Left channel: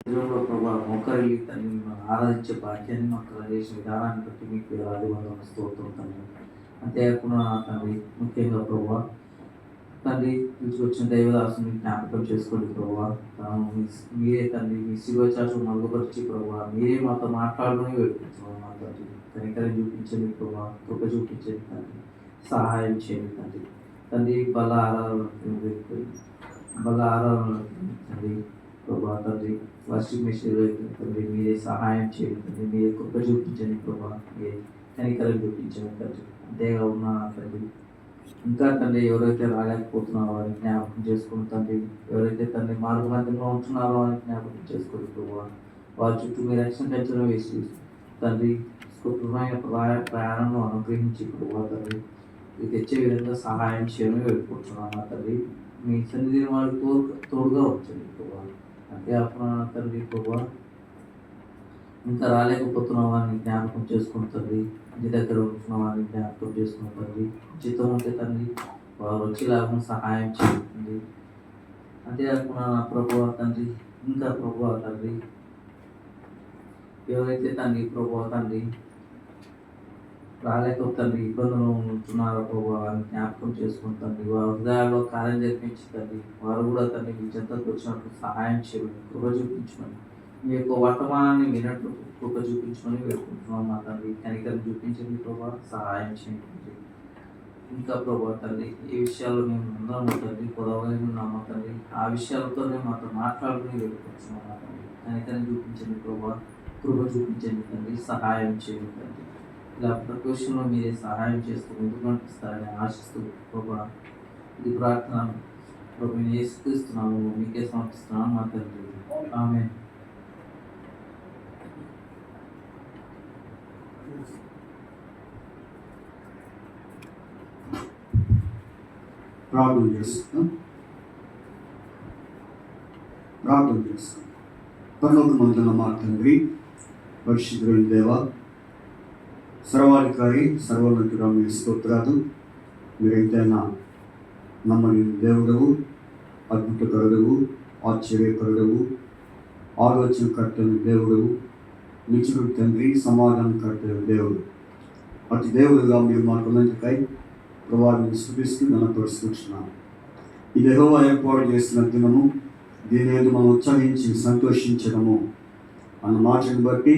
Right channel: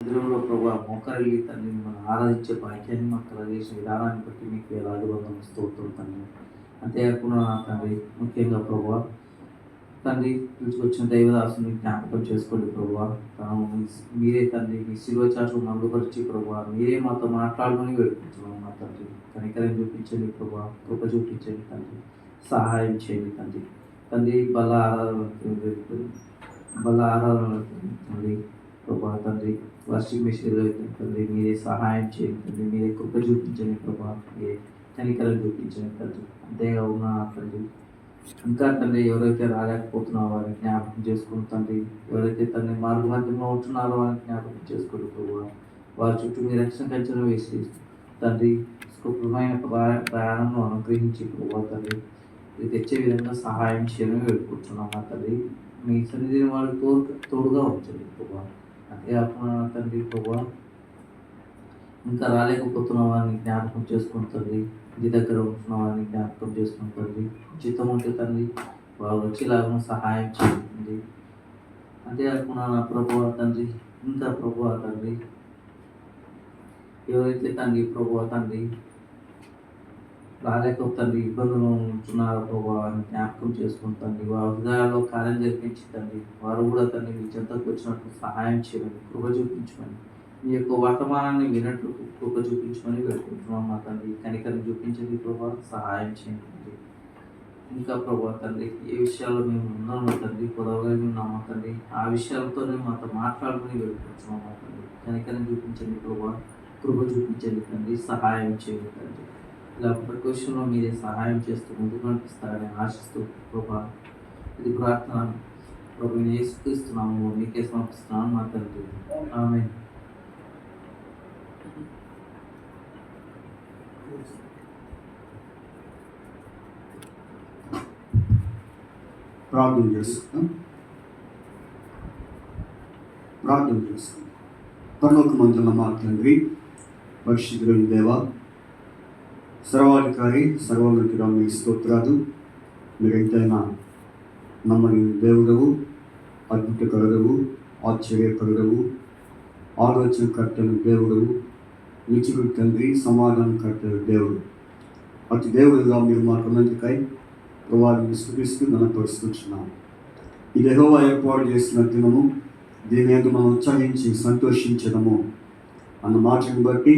మందిరంలో ప్రభా మోకరిల్లి తండ్రి మిమ్మల్ని ఆరాధించే భాగ్యాన్ని మాకు కలిగేసిన విధానాన్ని బట్టి మీకు వేలాది వందలు స్తోత్రం తండ్రి. అంతేకాకుండా తండ్రి ముఖ్యంగా ప్రభా తండ్రి తీసుకొచ్చిన దైవదాసుని జ్ఞాపకం చేసుకోండి ప్రభా. మీరే తండ్రి మీ శిలువ చాటు మరుగుపరిచి ప్రభా మీరే మాతో మాట్లాడుకుని వేడుకుంటున్నాం మా తండ్రి. కనికరం చూపించండి ప్రభా, కృప చూపించండి తండ్రి, సహాయం చేయండి తండ్రి. తండ్రి బల ఆరాధన తండ్రి ప్రభా తండ్రి వాషింగ్ మెషిన్లో తండ్రి మీరే సహాయం చేయండి తండ్రి, మీరే కృప చూపించండి ప్రభా, మీరే కనికరం చూపించండి తండ్రి. అంతేగా ఉన్న తండ్రి ఇంకా తండ్రి ఎవరైతే రాలేకపోతున్నారో వారిని జ్ఞాపకం చేసుకుని తండ్రి, ఎవరైతే తండ్రి మార్గమధ్యంలో ఉంటున్నారో వారిని జ్ఞాపకం చేసుకోండి ప్రభా. వారి చుట్టూ మీ రక్షణ కంచెలు వేసి తండ్రి సుఖమైన ప్రయాణంలో అనుగ్రహించి ప్రభా తండ్రి ఇది తెచ్చే విధంగా సహాయం చేయమని వేడుకుంటున్నాను తండ్రి. మీ సన్నిధిని వారు తోడుగా ఉంచండి ప్రభా. అంతేకాకుండా తండ్రి ప్రభా ఇంకా రాలేకపోతున్న వారిని జ్ఞాపకం చేసుకుని తండ్రి, ఇంటి దగ్గర ఉంటున్న వారిని జ్ఞాపకం చేసుకుని తండ్రి, జీతం ఉంటే తండ్రి వారు వచ్చేలాగా సహాయం చేయండి. అంతేకాకుండా నా ప్రభు తండ్రి ఇంకా ప్రభు తండ్రి ఎవరైతే తండ్రి ప్రభు తండ్రి రాలేకపోతండి ఇబ్బందులు ఉంటున్నారో ప్రభు వారిని జ్ఞాపకం చేసుకుని తండ్రి, వారి హృదయాల్లో కార్యం జరిపించి తండ్రి వారు కూడా తండ్రి మీ చెంతకు వచ్చినప్పుడు సహాయం చేయమని కృప చూపించమని, మీ యొక్క వర్తమానాన్ని వినట్లు కృప చూపించమని వేడుకుంటున్నాం మా తండ్రి. కనికరం చూపించండి ప్రభా, సహాయం చేయండి. ఇంకా ప్రభా తండ్రి ఏ విషయాల్లో మేము ఉన్నాము తండ్రి పొదవగా ఉన్నామో తండ్రి ఆ విషయాలతోనే మాతో మాట్లాడుకుని వేడుకుంటున్నాం మా తండ్రి. కనికరం చూపించండి ప్రభా, కృప చూపించండి తండ్రి, సహాయం చేయండి తండ్రి. ఇలా ప్రతి విషయంలో మీరే సహాయం చేస్తూ ముందుకు నడిపిస్తారని ఆశిస్తూ ప్రభా ఇది ప్రార్థన ప్రభు యేసుక్రీస్తున్నాము మీకే సమర్పిస్తున్నాను మా తండ్రి. ఆమేన్. ప్రార్థన చేస్తాం. పరలోకమందున్న మా తండ్రి, పరిశుద్ధుడైన దేవా, సర్వాధికారి సర్వోన్నతుడా, మీ స్తోత్రాలు. మీరైతేనా నమ్మని దేవుడవు, అద్భుతకరుడవు, ఆశ్చర్యకరుడవు, ఆలోచనకర్తను దేవుడవు, నిత్యుడు తండ్రి, సమాధానకర్త దేవుడు. అతి దేవుడుగా మీరు మాట్లాడకై ప్రభావాన్ని స్థుతిస్తూ గణపరుస్తున్నాను. ఇది యెహోవా ఏర్పాటు చేసిన దినము, దీని మీద మనం ఉత్సహించి సంతోషించడము అన్న మాటను బట్టి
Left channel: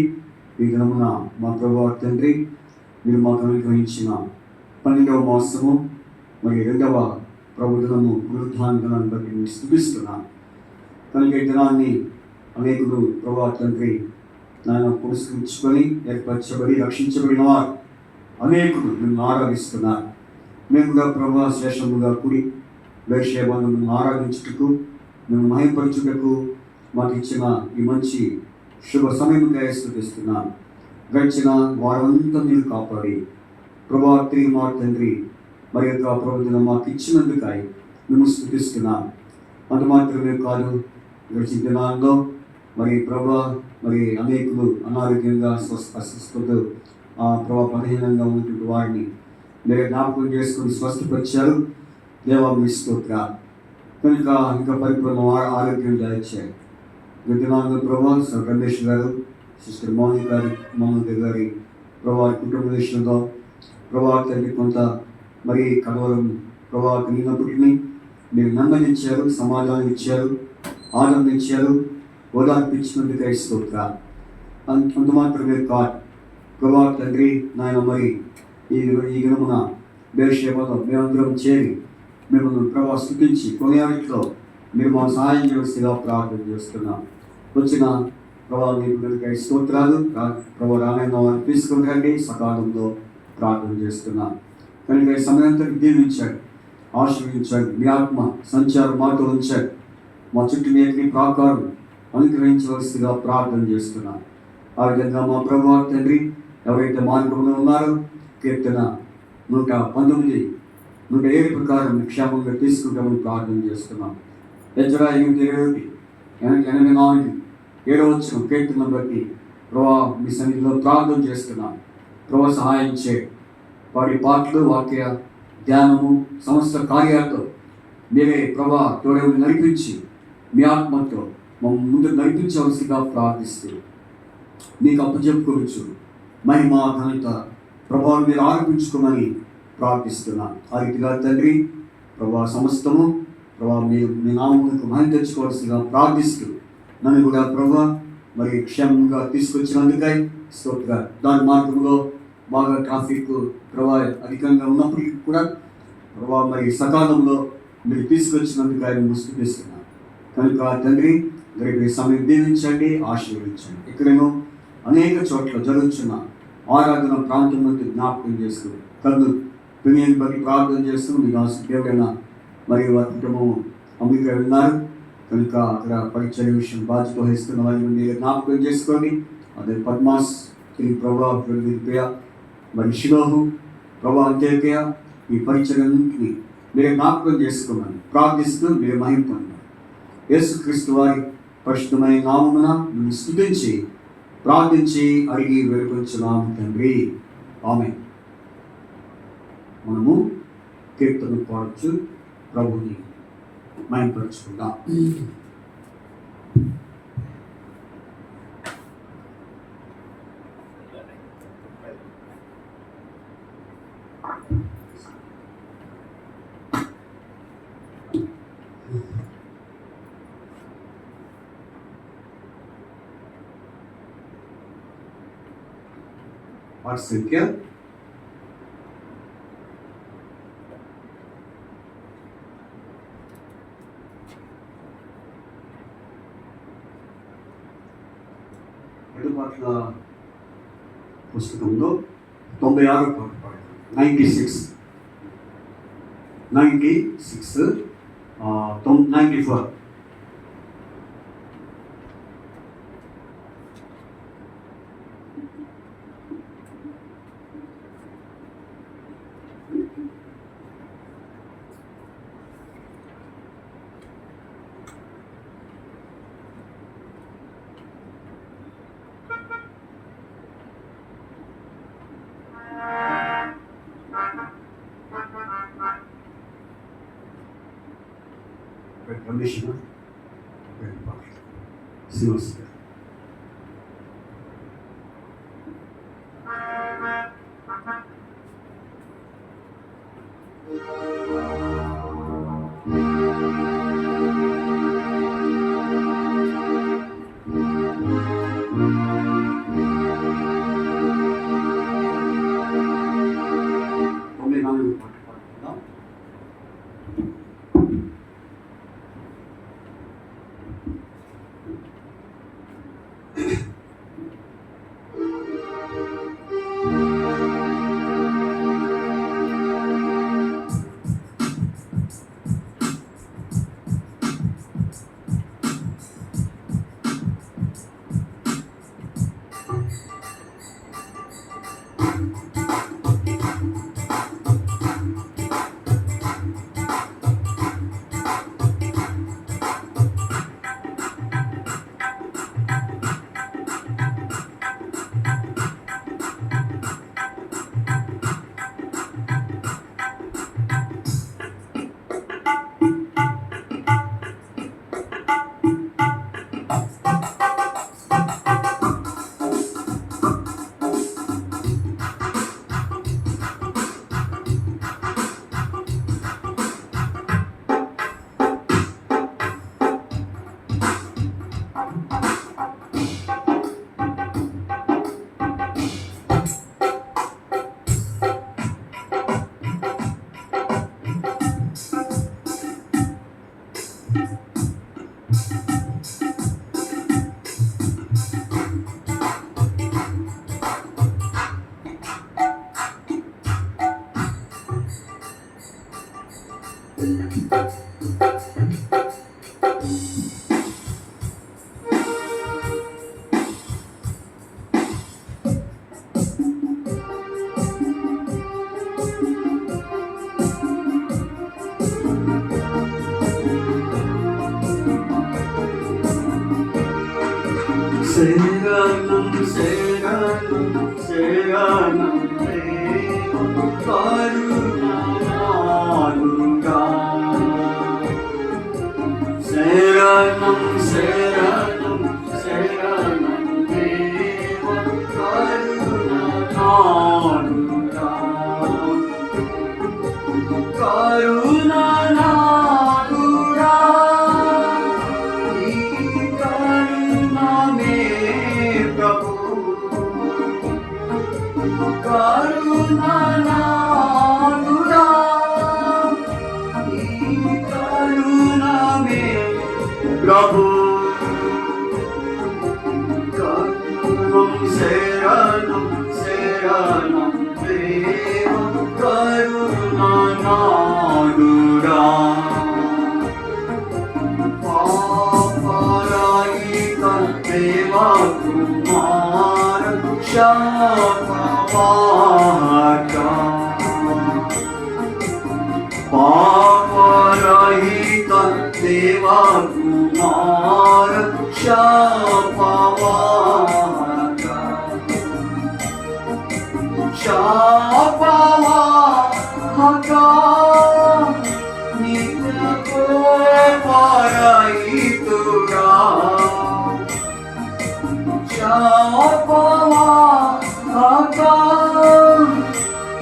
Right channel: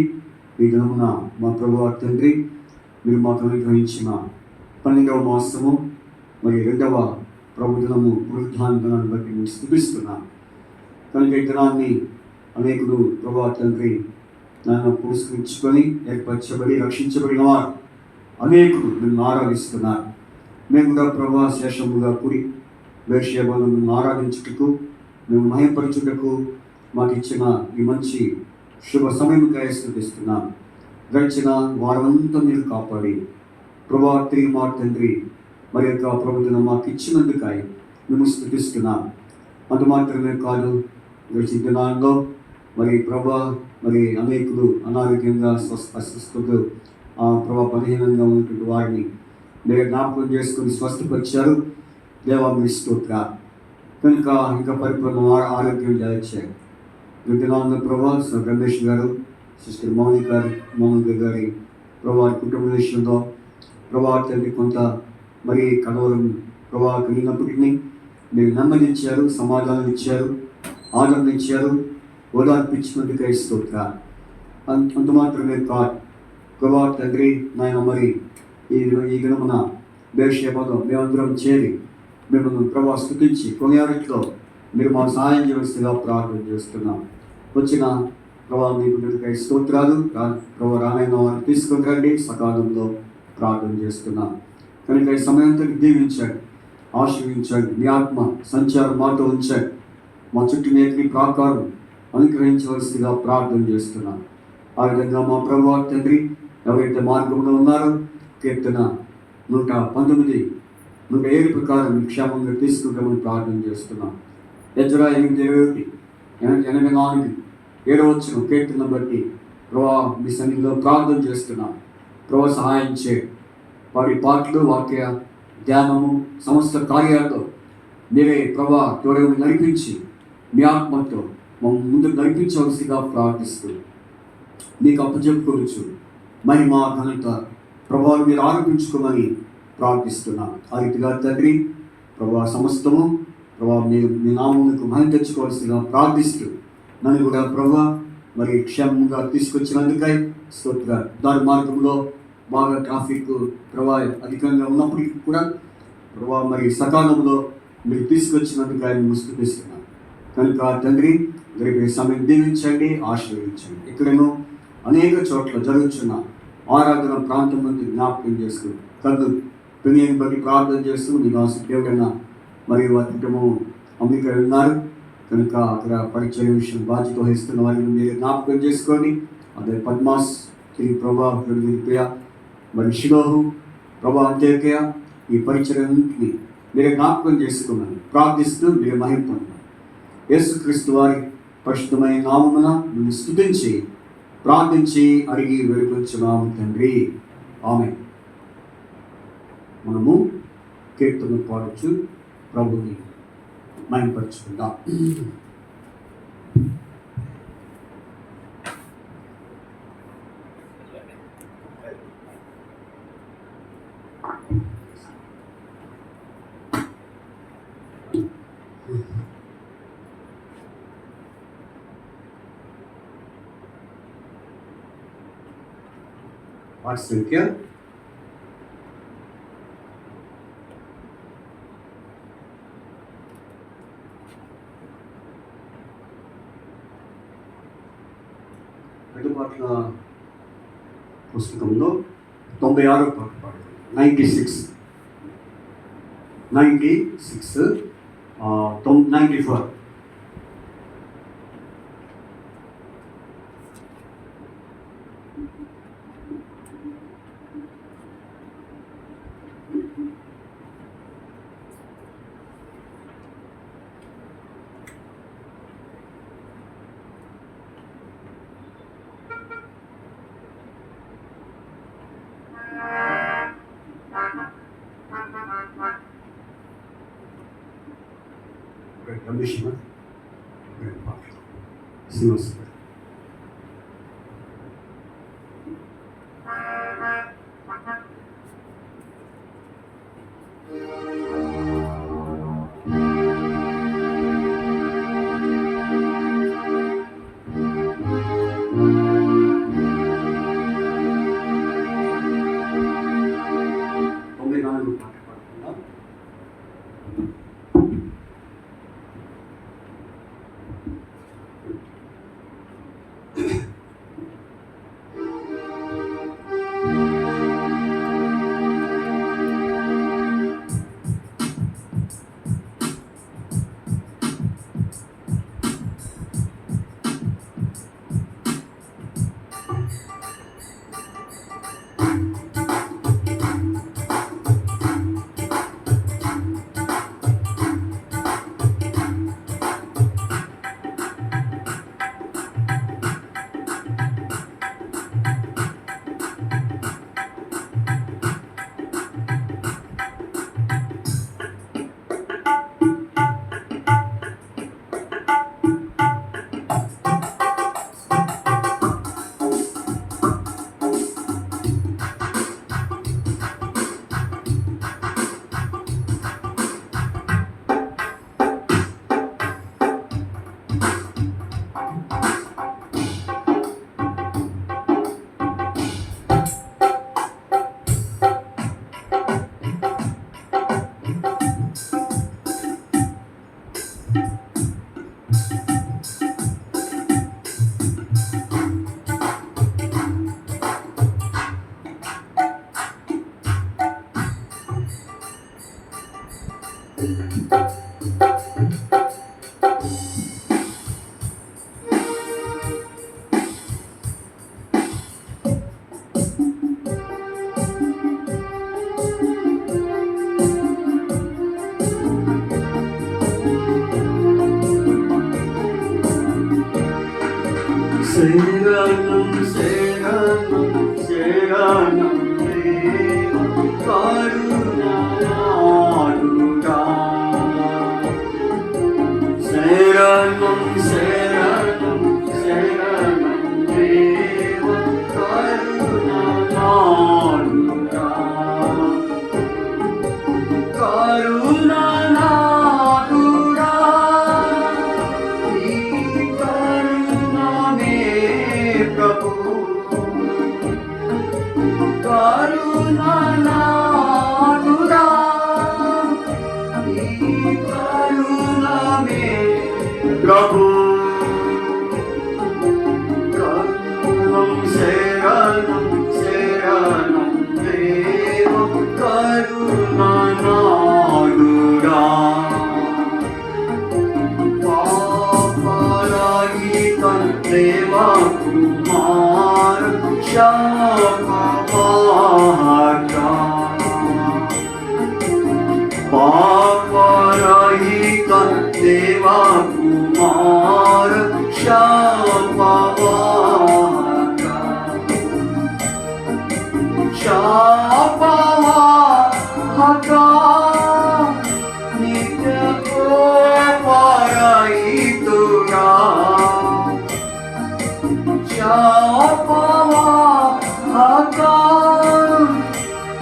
ఈ దినమున మా ప్రభువా తండ్రి మీరు మాకు అనుగ్రహించిన 12వ మాసము మరి 2వ ప్రభుత్వము పునరుద్ధాన దినాన్ని బట్టి మేము స్థుతిస్తున్నాను. కనుక ఈ దినాన్ని అనేకులు ప్రభువా తండ్రి నన్ను పురస్కరించుకొని ఏర్పరచబడి రక్షించబడిన వారు అనేకులు నిన్ను ఆరాధిస్తున్నారు. మేము కూడా ప్రభా శేషముగా కూడి బేర్షెబాను ఆరాధించుటకు, మేము మహిమపరచుటకు మాకు ఇచ్చిన ఈ మంచి శుభ సమయంగా స్థుతిస్తున్నాను. గడిచిన వారంతా మీరు కాపాడి ప్రభా తిరిగి మా తండ్రి మరి యొక్క ప్రభుత్వం మాకు ఇచ్చినందుకై మేము స్థుతిస్తున్నాను. అంత మాత్రమే కాదు, గడిచిన దినాల్లో మరి ప్రభా మరి అనేకులు అనారోగ్యంగా అస్వస్థతలు ప్రభా బలహీనంగా ఉన్నటువంటి వారిని మీరు జ్ఞాపకం చేసుకుని స్వస్థపరిచారు. దేవా మీ స్తోత్రాలు. కనుక ఇంకా పరిపూర్ణ ఆరోగ్యం దాచారు. దినాల్లో ప్రభా రమేష్ గారు, సిస్టర్ మౌనిక గారి ప్రభా కుటుంబ విషయంలో ప్రభా తండ్రి కొంత మరి కలవరం ప్రభా కలిగినప్పటికీ మీరు నెమ్మదించారు, సమాధానం ఇచ్చారు, ఆనందం ఇచ్చారు, ఓదార్పించినందుకై స్తోత్రాలు. అంత మాత్రమే కాదు ప్రభా తండ్రి నాయన మరి ఈ దినమున బేర్షెబాలో మేమందరం చేరి మిమ్మల్ని ప్రభా స్తుతించి కొనియాడట్లో మీరు మా సహాయం చేస్తుగా ప్రార్థన చేస్తున్నాం. వచ్చిన ప్రభా మీకు స్తోత్రాలు. ప్రభా రామైన వారిని తీసుకుని రండి, సకాలంలో ప్రార్థన చేస్తున్నాం. కనుక ఈ సమయంతో దీవించండి, ఆశీర్వించండి, మీ ఆత్మ సంచారం మాతో ఉంచండి. మా చుట్టూ నేటి ప్రాకారం అనుగ్రహించవలసిగా ప్రార్థన చేస్తున్నాం. ఆ విధంగా మా ప్రభా తండ్రి ఎవరైతే మార్గంలో ఉన్నారో కీర్తన 119, 107 ప్రకారం క్షేమంగా తీసుకుంటామని ప్రార్థన చేస్తున్నాం. ఎజ్రా 8:21, 84, 7వ కీర్తన బట్టి ప్రభా మీ సన్నిధిలో ప్రార్థన చేస్తున్నాం. ప్రభా సహాయం చేయండి. వారి పాటలు, వాక్య ధ్యానము, సమస్త కార్యాలతో మీరే ప్రభా తోడని నడిపించి మీ ఆత్మతో ముందు నడిపించవలసిగా ప్రార్థిస్తూ నీకు అప్పచెప్పుకోవచ్చు. మహిమ ఘనత ప్రభావం మీరు ఆరోపించుకోమని ప్రార్థిస్తున్నాను. ఆ రీతిగా తండ్రి ప్రభా సమస్తము ప్రభా మీరు మీ నామమునకు మహిమ తెచ్చుకోవాల్సిగా ప్రార్థిస్తూ నన్ను కూడా ప్రభా మరి క్షేమంగా తీసుకొచ్చినందుకై స్తోత్ర. దాని మార్గంలో బాగా ట్రాఫిక్ ప్రభా అధికంగా ఉన్నప్పటికీ కూడా ప్రభా మరి సకాలంలో మీరు తీసుకొచ్చినందుకు ఆయన స్తుతిస్తున్నాను. కనుక తండ్రి రేపు సమయం దీవించండి, ఆశీర్వదించండి. ఇక్కడేమో అనేక చోట్ల జరుగుతున్న ఆరాధన ప్రాంతం నుండి జ్ఞాపకం చేస్తూ కన్ను పినియని బట్టి ప్రార్థన చేస్తూ మీ దేవుడైన మరియు వారి కుటుంబం అమెరికా ఉన్నారు. కనుక అక్కడ పరిచయ విషయం బాధ్యత వహిస్తున్న వారిని మీరు జ్ఞాపకం చేసుకోండి. అదే పద్మాస్ తిరిగి ప్రభా ప్రియ మరి షిలోహు ప్రభా అంత్యోక్య ఈ పరిచయాన్ని మీరు జ్ఞాపకం చేసుకున్నాను. ప్రార్థిస్తూ మీరు మహిమను యేసుక్రీస్తు వారి పరిశుద్ధమైన నామమున మీరు స్తుతించి ప్రార్థించి అడిగి వేడుకొంచున్నాము తండ్రి, ఆమేన్. మనము కీర్తన పాడుచు ప్రభుని మహిమపరచుకుందాం. పాట సంఖ్య 2 పాటల పుస్తకంలో 96 పాట పాడండి. 96 94. Commissioner, Silas. Seranam, Seranam, Seranam, Deva, Karuna, Karuna. Seranam, Seranam. देवा कुमार क्षमावाचा पापरहित देवा कुमार क्षमावाचा क्षमावाचा नित्य कोपरहितुरा क्षमावाचा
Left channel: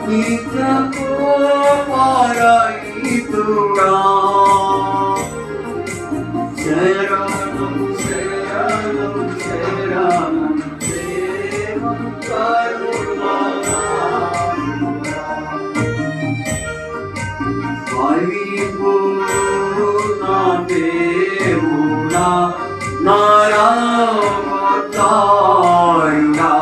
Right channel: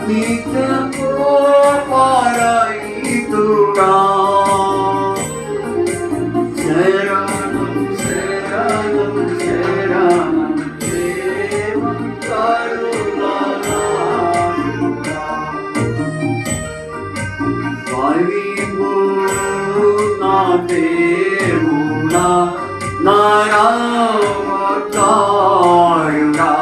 नित्य कोपरहितुरा शरणं शरणं शरणं देव करुणामया परिपूर्ण देवुना नरवतारुणा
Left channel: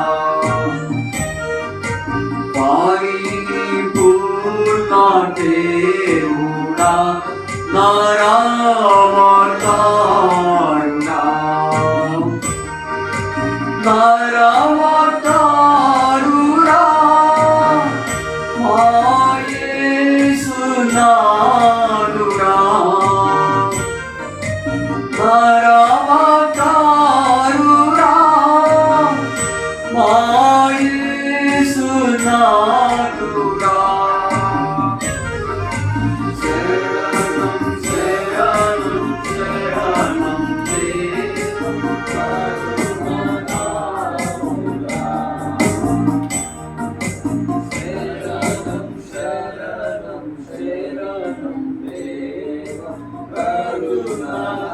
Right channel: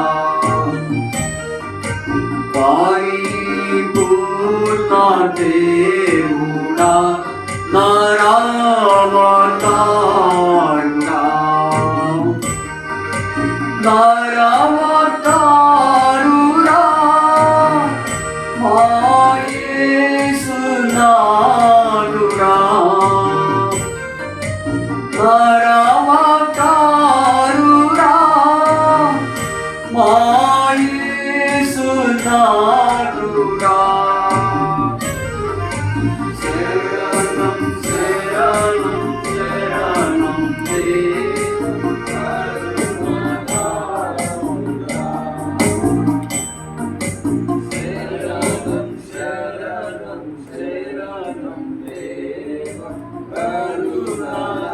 परिपूर्ण देवुना नरवतारुणा नरवतारुणा मायेसुनारुणा नरवतारुणा मायेसुनारुणा शरणं शरणं शरणं देव करुणामया शरणं शरणं शरणं देव करुणामया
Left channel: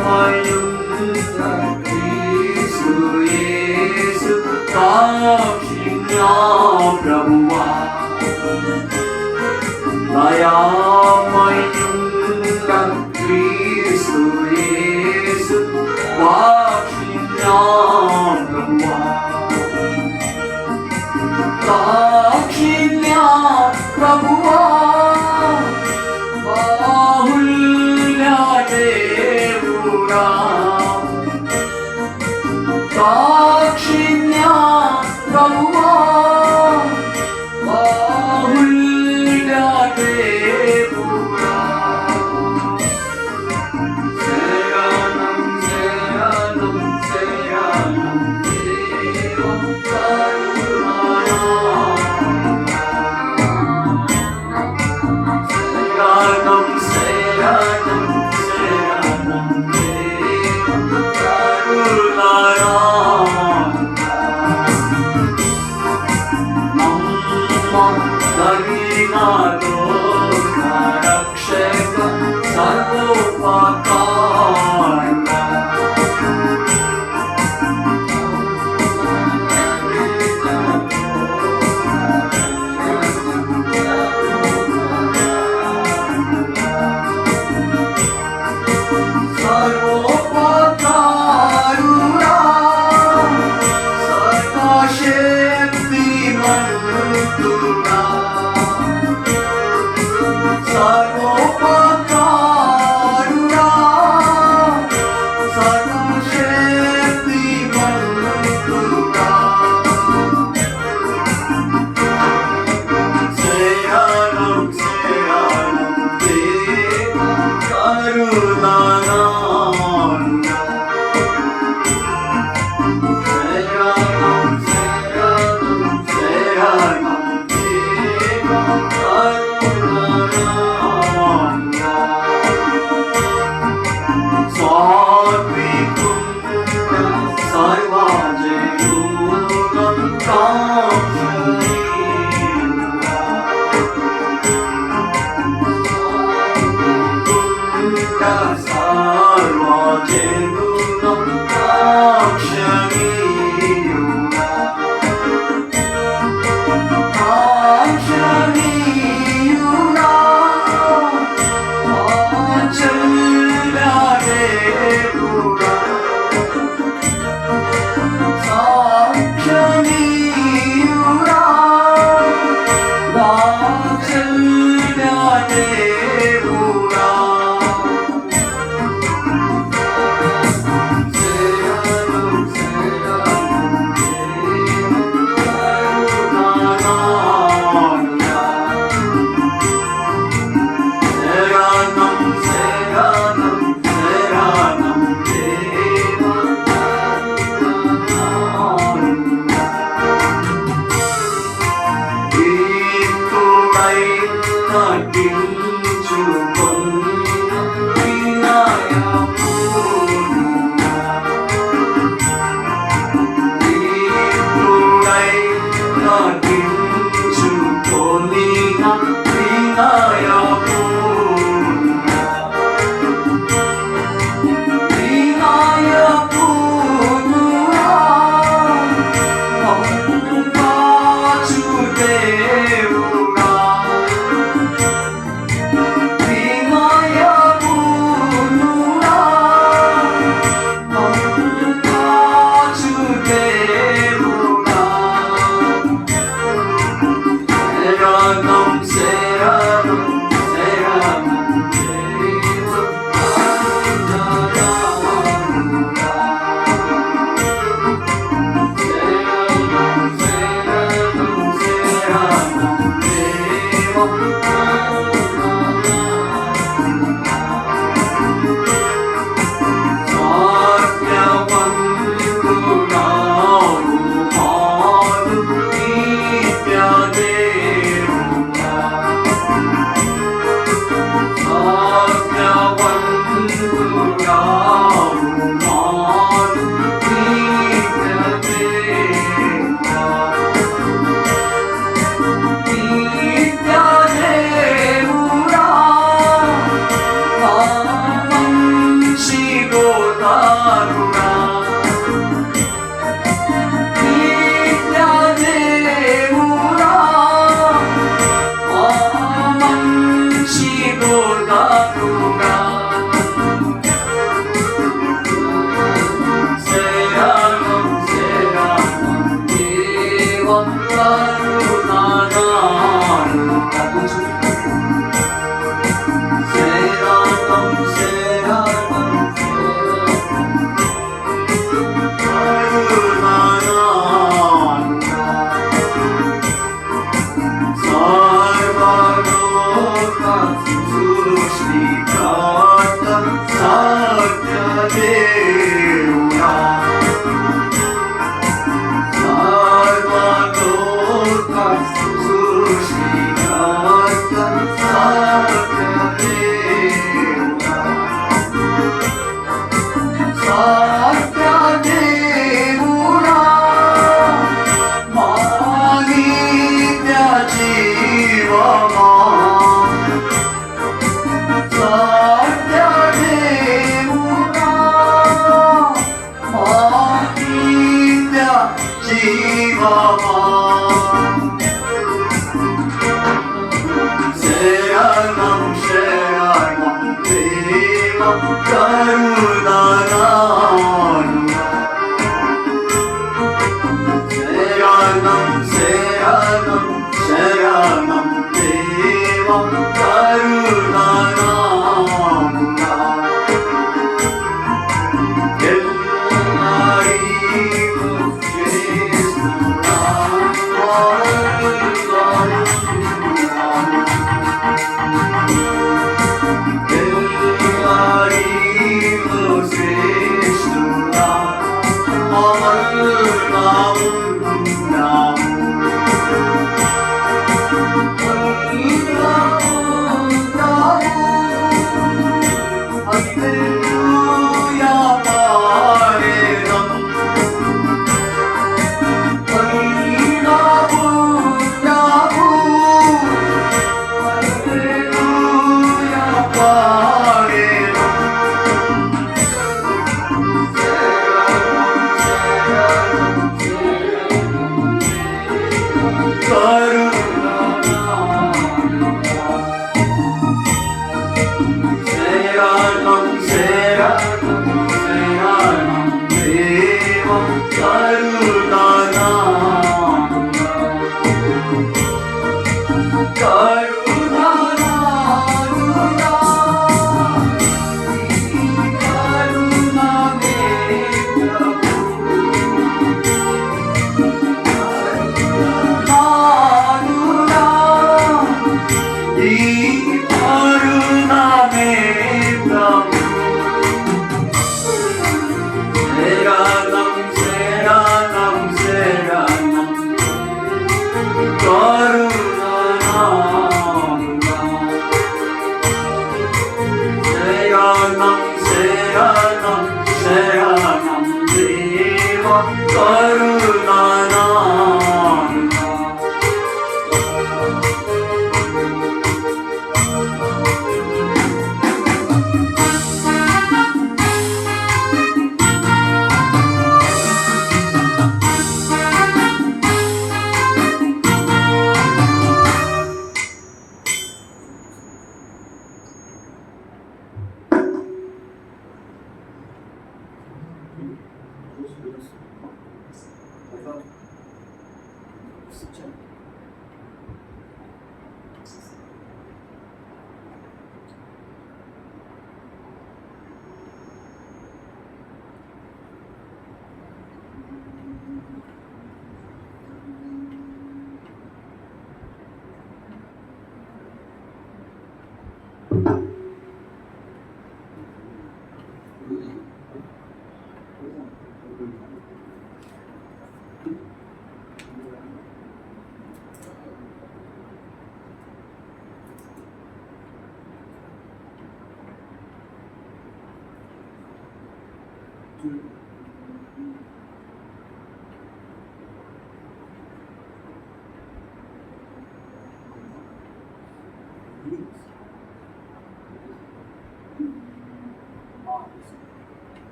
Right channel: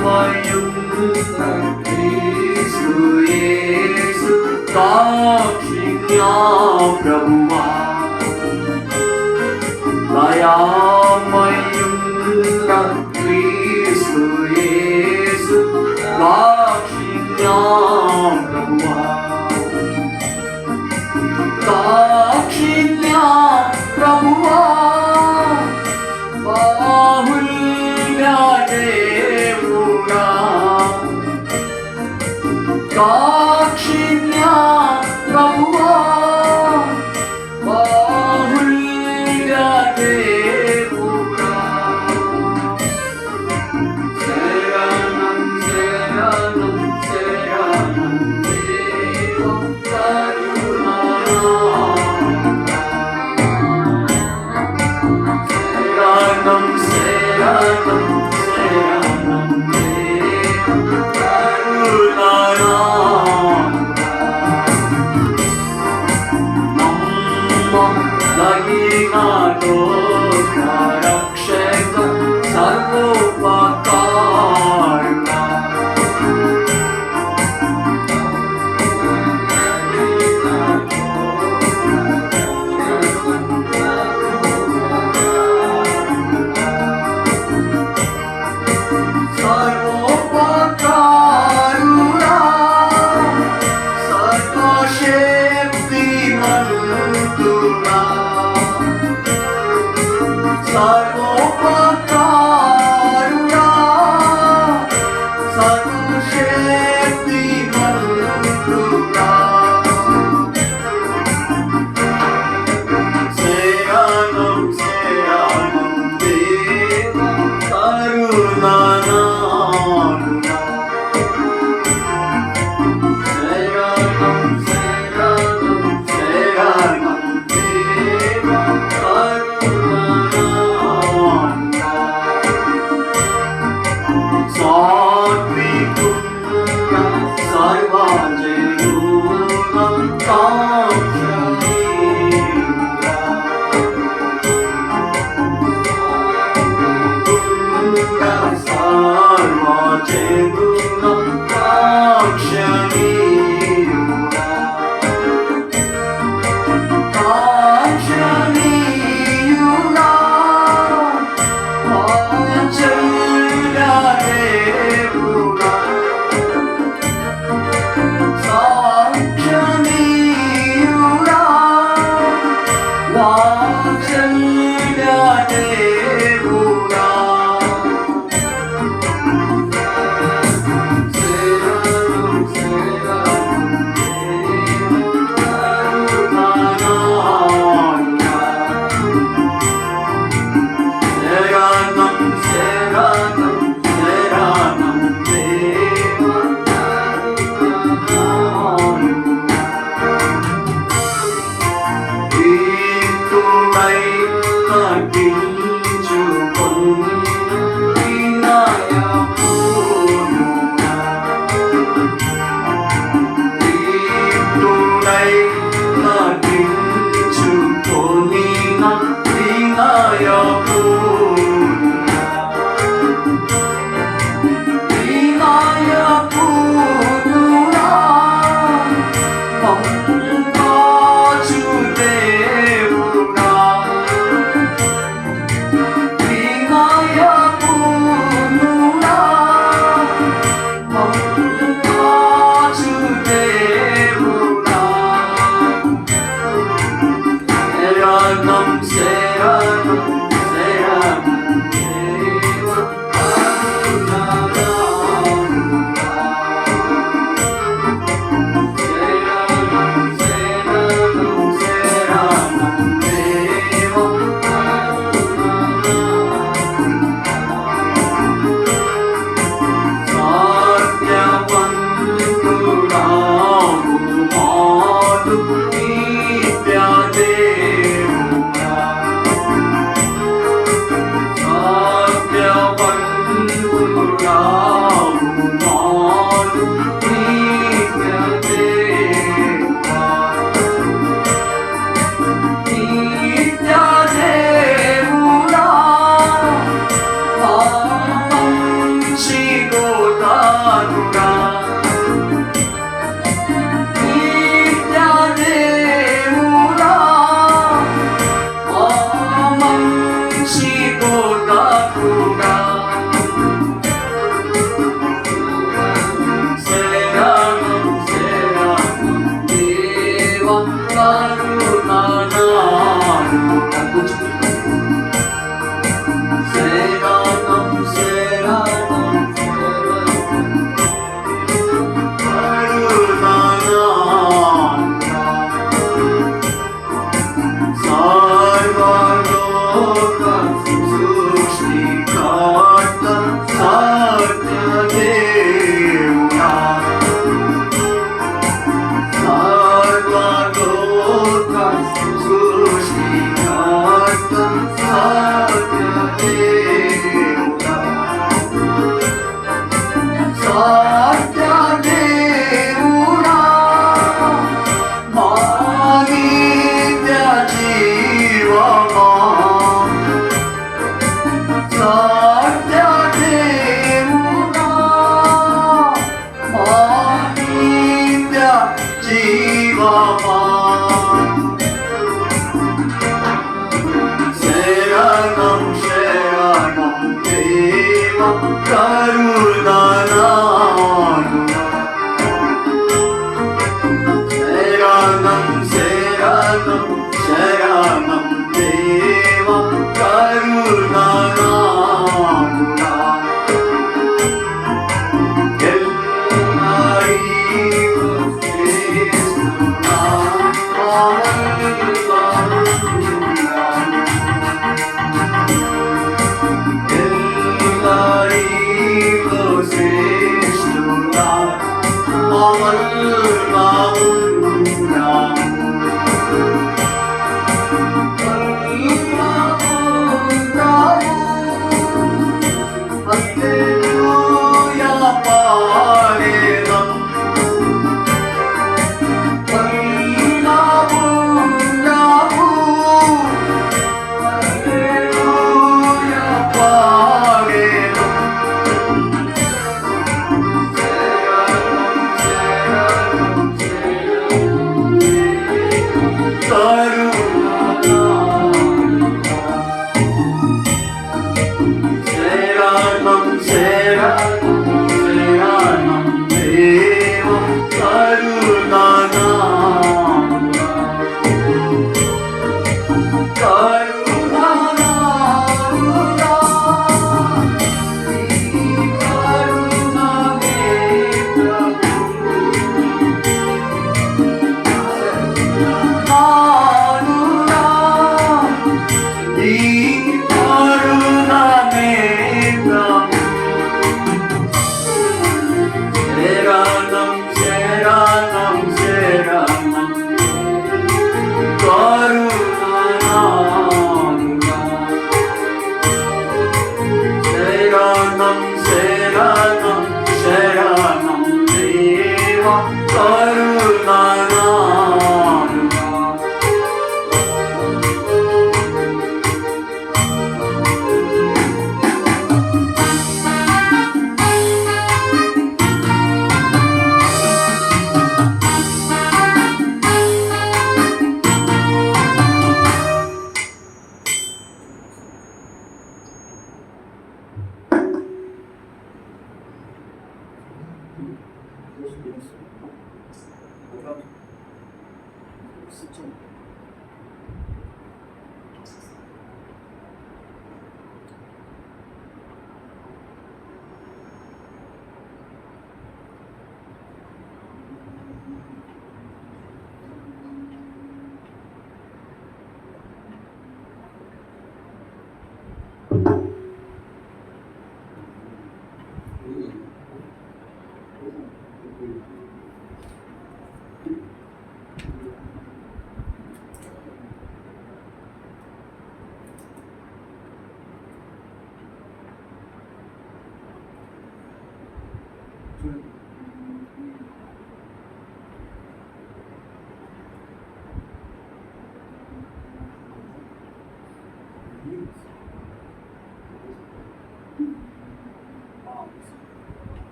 दयामयुक्त क्रिस्तु येषु दाक्षिण्या प्रभुवा दयामयुक्त क्रिस्तु येषु दाक्षिण्या प्रभुवा दाक्षिण्या प्रभुवा बाहुल्य देवुरा दाक्षिण्या प्रभुवा बाहुल्य देवुरा शरणं शरणं शरणं देव करुणामया शरणं शरणं शरणं देव करुणामया मम दयिनाथो रक्षक सर्वोपकारिणा सर्वोपकारुणा सर्वशक्तिमन्तुना सर्वोपकारुणा सर्वशक्तिमन्तुना शरणं शरणं देव करुणामया शरणं शरणं शरणं देव करुणामया स्वात्विकुण्ड सर्वजयोनं काक्षणीयुरा कुण्ड सर्वजयोनं काक्षणीयुरा काक्षणीयुरा वात्सल्य देवुरा साक्षणीयुरा वात्सल्य देवुरा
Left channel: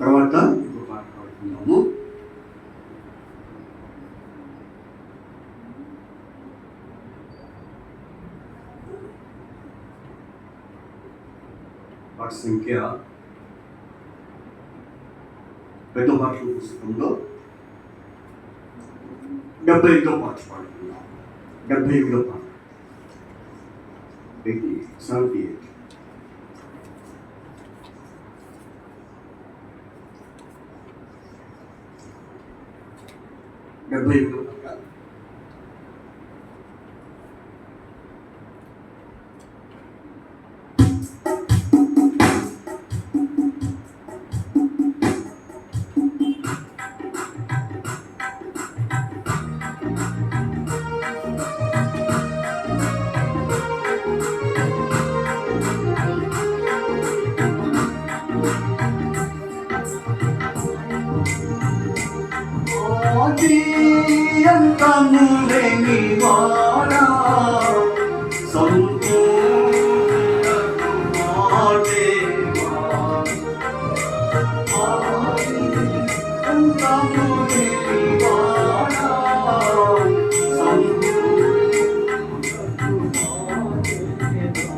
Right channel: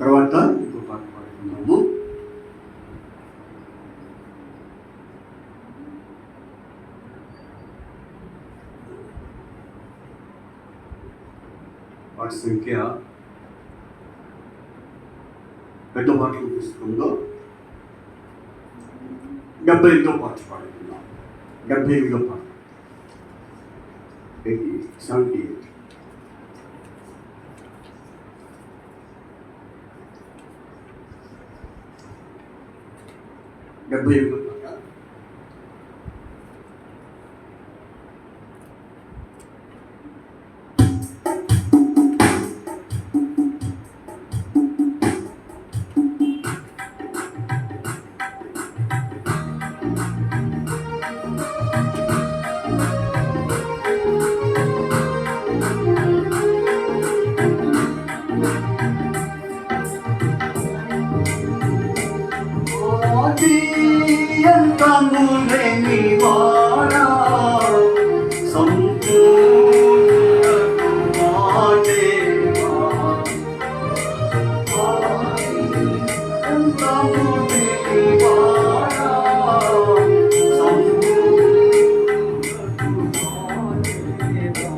తర్వాత ఇంకో పాట పాడుతున్నాము. పాట సంఖ్య పెద్ద పాటల పుస్తకంలో 75వ పాట పాడుతున్నాం. 78వ పాట 78. 78 పాట. అంతములేని వాడా సంపూర్ణకు మాదేవా అంతములేని వాడా సంపూర్ణకు మాదేవా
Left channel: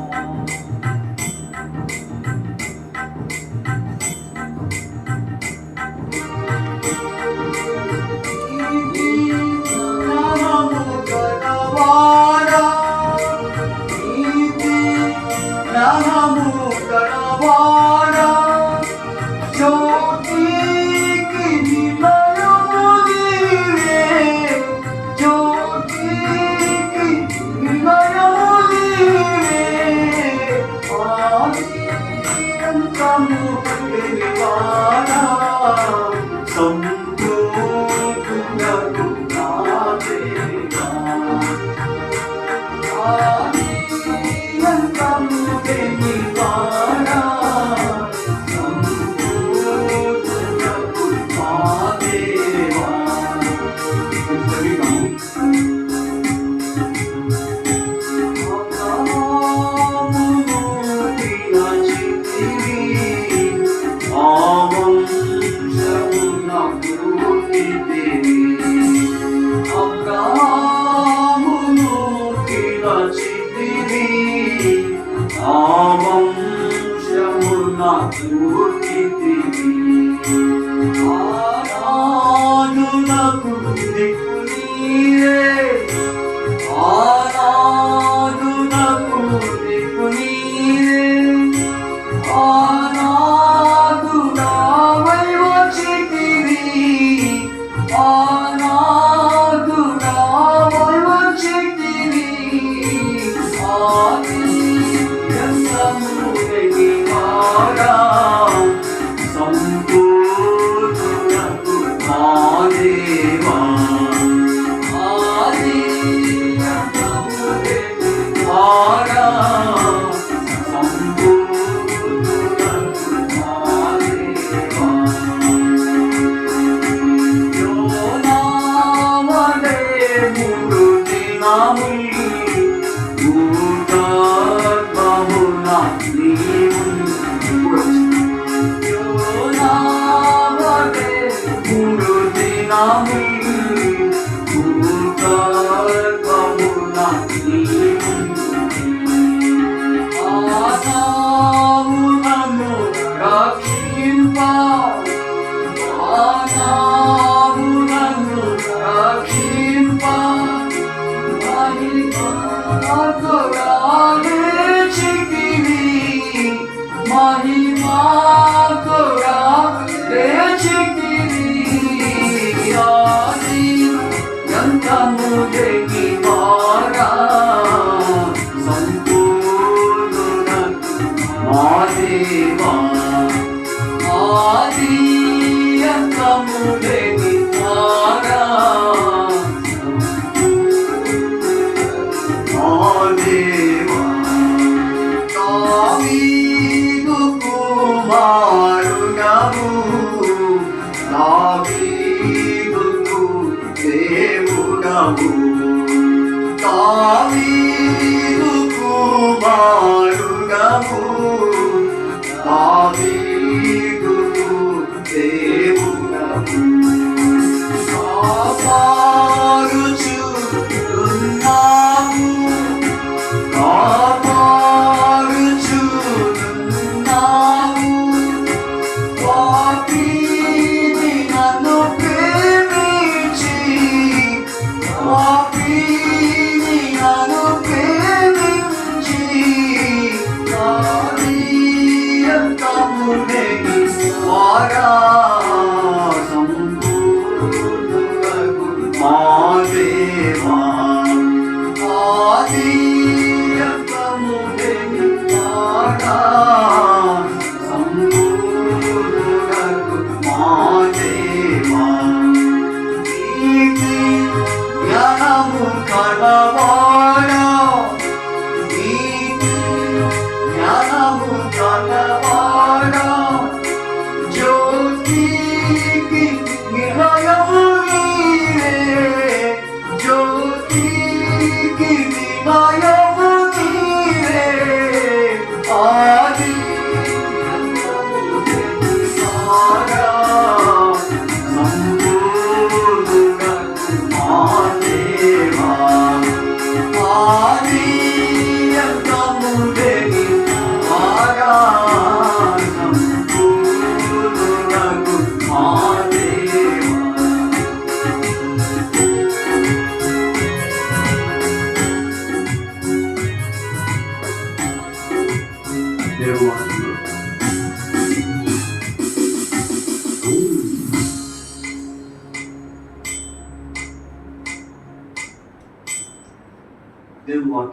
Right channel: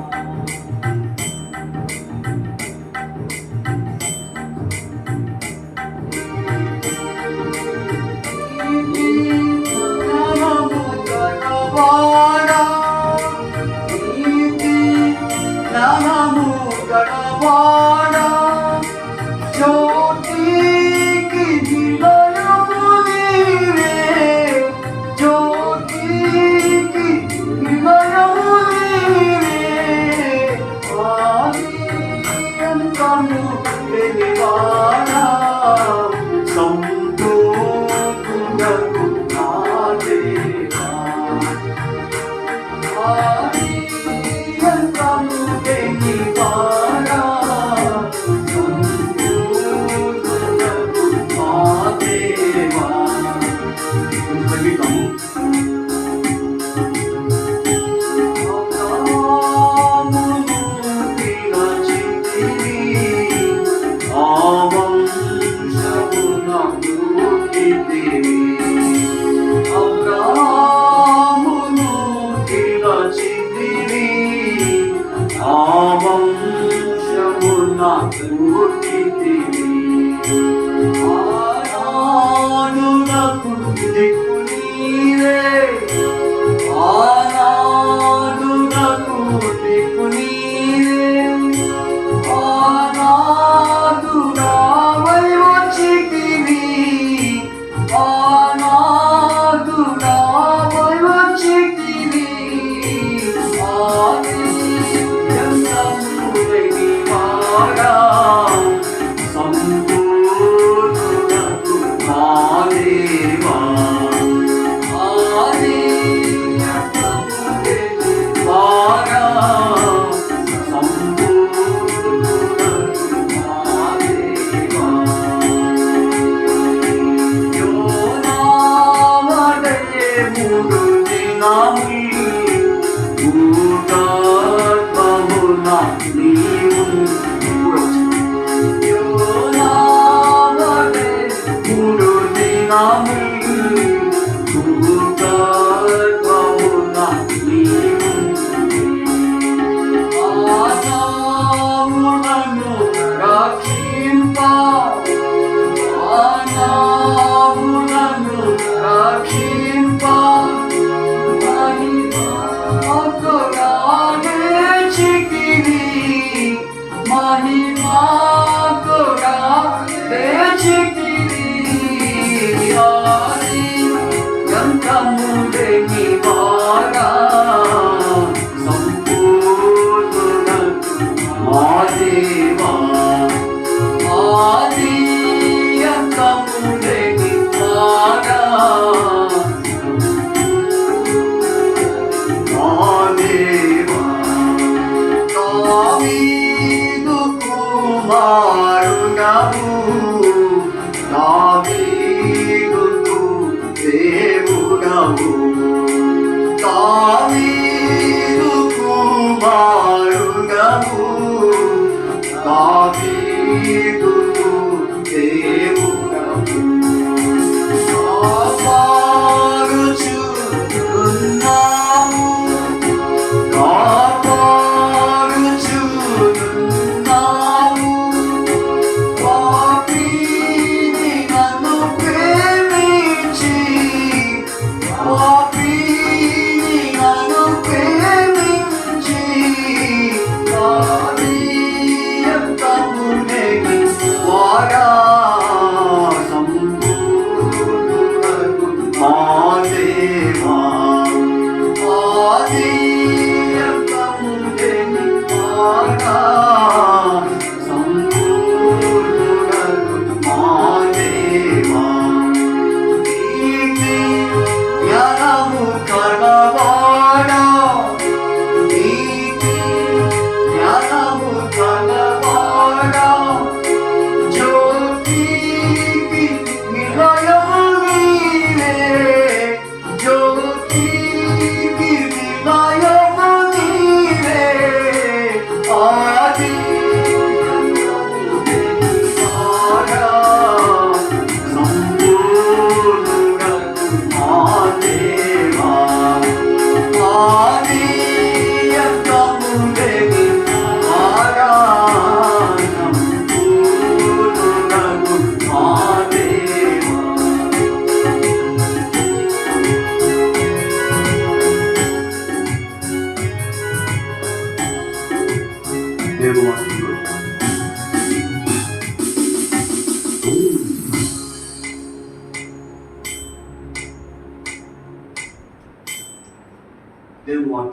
Para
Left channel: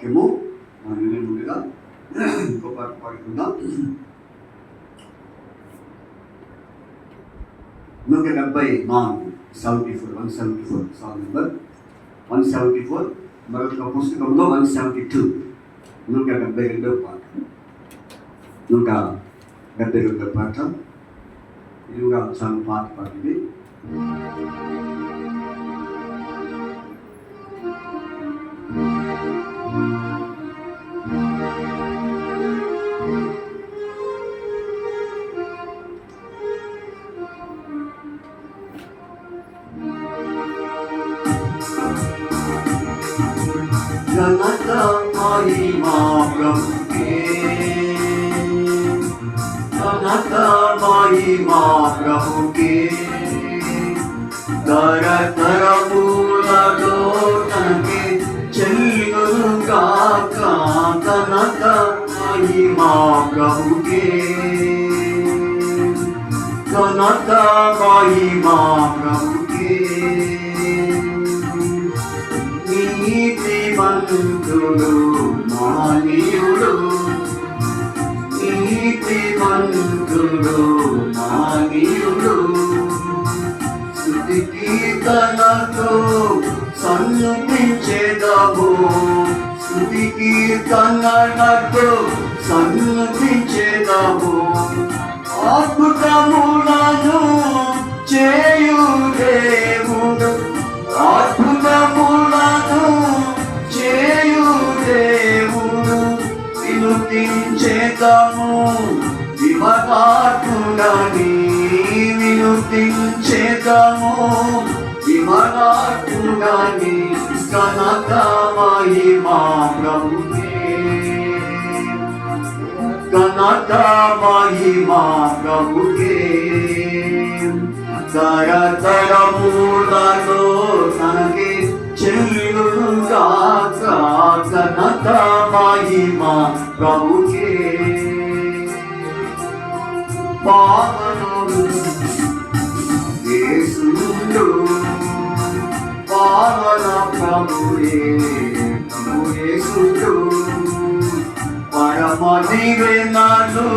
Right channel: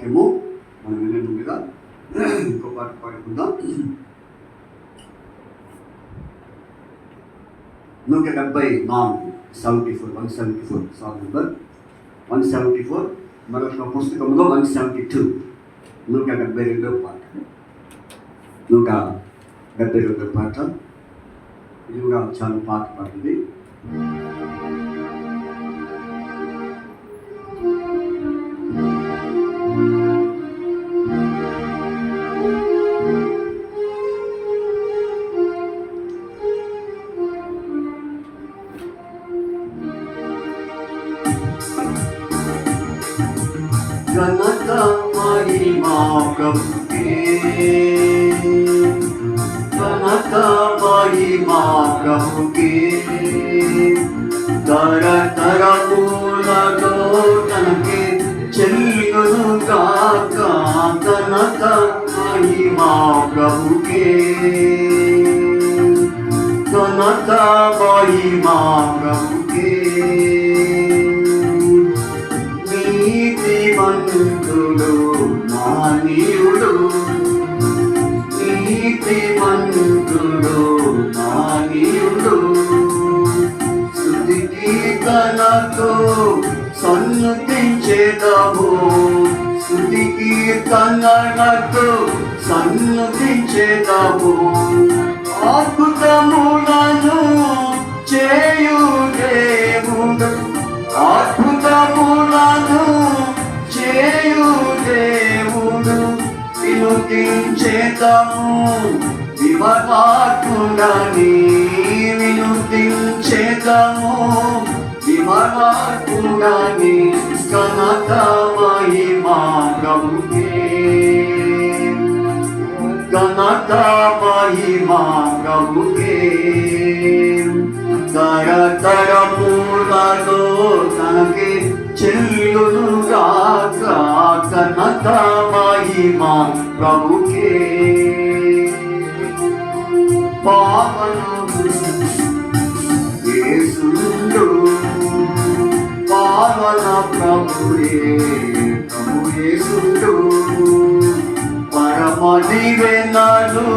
వాక్యము మనం వినే ముందుగా ఇంకో పాట పాడుకుందాం. 174 సాంగ్ నెంబర్ 174, మరొక పుస్తకంలో 172, 172 పాట, 172 పాట. ఇది కూడా చాలా పాట పాడింది. ఘనత మహిమా ప్రభుకే, ఘనత మహిమా ప్రభుకే, తరతరములలో తనకే చెల్లును కాక. ఘనత మహిమా ప్రభుకే, ఘనత మహిమా ప్రభుకే. నీతిమంతుడు మానీయుడు, నీతిమంతుడు మానీయుడు, స్తుతి కీర్తనతో సన్నతించేదము, స్తుతి కీర్తనలతో సన్నతించేదము. అద్భుతములను చేయు దేవుడు, అద్భుతములను చేయు దేవుడు, వినుతించేదము విమలాత్ముడని, వినుతించేదము విమలాత్ముడని. ఘనత మహిమా ప్రభుకే, ఘనత మహిమా ప్రభుకే, తరతరములలో తనకే చెల్లును గాక. ఘనత మహిమా ప్రభుకే. పావనుడు యేసుండు, పావన ప్రభుడే యేసుండు, పరమ దీవెనలు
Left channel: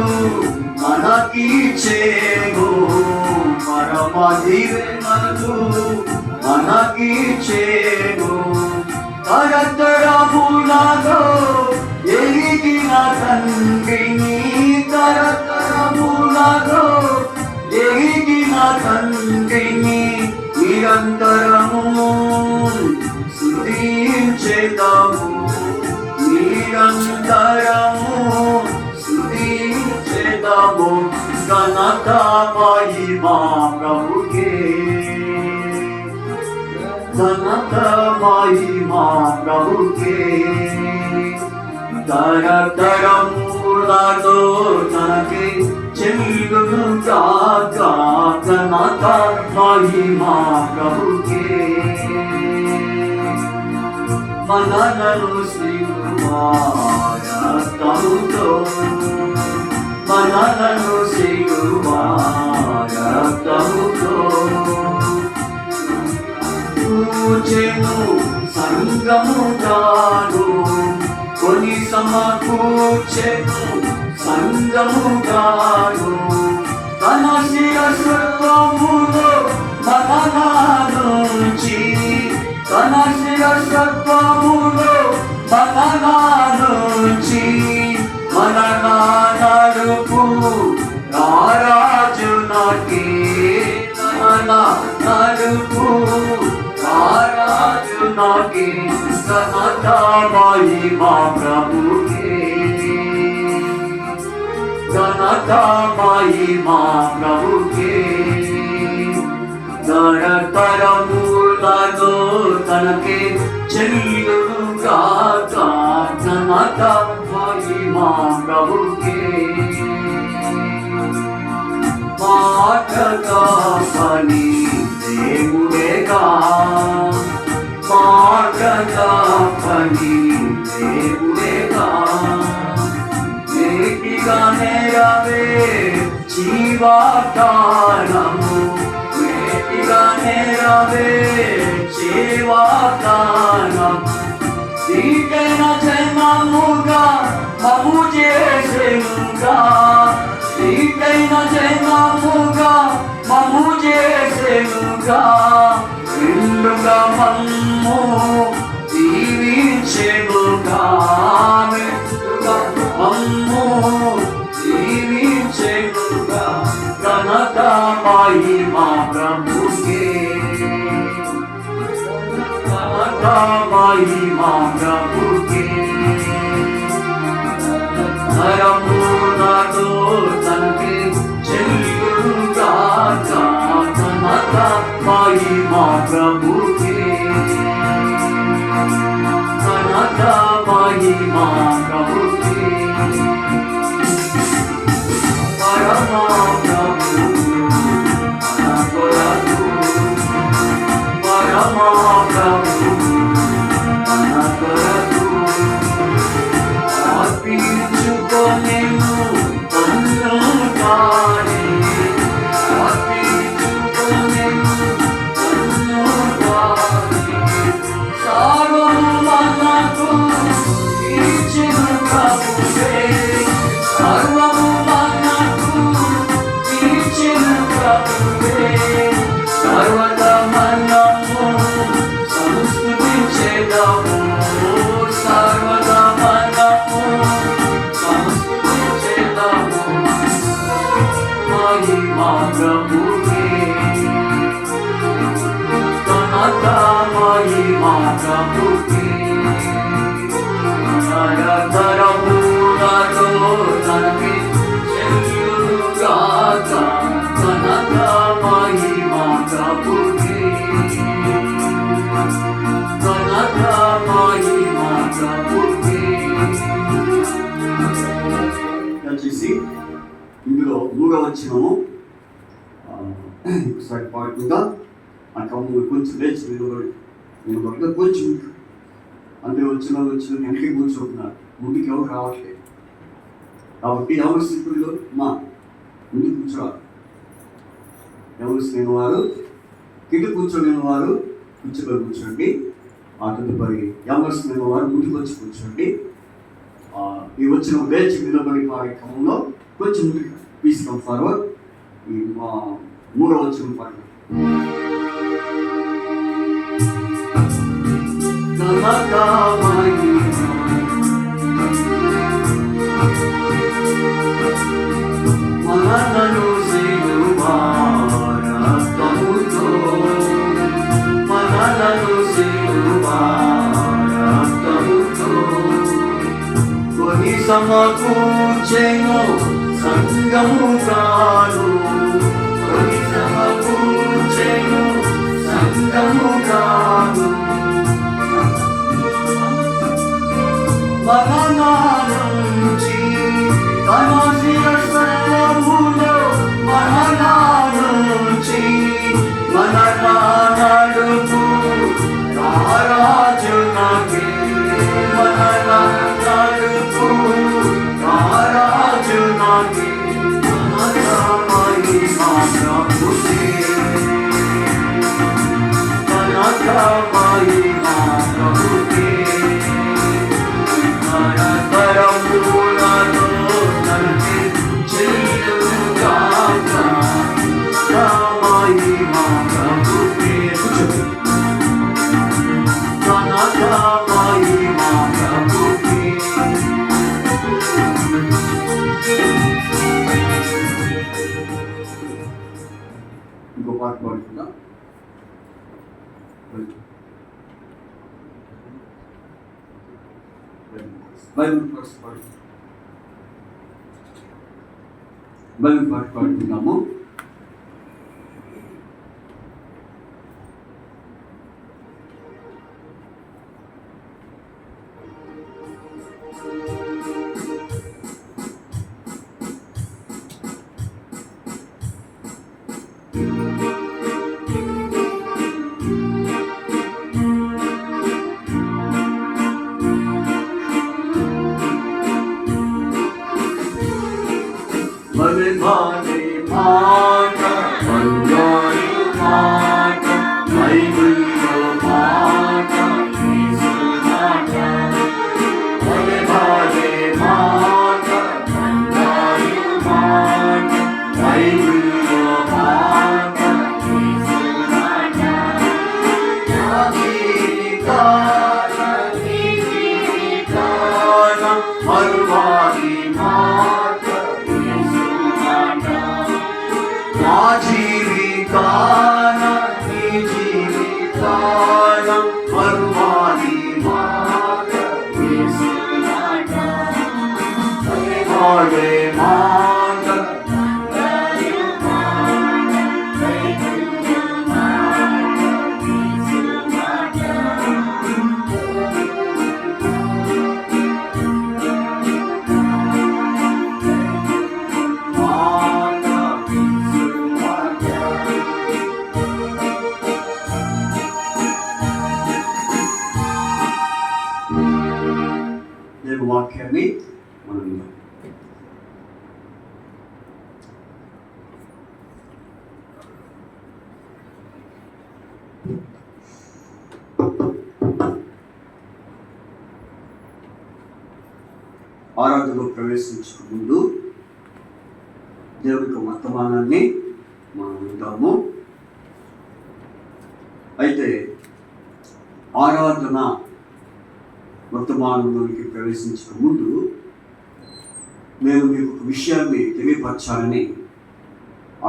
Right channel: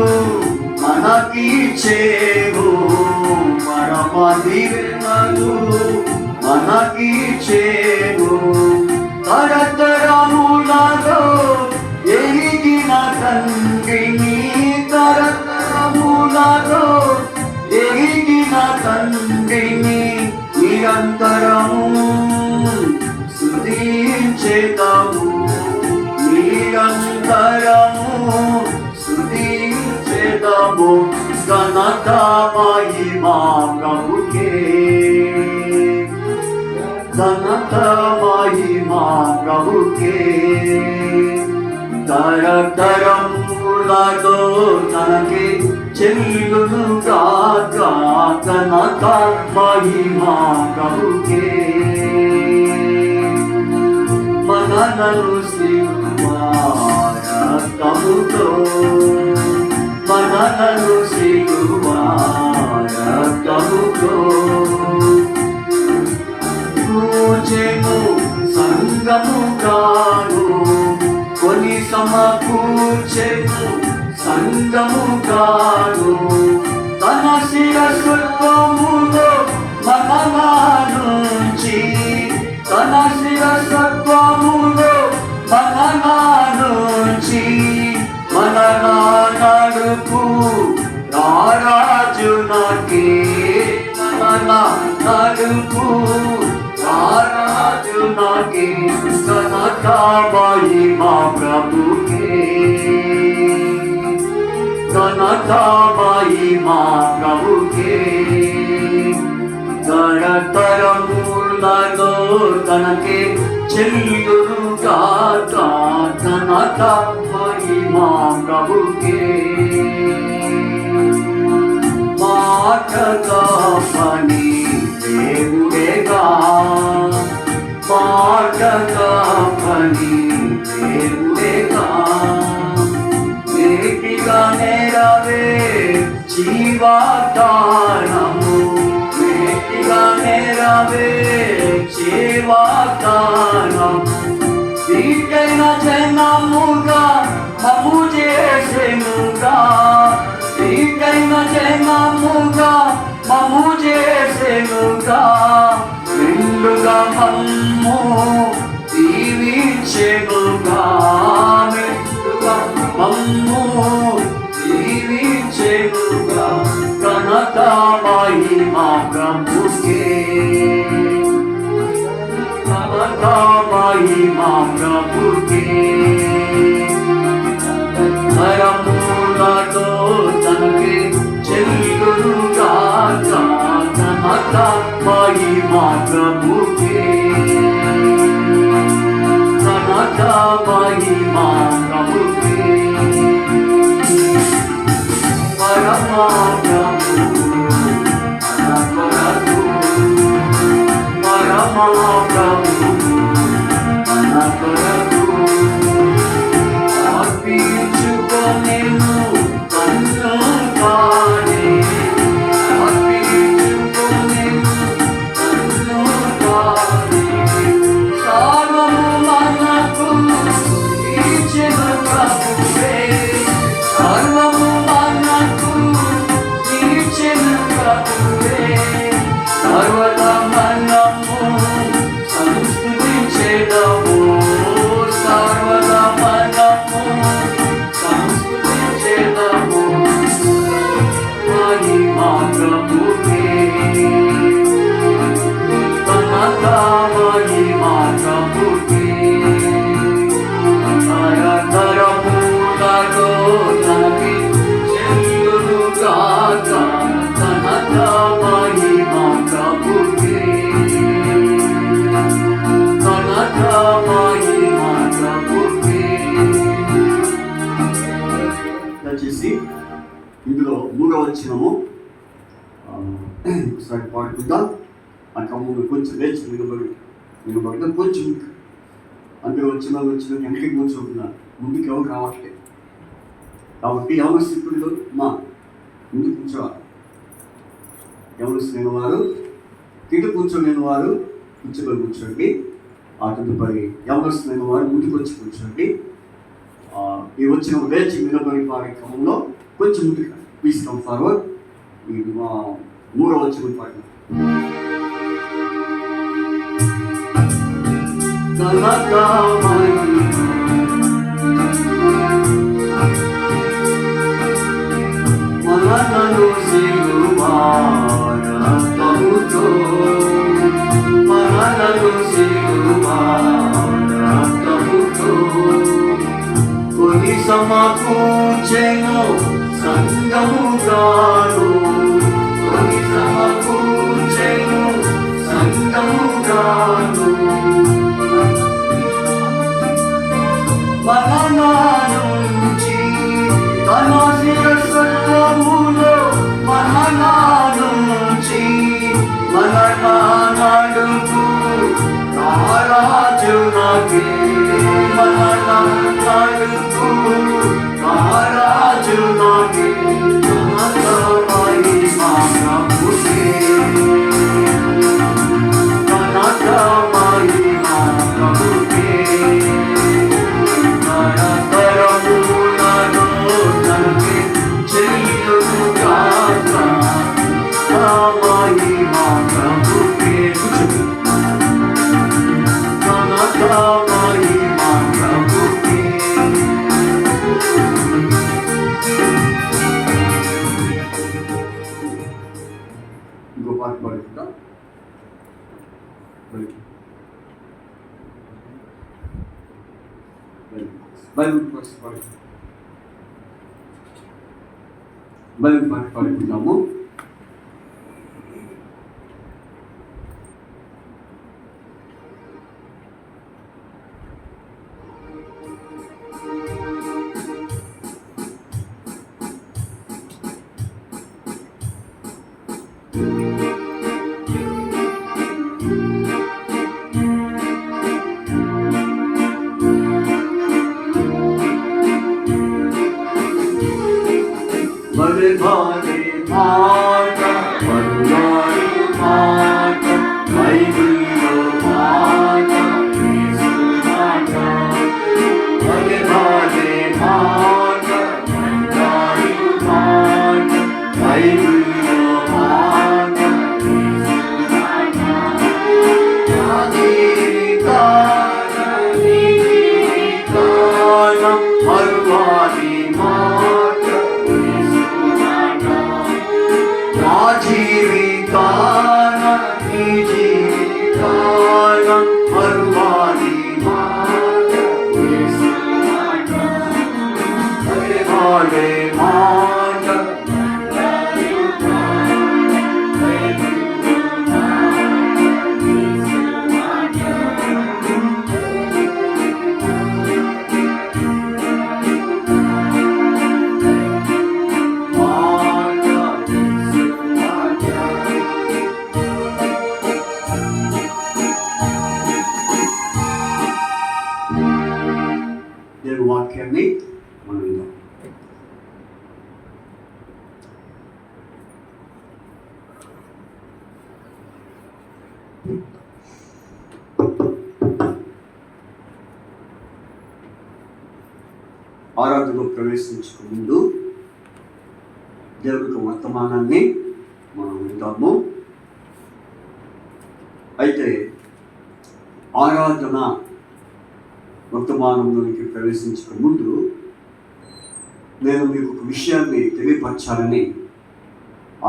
మనకిచ్చేను, పరమ దీవెనలు మనకిచ్చేను. తరతరములలో ఎరిగిన తండ్రిని, తరతరములలో ఎరిగిన తండ్రిని నిరంతరము స్తుతించేదము, నిరంతరము స్తుతించేదము. ఘనత మహిమా ప్రభుకే, ఘనత మహిమా ప్రభుకే, తరతరములలో తనకే చెల్లును గాక. ఘనత మహిమా ప్రభుకే. మనలను సిలువ రక్తముతో, మనలను సిలువ రక్తముతో పూజెను సంగముగాను, కొని సమకూర్చెను సంగముగాను. తన శిరస్వములో మననానుంచి, తన శిరస్వములో మననానుంచి, మననానడుపు రారాజు నాకే, మననానడుపు రారాజు నాకే. ఘనత మహిమా ప్రభుకే, ఘనత మహిమా ప్రభుకే, తరతరములలో తనకే చెల్లును గాక. ఘనత మహిమా ప్రభుకే. మాటగా పని దేవుడేగా, మాటగా పని దేవుడేగా, వేటిగా నెరవే జీవాకారము, వేటిగా నెరవే జీవాకారము. దీటైన జన घनता महिमा प्रभु के, घनता महिमा प्रभु के, नरमुलतो तनके చెల్లునుగా घनता महिमा प्रभु के, घनता महिमा प्रभु के, परमा प्रभु అనకొరకు, పరమ ప్రభు అనకొరకు అర్పించుకొనెను కన్ను తానే, అర్పించుకొనెను కన్ను తానే, సర్వము మనకు ఇచ్చెను ప్రభువే, సర్వము మనకు ఇచ్చెను ప్రభువే, సర్వదా మనము సంస్తుతించెదము, సర్వదా మనము సంస్తుతించెదము, మహిమా ప్రభువే, ఘనతా మహిమా ప్రభువే, నరధరములతో తనకి చెల్లునుగాక, ఘనతా మహిమా ప్రభువే, ఘనతా మహిమా ప్రభువే. దయచేసి ఇందులో 3వ వచనము ఒకసారి పాడుకుందా. ఆ కమ్ములు కొంచెం లేచి నిలబడి కొంచెం అందులో వచ్చిన వెనక్కి కూర్చుంటున్నారు, ముందుకు ఎవరు రావట్లేదు. కాబట్టి ఎవరు స్థితుల్లో ముందు కూర్చోవాలి, ఎవరు లేని వారు కింద కూర్చోలేని వారు కూర్చోండి. ఆ తదుపరి ఎవరు లేని వారు ముందుకు వచ్చి కూర్చోండి. ఈ వచ్చిన లేచి నిలబడి వారి క్రమంలో కొంచెం ముందుకు ప్లీజ్ కమ్ ఫార్వర్డ్. ఈ 3వ వచనం పాడు. ఘనతా మహిమా మనలను సిలువ రక్తముతో, మనలను సిలువ రక్తముతో కొని సమకూర్చెను సంగముగాను, కొని సమకూర్చెను సంగముగాను, మరణానుంచి తన శిరస్సులో, మరణానుంచి మరణానడుపు రారాజునకే, మరణానడుపు రారాజునకే, ఘనతా మహిమా ప్రభువే, ఘనతా మహిమా ప్రభువే, నరధరములను తనకి చెల్లునుగాక, మహిమా ప్రభువే, ఘనతా మహిమా ప్రభువే. ఇంకో పాట పాడుకుందాం. బైబిల్ పాట పాడుకుందాము. భలే భాలే మాట, పరువాయి మాట, బైబిల్లో మాట, యేసు మాట, భలే భాలే మాట, పరువాయి మాట, బైబిల్లో మాట, యేసు మాట, నాది కాన నీది కాన, పరువాయి మాట, యేసు మాట, జీవితాన నీ జీవితాన మరువాని మాట యేసు మాట పాడే మాట దేవుని వాక్యాన్ని మనం విందాం. ఆరాధనలో ప్రవేశించక ముందు దేవుడి యొక్క వర్తమానాన్ని మనం వింటాము. అయితే ఆరాధన వర్తమానంలోకి ప్రవేశించక ముందు నేను మీకు ఒక విషయాన్ని తెలియపరచాలని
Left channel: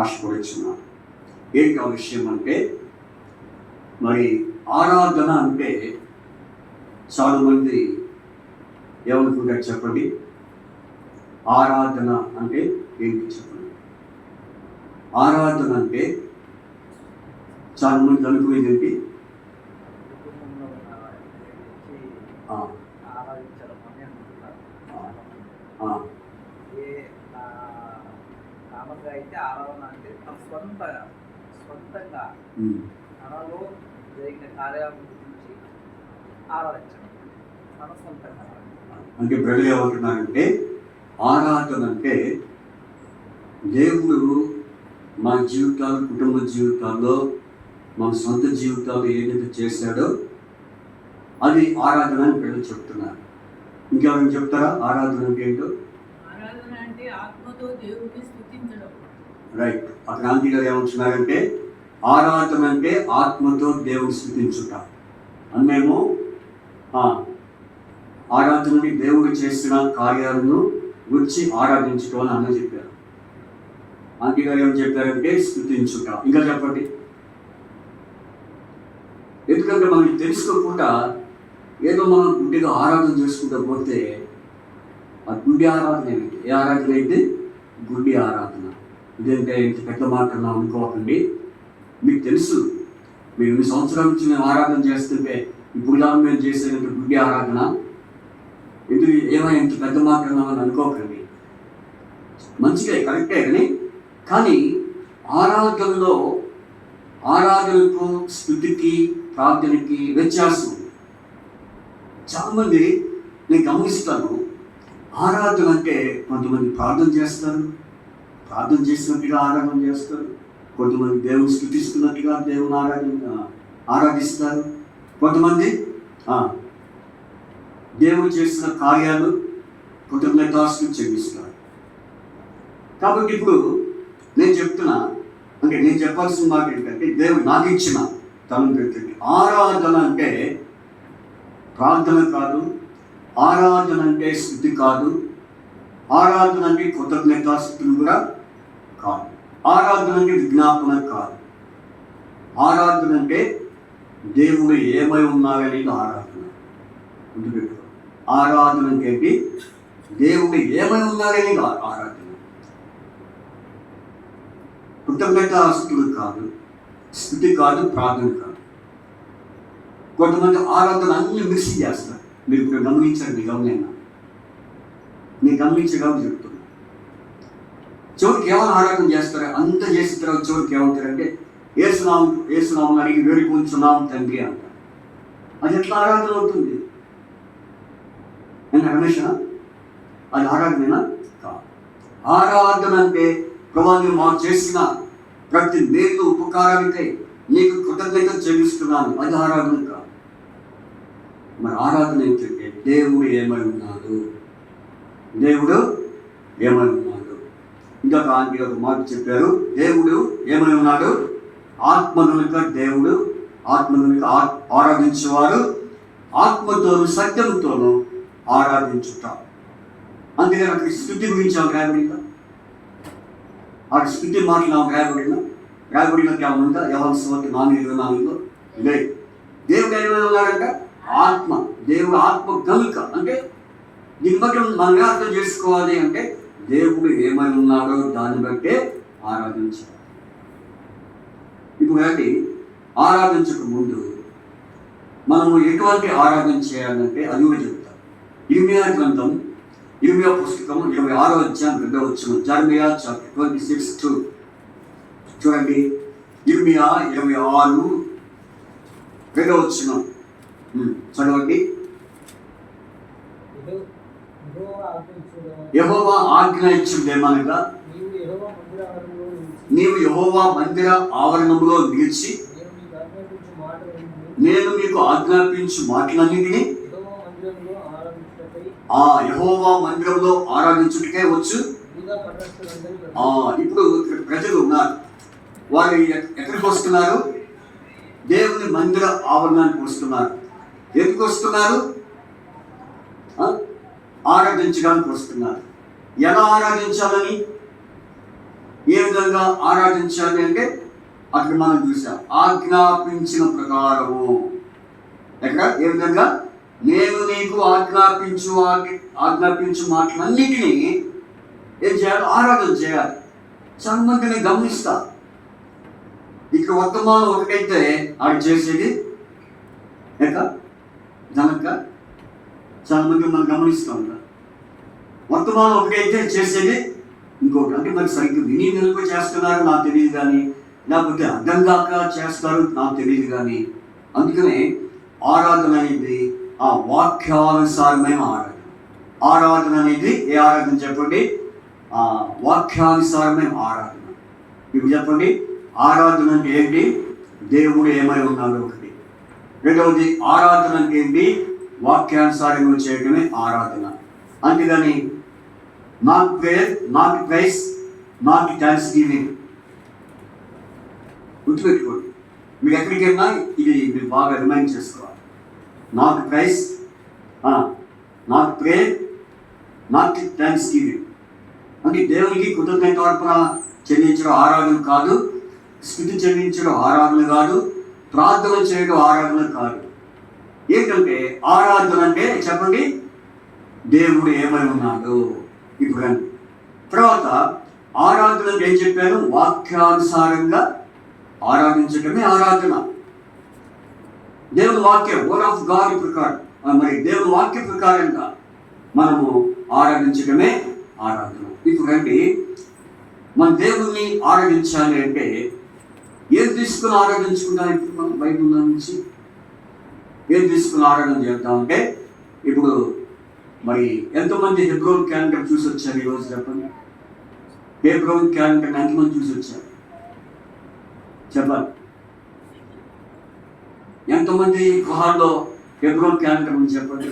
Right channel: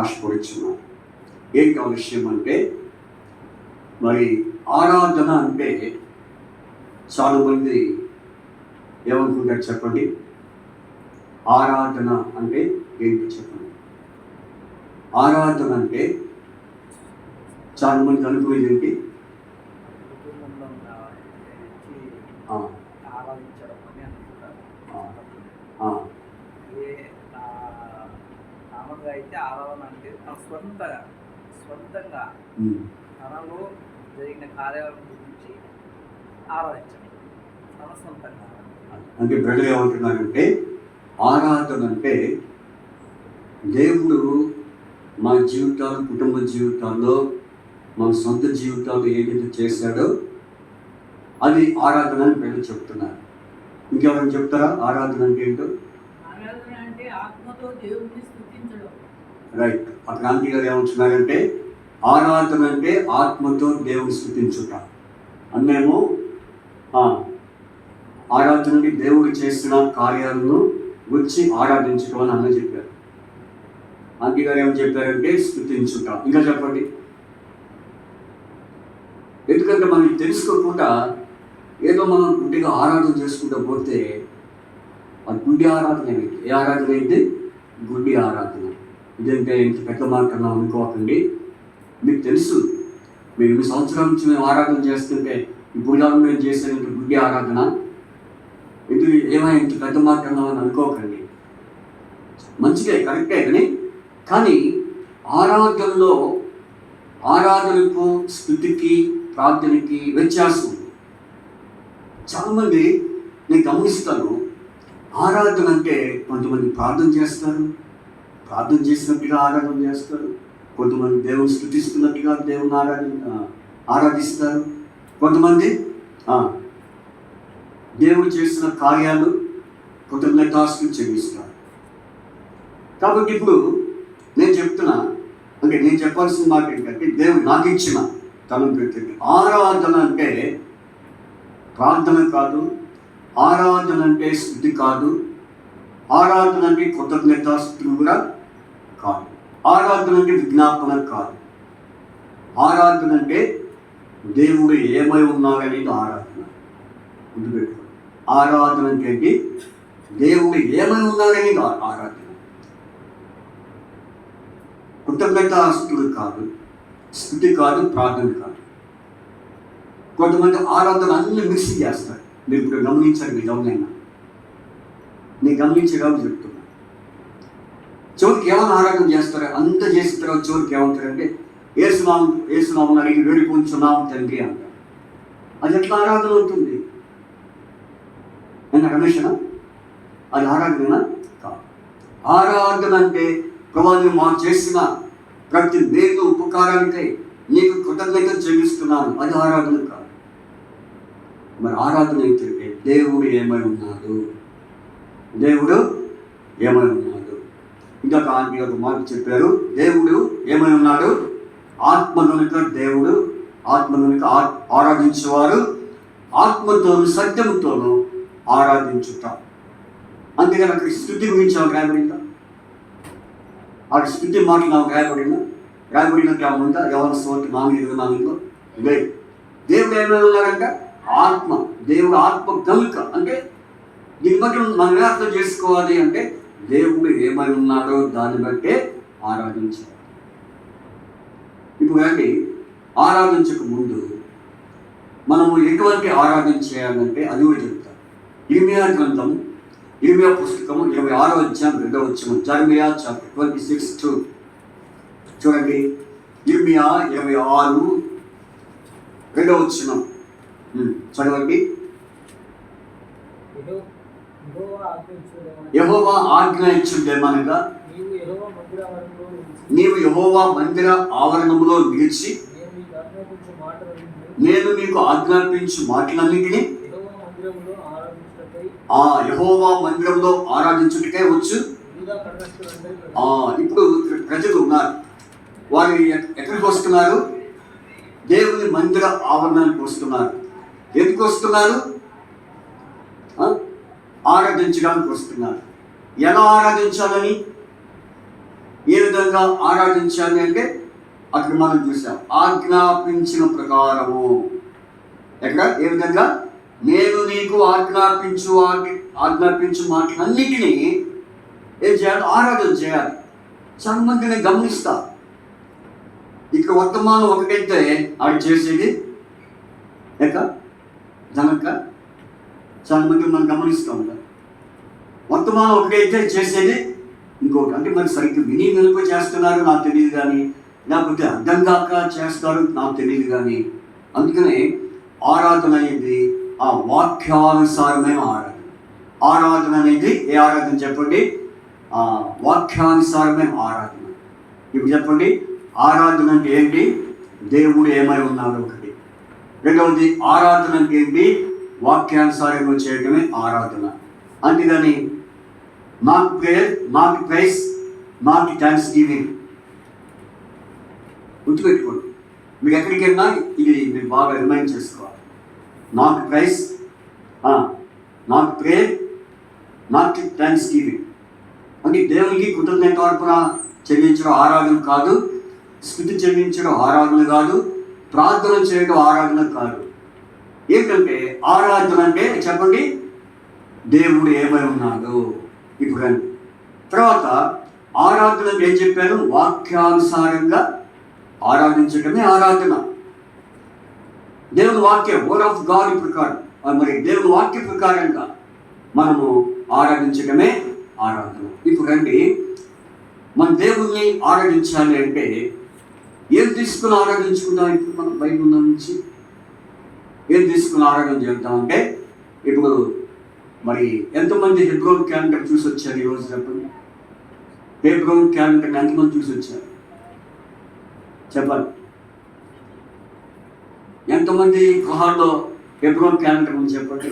ఆశపడుచున్నాను. ఏంటి ఆ విషయం అంటే, మరి ఆరాధన అంటే చాలామంది ఏమనుకుంటారు చెప్పండి? ఆరాధన అంటే ఏంటి చెప్పండి? ఆరాధన అంటే చాలామంది అనుకునేది ఏంటి? అయితే ఆరాధన అంటే తన స్వంతంగా తనలో జరిగిన కార్యాల గురించి ఆరాధించడం, తన స్వంతంగా. అంటే ప్రజలు ఏమంటున్నారంటే ఆరాధన అంటే దేవుడు మన జీవితాలు, కుటుంబ జీవితాల్లో, మన సొంత జీవితాల్లో ఏదైతే చేశాడో అది ఆరాధన అని ప్రజలు చెప్తున్నారు. ఇంకెవరైనా చెప్తారా ఆరాధన అంటే ఏంటో? ఆరాధన అంటే ఆత్మతో దేవుడిని స్తుతించడం. రైట్. అక్కడ గాంధీ గారు ఏమంటున్నారంటే ఆరాధన అంటే ఆత్మతో దేవుని స్తుతించుట. అన్నేమో ఆరాధనకి దేవుడు చేసిన కార్యాలను వచ్చి ఆరాధించడం అని అన్న చెప్పారు. గాంధీ గారు ఏమని చెప్పారంటే స్తుతించుట. ఇంకా చెప్పండి. ఎందుకంటే మనకి తెలుసుకోకుండా ఏదో మనం గుడ్డిగా ఆరాధన చేసుకుంటూ పోతే ఆ గుడ్డి ఆరాధన ఏంటి? ఏ ఆరాధన అయితే గుడ్డి ఆరాధన. ఇదంటే ఇంత పెద్ద మాట అన్నా అనుకోకండి. మీకు తెలుసు, మీరు 2 సంవత్సరాల నుంచి మేము ఆరాధన చేస్తుంటే ఇప్పుడు ఇలా మేము చేసేది గుడ్డి ఆరాధన. ఎందుకు ఏమైనా ఇంత పెద్ద మాట అన్నామని అనుకోకండి. మంచిగా కరెక్టే కానీ ఆరాధనకు స్తుతికి ప్రార్థనకి వ్యత్యాసం ఉంది. చాలామంది నేను గమనిస్తాను, ఆరాధన అంటే కొంతమంది ప్రార్థన చేస్తారు, ప్రార్థన చేసినట్టుగా ఆరాధన చేస్తారు. కొంతమంది దేవుని స్తుతిస్తున్నట్టుగా దేవుని ఆరాధిస్తారు. కొంతమంది దేవుడు చేసిన కార్యాలు కృతజ్ఞతాస్తుతులు చెల్లిస్తారు. కాబట్టి ఇప్పుడు నేను చెప్తున్నా, అంటే నేను చెప్పాల్సిన మాట ఏంటంటే దేవుడు నాకు ఇచ్చిన తలను పెట్టండి. ఆరాధన అంటే ప్రార్థన కాదు, ఆరాధన అంటే స్తుతి కాదు, ఆరాధన అంటే కృతజ్ఞతాస్తుతులు కూడా కాదు, ఆరాధన అంటే విజ్ఞాపన కాదు. ఆరాధన అంటే దేవుడు ఏమై ఉన్నాడనేది ఆరాధన. గుర్తుపెట్టుకో, ఆరాధన అంటే దేవుడు ఏమై ఉన్నాడనేది ఆరాధన. కృతజ్ఞతాస్తుతులు కాదు, స్తుతి కాదు, ప్రార్థన కాదు. కొంతమంది ఆరాధన అన్ని మిక్స్ చేస్తారు. మీరు ఇప్పుడు గమనించండి, నేను గమనించగలను చెప్తున్నా. చివరికి ఏమైనా ఆరాధన చేస్తారు, అంత చేసిన తర్వాత చివరికి ఏమంటారంటే ఏసునామం అడిగి వేడుకుంటున్నాం తండ్రి అంటారు. అది ఎట్లా ఆరాధన అవుతుంది? నేను రమేషనా? అది ఆరాధన కాదు. ఆరాధన అంటే ప్రభువా నువ్వు మాకు చేసిన ప్రతి మేలు ఉపకారానికై నీకు కృతజ్ఞత చెల్లిస్తున్నాను, అది ఆరాధన కాదు. మరి ఆరాధన ఏంటంటే దేవుడు ఏమై ఉన్నాడు, దేవుడు ఏమై ఉన్నాడు. ఇంకొక మాట చెప్పారు, దేవుడు ఏమై ఉన్నాడు? ఆత్మనునిక దేవుడు, ఆత్మనునిక ఆరాధించేవారు ఆత్మతోను సత్యముతోను ఆరాధించుట. అందుకని అక్కడ స్థుతి గురించి రాయబడిందా? ఆ స్థుతి మాటలు రాయబడినా రాబడినట్టు ఏమన్నా ఎవరి సోటి 4:24 ఇదే దేవుడు ఏమైనా ఉన్నాడంట ఆత్మ. దేవుడు ఆత్మ కనుక అంటే దీన్ని బట్టి మనం ఎలా అర్థం చేసుకోవాలి అంటే దేవుడు ఏమై ఉన్నాడో దాన్ని బట్టే ఆరాధించాలి. ఇప్పుడు రండి, ఆరాధించక ముందు మనము ఎటువంటి ఆరాధన చేయాలంటే అది కూడా చెప్తాం. ఇర్మియా గ్రంథం 20వ పుస్తకం 26వ అధ్యాయం 2వ వచనం, జెరమియా చాప్టర్ 26 చూడండి. ఇర్మియా 26 2వ వచనం చదవండి. యెహోవా ఆజ్ఞ ఇచ్చిందేమనగా, నీవు యెహోవా మందిర ఆవరణంలో నిలిచి నేను మీకు ఆజ్ఞాపించు మాటలన్నిటినీ ఆ యెహోవా మందిరంలో ఆరాధించుటకే వచ్చు. ఇప్పుడు ప్రజలు ఉన్నారు, వారు ఎక్కడికి వస్తున్నారు? దేవుని మందిర ఆవరణానికి వస్తున్నారు. ఎందుకు వస్తున్నారు? ఆరాధించడానికి వస్తున్నారు. ఎలా ఆరాధించాలని, ఏ విధంగా ఆరాధించాలి అంటే అక్కడ మనం చూసాం, ఆజ్ఞాపించిన ప్రకారము. ఎక్కడ ఏ విధంగా? నేను నీకు ఆజ్ఞాపించు మాటలన్నిటినీ ఏం చేయాలి? ఆరాధన చేయాలి. చాలా మందిని గమనిస్తా, ఇక్కడ వర్తమానం ఒకటైతే ఆడు చేసేది ఎక్క జనక. చాలా మంది మనం గమనిస్తూ ఉంటాం, వర్తమానం ఒకటైతే చేసేది ఇంకొకటి. అంటే మరి సరిగ్గా విని వెనుక చేస్తున్నారు నాకు తెలియదు కానీ, లేకపోతే అర్థం కాక చేస్తారు నాకు తెలియదు కానీ. అందుకనే ఆరాధన అనేది ఆ వాక్యానుసారమైన ఆరాధన. ఆరాధన అనేది ఏ ఆరాధన చెప్పండి? ఆ వాక్యానుసారమైన ఆరాధన. ఇప్పుడు చెప్పండి, ఆరాధన అంటే ఏంటి? దేవుడు ఏమై ఉన్నాడు ఒకటి. రెండవది ఆరాధన అంటే ఏంటి? వాక్యానుసారంగా చేయడమే ఆరాధన. అంతేగాని not prayer, not price, not thanks giving. గుర్తుపెట్టుకోండి, మీరు ఎక్కడికి వెళ్ళినా ఇది మీరు బాగా రిమైండ్ చేసుకోవాలి. Not price, not prayer, not thanks giving. అంటే దేవునికి కృతజ్ఞత అర్పణ చెల్లించడం ఆరాధన కాదు, స్థుతి చెల్లించడం ఆరాధన కాదు, ప్రార్థన చేయడం ఆరాధన కాదు. ఏంటంటే ఆరాధన అంటే చెప్పండి, దేవుడు ఏమై ఉన్నాడు. ఇప్పుడు తర్వాత ఆరాధన ఏం చెప్పాను? వాక్యానుసారంగా ఆరాధించడమే ఆరాధన. దేవుని వాక్యం, వర్డ్ ఆఫ్ గాడ్ ప్రకారం, మరి దేవుని వాక్య ప్రకారంగా మనము ఆరాధించడమే ఆరాధన. ఇప్పుడు రండి, మన దేవుణ్ణి ఆరాధించాలి అంటే ఏం తీసుకుని ఆరాధించుకుంటాం? ఇప్పుడు మనం బైబిల్ నుంచి ఏం తీసుకుని ఆరాధన చేద్దామంటే, ఇప్పుడు మరి ఎంతమంది హెబ్రోన్ క్యాలెండర్ చూసి వచ్చారు ఈరోజు చెప్పండి? హెబ్రోన్ క్యాలెండర్ ఎంతమంది చూసి వచ్చారు చెప్పాలి? ఎంతమంది గృహాల్లో హెబ్రోన్ క్యాలెండర్ ఉంది చెప్పండి?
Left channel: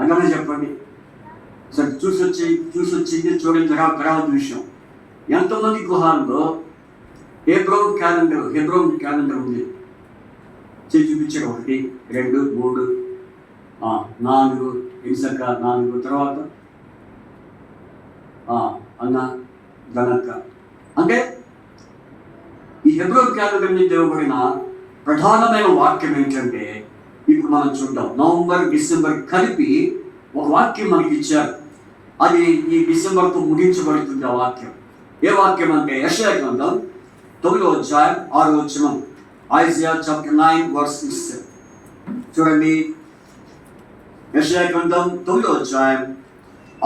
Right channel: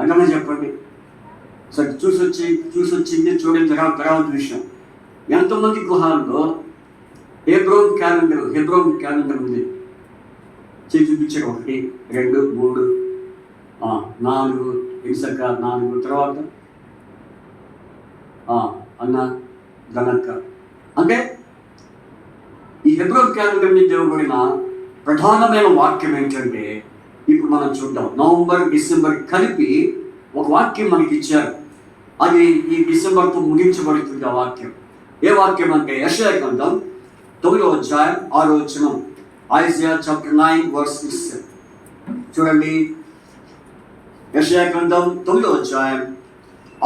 అంతమంది చెప్పండి. సరే చూసొచ్చింది చూడండి. తర్వాత విషయం, ఎంతమంది గృహాల్లో హెబ్రోన్ క్యాలెండర్ ఉంది? చూపించారు. 1 2 3 4 ఇసక 4 తర్వాత అన్న గనక్క. అంటే ఈ హెబ్రోన్ క్యాలెండర్ మీద ఇవ్వబడిన ప్రధానమైన వాక్యం ఏంటంటే, ఇప్పుడు మనం చూద్దాం. నవంబర్ డిసెంబర్ కలిపి ఒక వాక్యం మనకి ఇచ్చారు. అది ఈ డిసెంబర్తో ముగించబడుతుంది. ఆ వాక్యం ఏ వాక్యం అంటే యెషయా గ్రంథం 9వ అధ్యాయం 6వ వచనం. ఐజియా చాప్టర్ 9 వర్స్ 6 చూడండి. యెషయా గ్రంథం 9వ అధ్యాయం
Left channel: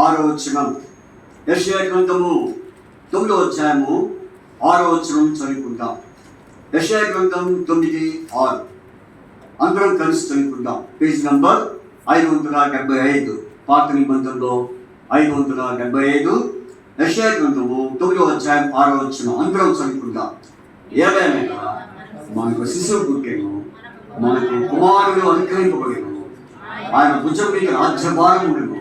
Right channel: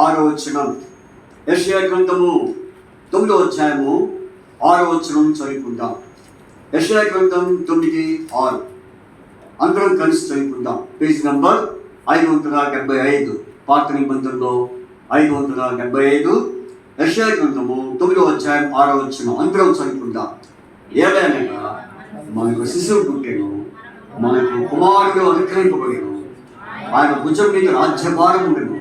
6వ వచనం. యెషయా గ్రంథము 9వ అధ్యాయము 6వ వచనం చదువుకుందాం. యెషయా గ్రంథం 9:6 అందరం కలిసి చదువుకుందాం. పేజ్ నంబర్ 575, పాత నిబంధనలో 575. యెషయా గ్రంథము 9వ అధ్యాయం 6వ వచనం అందరం చదువుకుందాం. ఏలయనగా మనకు శిశువు పుట్టెను, మనకు కుమారుడు అనుగ్రహింపబడెను, ఆయన భుజం మీద రాజ్యభారం ఉండెను.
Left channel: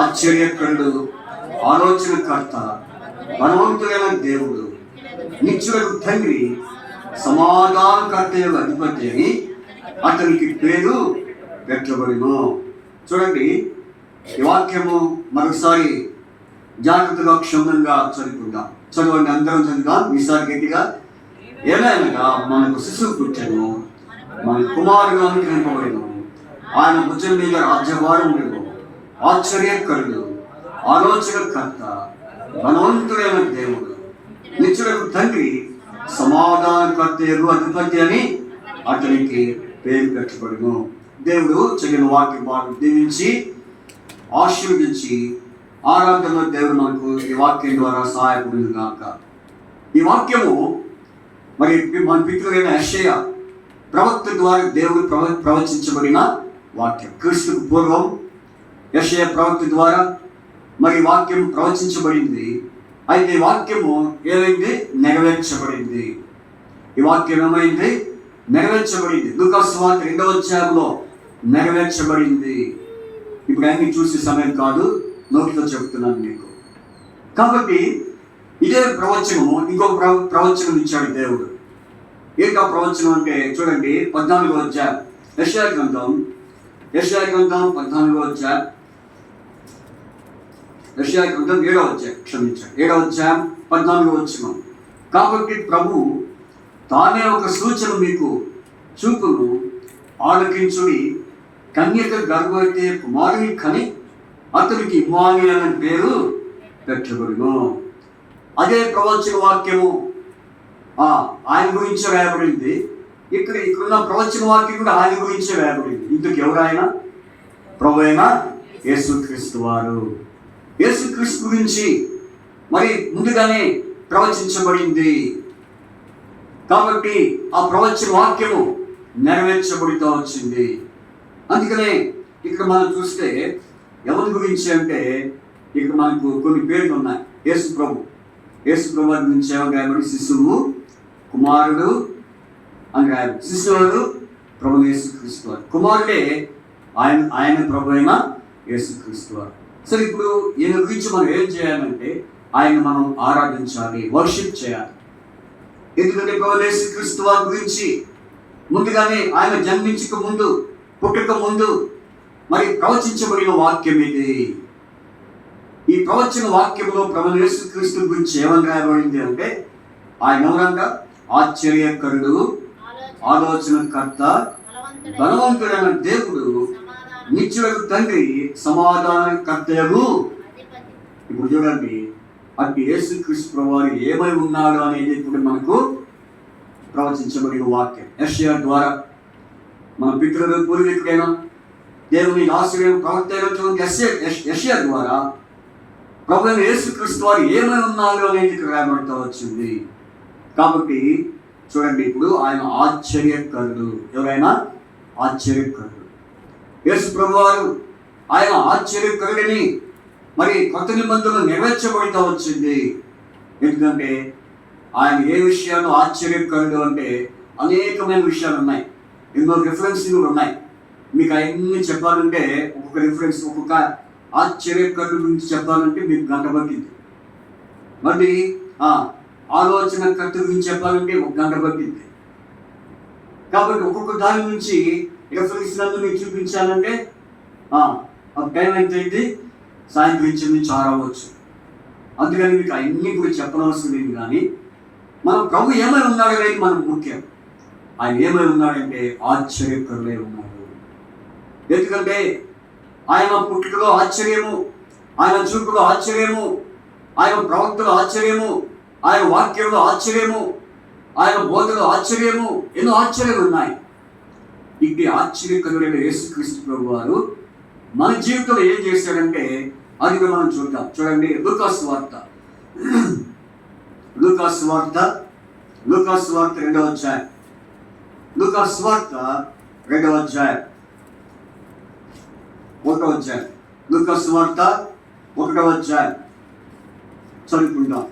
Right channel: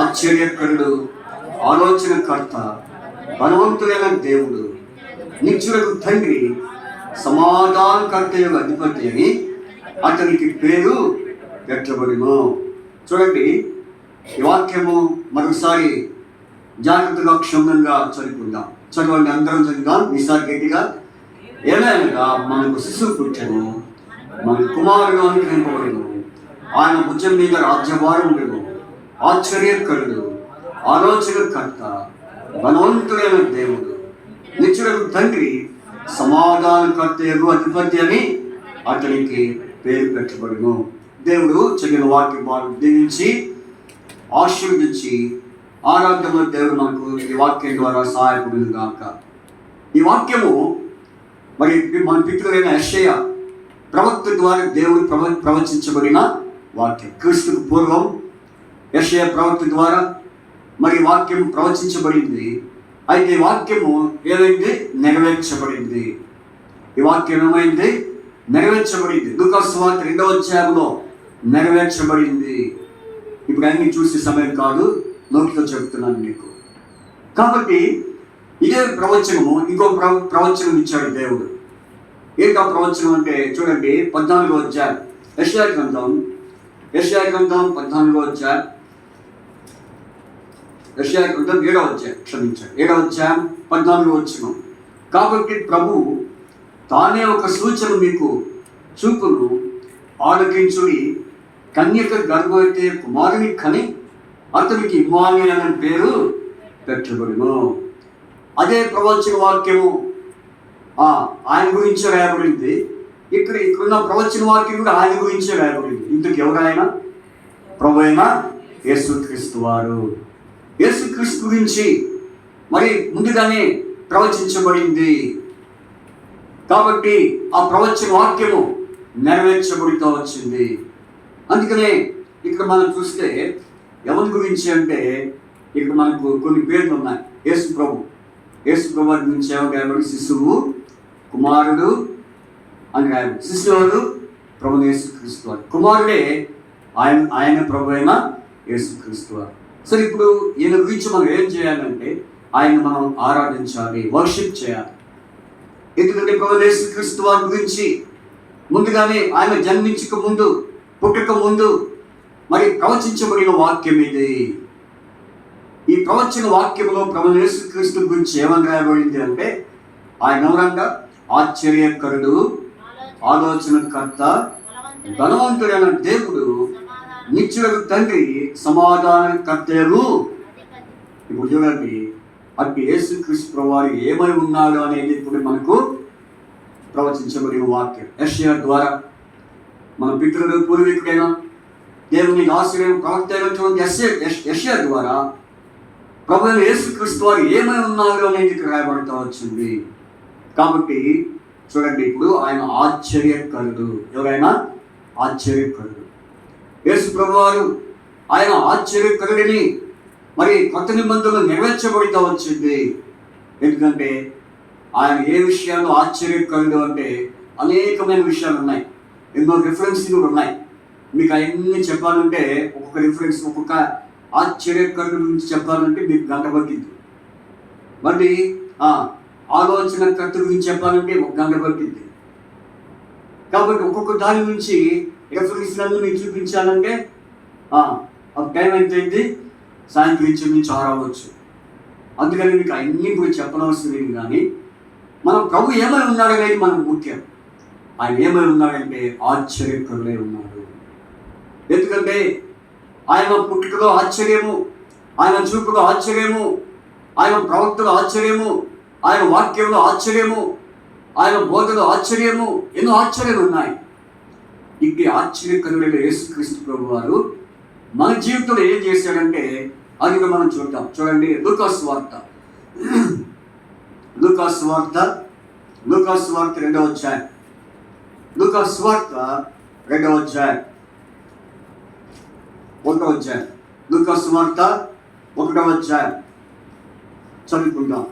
ఆశ్చర్యకరుడు, ఆలోచనకర్త, బలవంతుడైన దేవుడు, నిత్యులకు తండ్రి, సమాధానకర్త యొక్క అధిపతి అని అతనికి పేరు పెట్టబడును. చూడండి, ఈ వాక్యము మరొకసారి జాగ్రత్తగా క్షుణ్ణంగా చదువుకుందాం. చదవండి, అందరం చదువుదాం ఈసారి గట్టిగా. ఏమైనా మనకు శిశువు పుట్టెను, మన కుమారుడు అనుగ్రహింపబడెను, ఆయన భుజం మీద రాజ్యభారం ఉండెను. ఆశ్చర్యకరుడు, ఆలోచనకర్త, బలవంతుడైన దేవుడు, నిత్యుడైన తండ్రి, సమాధానకర్త యగు అధిపతి అని అతనికి పేరు పెట్టబడును. దేవుడు చదివిన వాక్యం దీవించి ఆశీర్వదించి ఆరాధనలో దేవుడు మనకు ఈ వాక్యం ద్వారా సహాయపడును గాక. ఈ వాక్యము మరి మన పితృడైన యెషయా ప్రవక్త ద్వారా దేవుడు ప్రవచించబడిన వాక్యం. క్రీస్తుకు పూర్వం యెషయా ప్రవక్త ద్వారా మరి వాక్యం ప్రవచించబడింది. అయితే ఈ వాక్యము ఏదైంది? నెరవేర్చబడింది. ఈ వాక్యం ఏమైంది? నెరవేర్చబడింది. లూకా సువార్త 2వ అధ్యాయంలో నెరవేర్చబడింది. ఇప్పుడు అన్ని చూసే సమయం కాదు, నోటితో చెప్తున్నాను మీకు. కాబట్టి ఇదే ప్రవచనము ఇంకొక ప్రవచనం ఇచ్చాడు దేవుడు. ఏంటా ప్రవచనం అంటే చూడండి, 14వ అధ్యాయం యెషయా గ్రంథం 14వ అధ్యాయం, యెషయా గ్రంథం 7వ అధ్యాయం, క్షమించండి 7వ అధ్యాయం 14వ వచనం. కాబట్టి ప్రభు తానే ఒక సూచన మీకు చూపును, ఆలకించుడి, కన్యక గర్భవతి కుమారుని కని అతనికి ఇమ్మానుయేలు అనే పేరు పెట్టబడును. అదే ప్రవచన వాక్యము ఆయన గురించి రాయబడింది. ఇక్కడున్న ప్రవచన వాక్యం కూడా ఆయన గురించి రాయబడింది. ఇందుకు ఎవరైనా ప్రభు అయిన యేసుక్రీస్తు వారు. యేసుక్రీస్తు గురించి మరి ముందుగానే ప్రవచించబడింది. కాబట్టి ఆ ప్రవచన వాక్యము నెరవేర్చబడుతూ వచ్చింది. అందుకనే ఇక్కడ మనం చూస్తే ఎవరి గురించి అంటే ఇక్కడ మనకు కొన్ని పేర్లు ఉన్నాయి. యేసు ప్రభు గురించి ఎవరు? శిశువు, కుమారుడు అని రాయాలి. శిశువుడు ప్రభు యేసుక్రీస్తు వారు, కుమారుడే ఆయన ప్రభు అయిన యేసుక్రీస్తు వారు. సరే, ఇప్పుడు ఈయన గురించి మనం ఏం చేయాలంటే ఆయన మనం ఆరాధించాలి, వర్షిప్ చేయాలి. ఎందుకంటే ప్రభు యేసుక్రీస్తు వారి గురించి ముందుగానే ఆయన జన్మించక ముందు, పుట్టక ముందు మరి ప్రవచించబడిన వాక్యం ఇది. ఈ ప్రవచన వాక్యంలో ప్రభు యేసుక్రీస్తు గురించి ఏమని రాయబడింది అంటే ఆయన ఎవరంగా? ఆశ్చర్యకరుడు, ఆలోచనకర్త, బలవంతుడైన దేవుడు, నిత్యుడైన తండ్రి, సమాధానకర్తయగు. ఇప్పుడు చూడండి, అట్టి యేసుక్రీస్తు ప్రభువారు ఏమై ఉన్నాడు అనేది ఇప్పుడు మనకు ప్రవచించబడిన వాక్యం. యెషయా ద్వారా మన పితరులు పూర్వీకుడైన దేవుని ఆశ్రయం ప్రవక్త అయినటువంటి యెషయా ద్వారా ప్రభు యేసుక్రీస్తు వారు ఏమై ఉన్నారు అనేది రాయబడుతూ వచ్చింది. కాబట్టి చూడండి, ఇప్పుడు ఆయన ఆశ్చర్యకరుడు. ఎవరైనా ఆశ్చర్యకరుడు. యేసు ప్రభు వారు ఆయన ఆశ్చర్యకరుడిని మరి కొత్త నిబంధనలు నెరవేర్చబడుతూ వచ్చింది. ఎందుకంటే ఆయన ఏ విషయాల్లో ఆశ్చర్యకరుడు అంటే అనేకమైన విషయాలు ఉన్నాయి, ఎన్నో రిఫరెన్స్లు కూడా ఉన్నాయి. మీకు అవన్నీ చెప్పాలంటే ఒక్కొక్క రిఫరెన్స్, ఒక్కొక్క ఆశ్చర్యకరుడు గురించి చెప్పాలంటే మీకు గంట పట్టింది. మళ్ళీ ఆలోచనకర్త గురించి చెప్పాలంటే 1 గంట పట్టింది. కాబట్టి ఒక్కొక్క దాని నుంచి రిఫరెన్స్లను మీకు చూపించాలంటే టైం ఎంత అయింది? సాయంత్రం నుంచి 6 అవ్వచ్చు. అందుకని మీకు అన్నీ కూడా చెప్పనవసరం లేదు. కానీ మనం ప్రభు ఏమై ఉన్నాడు అనేది మనకు ముఖ్యం. ఆయన ఏమై ఉన్నాడంటే ఆశ్చర్యకరుడై ఉన్నాడు. ఎందుకంటే ఆయన పుట్టుకలో ఆశ్చర్యము, ఆయన చూపులో ఆశ్చర్యము, ఆయన ప్రవక్తలో ఆశ్చర్యము, ఆయన వాక్యంలో ఆశ్చర్యము, ఆయన బోధలో ఆశ్చర్యము, ఎన్నో ఆశ్చర్యాలు ఉన్నాయి. ఇట్టి ఆశ్చర్యకరుడైన యేసుక్రీస్తు ప్రభు వారు మన జీవితంలో ఏం చేశాడంటే అది మనం చూద్దాం. చూడండి, లూకా సువార్త 2వ అధ్యాయం, లూకా సువార్త 2వ అధ్యాయం, 1వ అధ్యాయం, లూకా సువార్త 1వ అధ్యాయం చదువుకుందాం.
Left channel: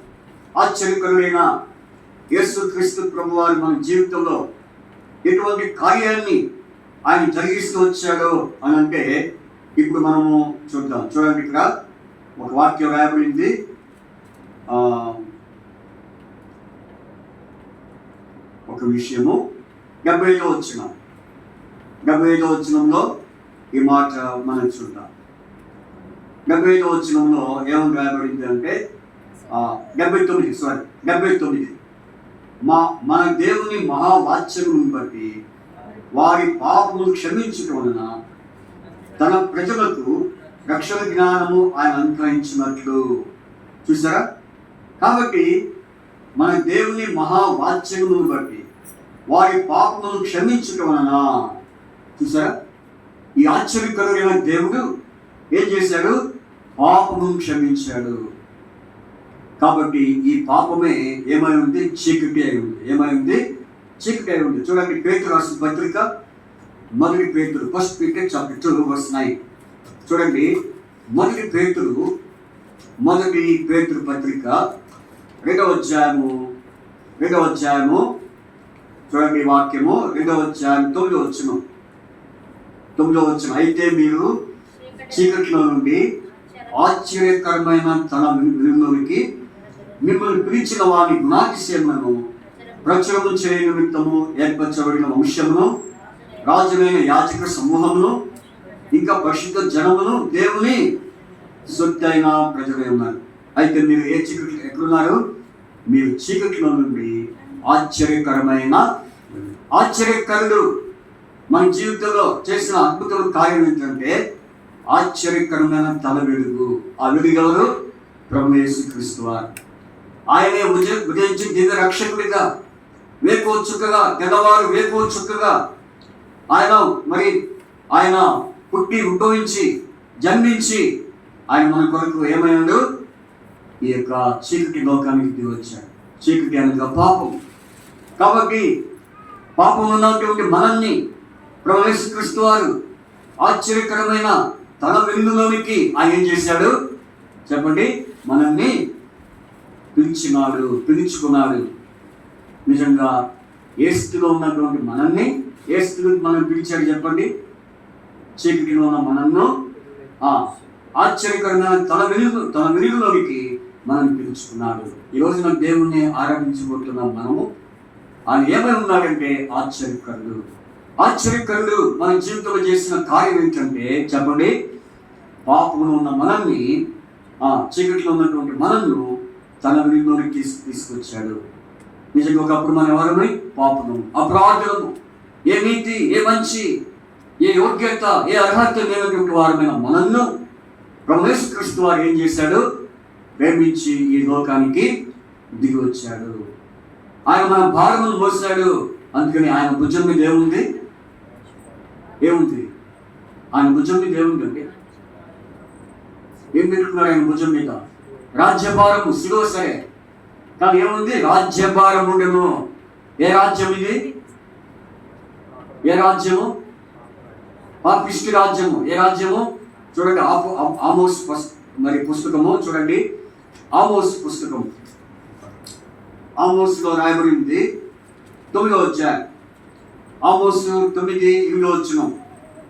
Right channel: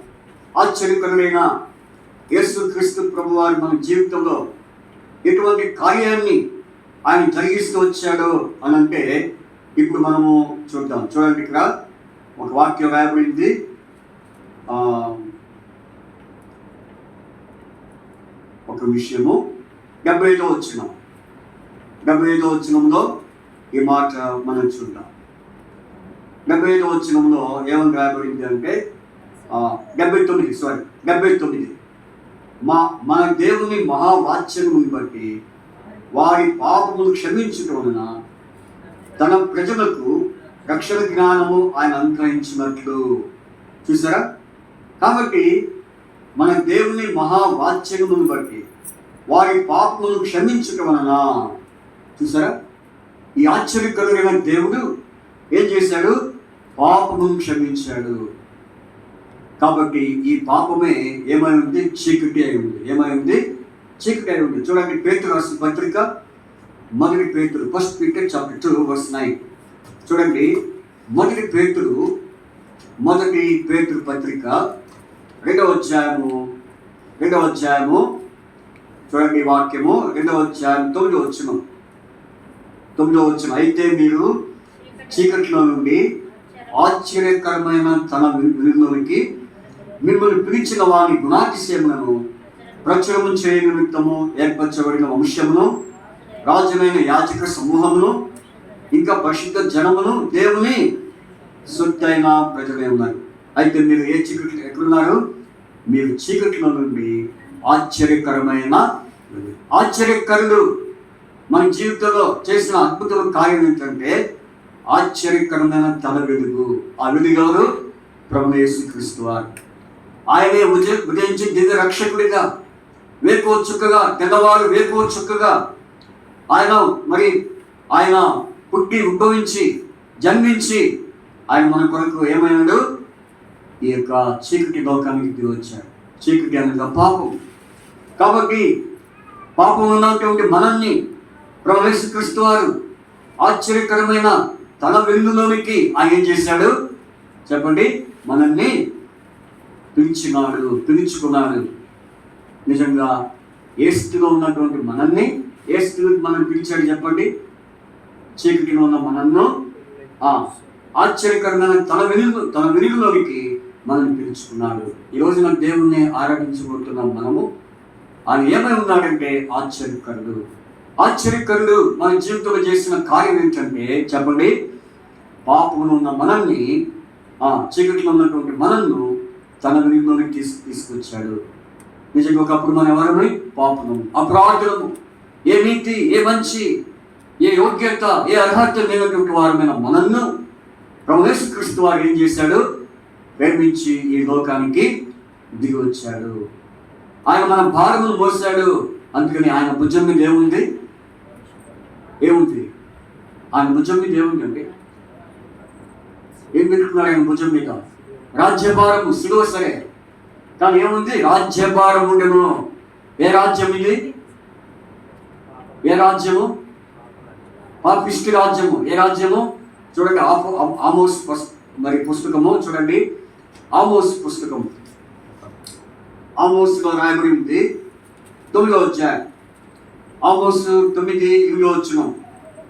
ఆశ్చర్యకరుడైన యేసుక్రీస్తు ప్రభు వారు మన జీవితంలో ఎటువంటి కార్యాన్ని ఆయన జరిగిస్తూ వచ్చాడో అని అంటే ఇప్పుడు మనము చూద్దాం. చూడండి, ఇక్కడ ఒక వాక్యం రాయబడింది. ఒక విషయము 75వ వచనంలో ఈ మాట మనం చూద్దాం. 75వ వచనంలో ఏమని రాయబడింది అంటే 79 మన దేవుని మహావాత్సల్యమును బట్టి వారి పాపములు క్షమించటం వలన తన ప్రజలకు రక్షణ జ్ఞానము ఆయన అనుగ్రహించినట్లు. చూసారా? కాబట్టి మన దేవుని మహావాత్సల్యమును బట్టి వారి పాపములు క్షమించటం వలన, చూసారా, ఈ ఆశ్చర్యకరమైన దేవుడు ఏం చేశాడు? పాపమును క్షమించాడు. కాబట్టి ఈ పాపమే ఏమై ఉంది? చీకటి అయి ఉంది. ఏమై ఉంది? చీకటి అయి ఉంది. చూడండి, పేతురు రాసిన పత్రిక, మొదటి పేతురు, 1 Peter chapter 2 verse 9. చూడండి, మొదటి పేతురు పత్రిక 2వ అధ్యాయము చూడండి, వాక్యము 2వ అధ్యాయం 9వ వచనం. అయితే మీరు చీకట్లో నుండి ఆశ్చర్యకరమైన తన వెలుగులోనికి మిమ్మల్ని పిలిచిన వారి గుణాతిశయములను ప్రచురము చేయ నిమిత్తము ఏర్పరచబడిన వంశమును, రాజులైన యాజక సమూహమును, ఇంకా పరిశుద్ధ జనమును, దేవుని సొత్తైన ప్రజలే ఉన్నారు. అయితే మీరు ఏ చీకటి ఎక్కడున్నారు? మీరు చీకట్లో నుండి ఆశ్చర్యకరుడు మన జీవితంలో చేసిన అద్భుతమైన కార్యం ఏంటంటే ఆశ్చర్యకరమైన తల వెలుగు. ఆ వెలుగు ఎవరు? ప్రభువు యేసుక్రీస్తు వారు. ఆయనే ఉదయించి దివ్య రక్షకుడిగా, వేకువ చుక్కగా, తెల్లవారు వేకువ చుక్కగా ఆయన పుట్టి ఉద్భవించి జన్మించి ఆయన మన కొరకు ఏమైనాడు? ఈ యొక్క చీకటి లోకానికి దిగి వచ్చాడు. చీకటి అనగా పాపం. కాబట్టి పాపం ఉన్నటువంటి మనల్ని ప్రభువు యేసుక్రీస్తు వారు ఆశ్చర్యకరమైన తన వెలుగులోనికి ఆయన ఏం చేశాడు? చెప్పండి. మనల్ని పిలుచుకున్నాడు. నిజంగా ఏ స్థితిలో ఉన్నటువంటి మనల్ని ఏ స్థితిలో మనం పిలిచాడు? చెప్పండి. చీకటిలో ఉన్న మనల్ని ఆశ్చర్యకరమైన తన వెలుగులోనికి మనం పిలుచుకున్నాడు. ఈ రోజున దేవుణ్ణి ఆరాధించబోతున్నాం మనము. ఆయన ఏమై ఉన్నాడంటే ఆశ్చర్యకరుడు. మన జీవితంలో చేసిన కార్యం ఏంటంటే చెప్పండి, పాపంలో ఉన్న మనల్ని, చీకటిలో ఉన్నటువంటి మనల్ని తన వెలుగులోకి తీసుకొచ్చాడు. నిజంగా ఒకప్పుడు మనం ఎవరమని? పాపము, అపరాధులము, ఏ నీతి, ఏ మంచి, ఏ యోగ్యత, ఏ అర్హత లేనటువంటి వారమైన మనల్ని ప్రభువు యేసుక్రీస్తు వారు ఏం చేశాడు? ప్రేమించి ఈ లోకానికి దిగి వచ్చాడు. ఆయన మన భారమును మోసాడు. అందుకని ఆయన భుజం మీద ఏముంది? ఆయన భుజం మీద ఏముందండి? ఏం పెట్టుకున్నాడు ఆయన భుజం మీద? రాజ్యభారము. సిలువ సరే, కానీ ఏముంది? రాజ్యభారం ఉండను. ఏ రాజ్యం ఇది? ఏ రాజ్యము? పాపిష్టి రాజ్యము. ఏ రాజ్యము? చూడండి, ఆమోస్ పుస్తకము చూడండి. ఆమోస్లో రాయబడి ఉంది 9వ అధ్యాయం. ఆమోసు 9:7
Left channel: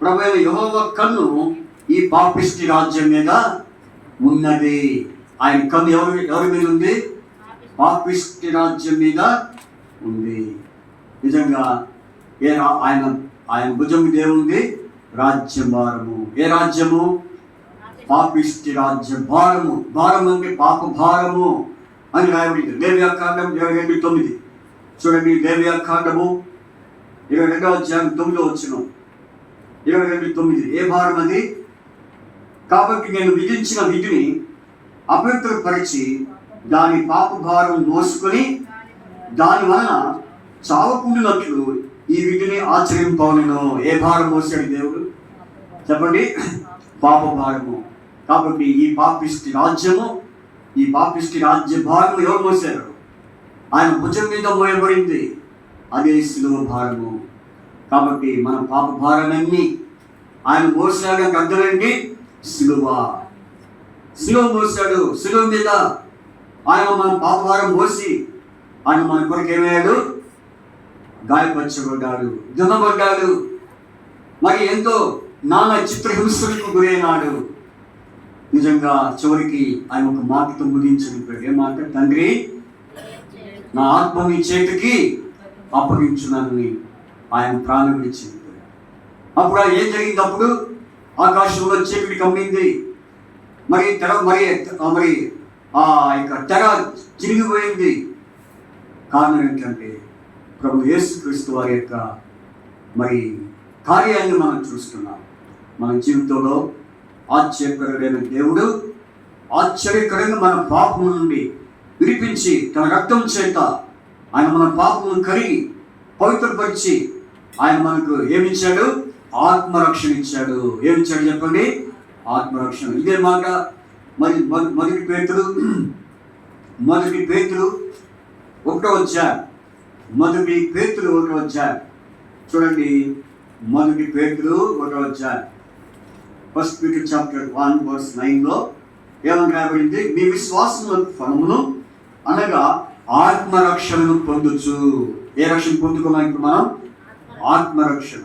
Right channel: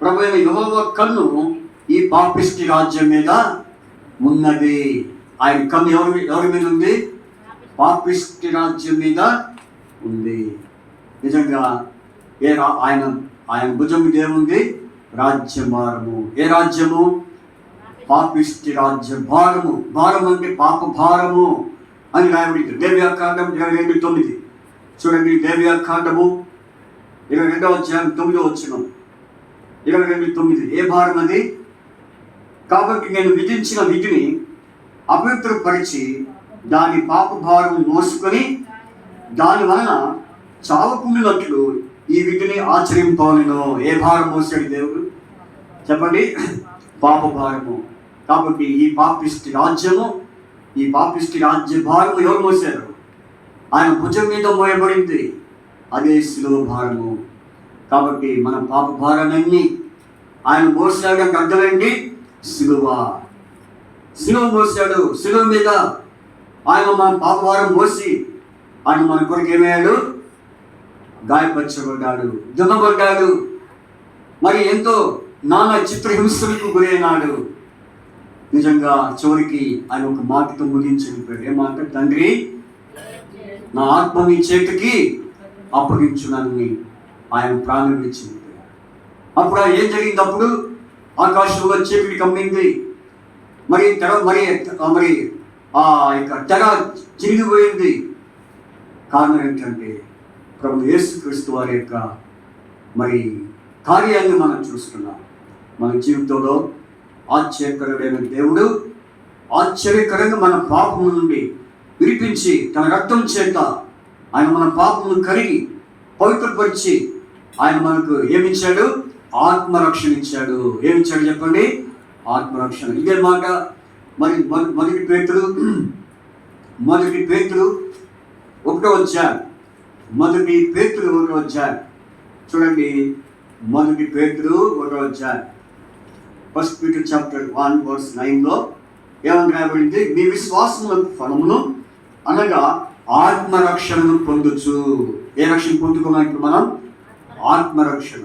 ప్రభువైన యెహోవా కన్ను ఈ పాపిష్టి రాజ్యం మీద ఉన్నది. ఆయన కన్ను ఎవరి మీద ఉంది? పాపిష్టి రాజ్యం మీద ఉంది. నిజంగా ఆయన భుజం మీద ఏముంది? రాజ్యభారము. ఏ రాజ్యము? పాపిష్టి రాజ్య భారము. భారం అంటే పాప భారము అని రాయబడింది. లేవియాకాండం 22:9 చూడండి. లేవియాకాండము 22వ అధ్యాయం 9వ వచనం. 22:9 ఏ భారం అది? కాబట్టి నేను విధించిన విధిని అపవిత్రపరిచి దాని పాప భారం మోసుకొని దాని వలన చావకుండినట్లు ఈ విధిని ఆచరింపవలెను. ఏ భారం మోసాడు దేవుడు? చెప్పండి. పాప భారము. కాబట్టి ఈ పాపిష్టి రాజ్య భారము ఎవరు మోసారు? ఆయన భుజం మీద మోయబడింది. అదే శిలువ భారము. కాబట్టి మన పాప భారాలన్నీ ఆయన మోసాడానికి అర్థమేంటి? శిలువ మోసాడు. శిలువ మీద ఆయన మన పాప భారం మోసి ఆయన మన కొరకు ఏమయ్యాడు? గాయపరచబడ్డాడు, దున్నబడ్డాడు, మరి ఎంతో నానా చిత్రహింసలకు గురైనాడు. నిజంగా చివరికి ఆయన ఒక మాటతో ముగించాడు. ఏ మాట? తండ్రి, నా ఆత్మ నీ చేతికి అప్పగించునని ఆయన ప్రాణం ఇచ్చింది. అప్పుడు ఏం జరిగింది? అప్పుడు ఆకాశంలో చీకటి కమ్మింది. మరి ఆ యొక్క తెర చిరిగిపోయింది. కారణం ఏంటంటే ప్రభు యేసుక్రీస్తు వారి యొక్క మరి కార్యాన్ని మనం చూస్తున్నాం. మన జీవితంలో ఆశ్చర్యకరమైన దేవుడు ఆశ్చర్యకరంగా మన పాపం నుండి విడిపించి తన రక్తం చేత ఆయన మన పాపమును కరిగి పవిత్రపరిచి ఆయన మనకు ఏమిచ్చాడు? ఆత్మరక్షణ ఇచ్చాడు. ఏమిచ్చాడు చెప్పండి? ఆత్మరక్షణ. ఇదే మాట మరి మొదటి పేతురు 1వ అధ్యాయం. మొదటి పేతురు 1వ అధ్యాయం చూడండి. మొదటి పేతురు 1వ అధ్యాయం 1 Peter chapter 1 verse 9లో ఏమని రాయబడింది? మీ విశ్వాసముల ఫలమును అనగా ఆత్మరక్షణను పొందుచు. ఏ రక్షణ పొందుకున్నాం ఇప్పుడు మనం? ఆత్మరక్షణ.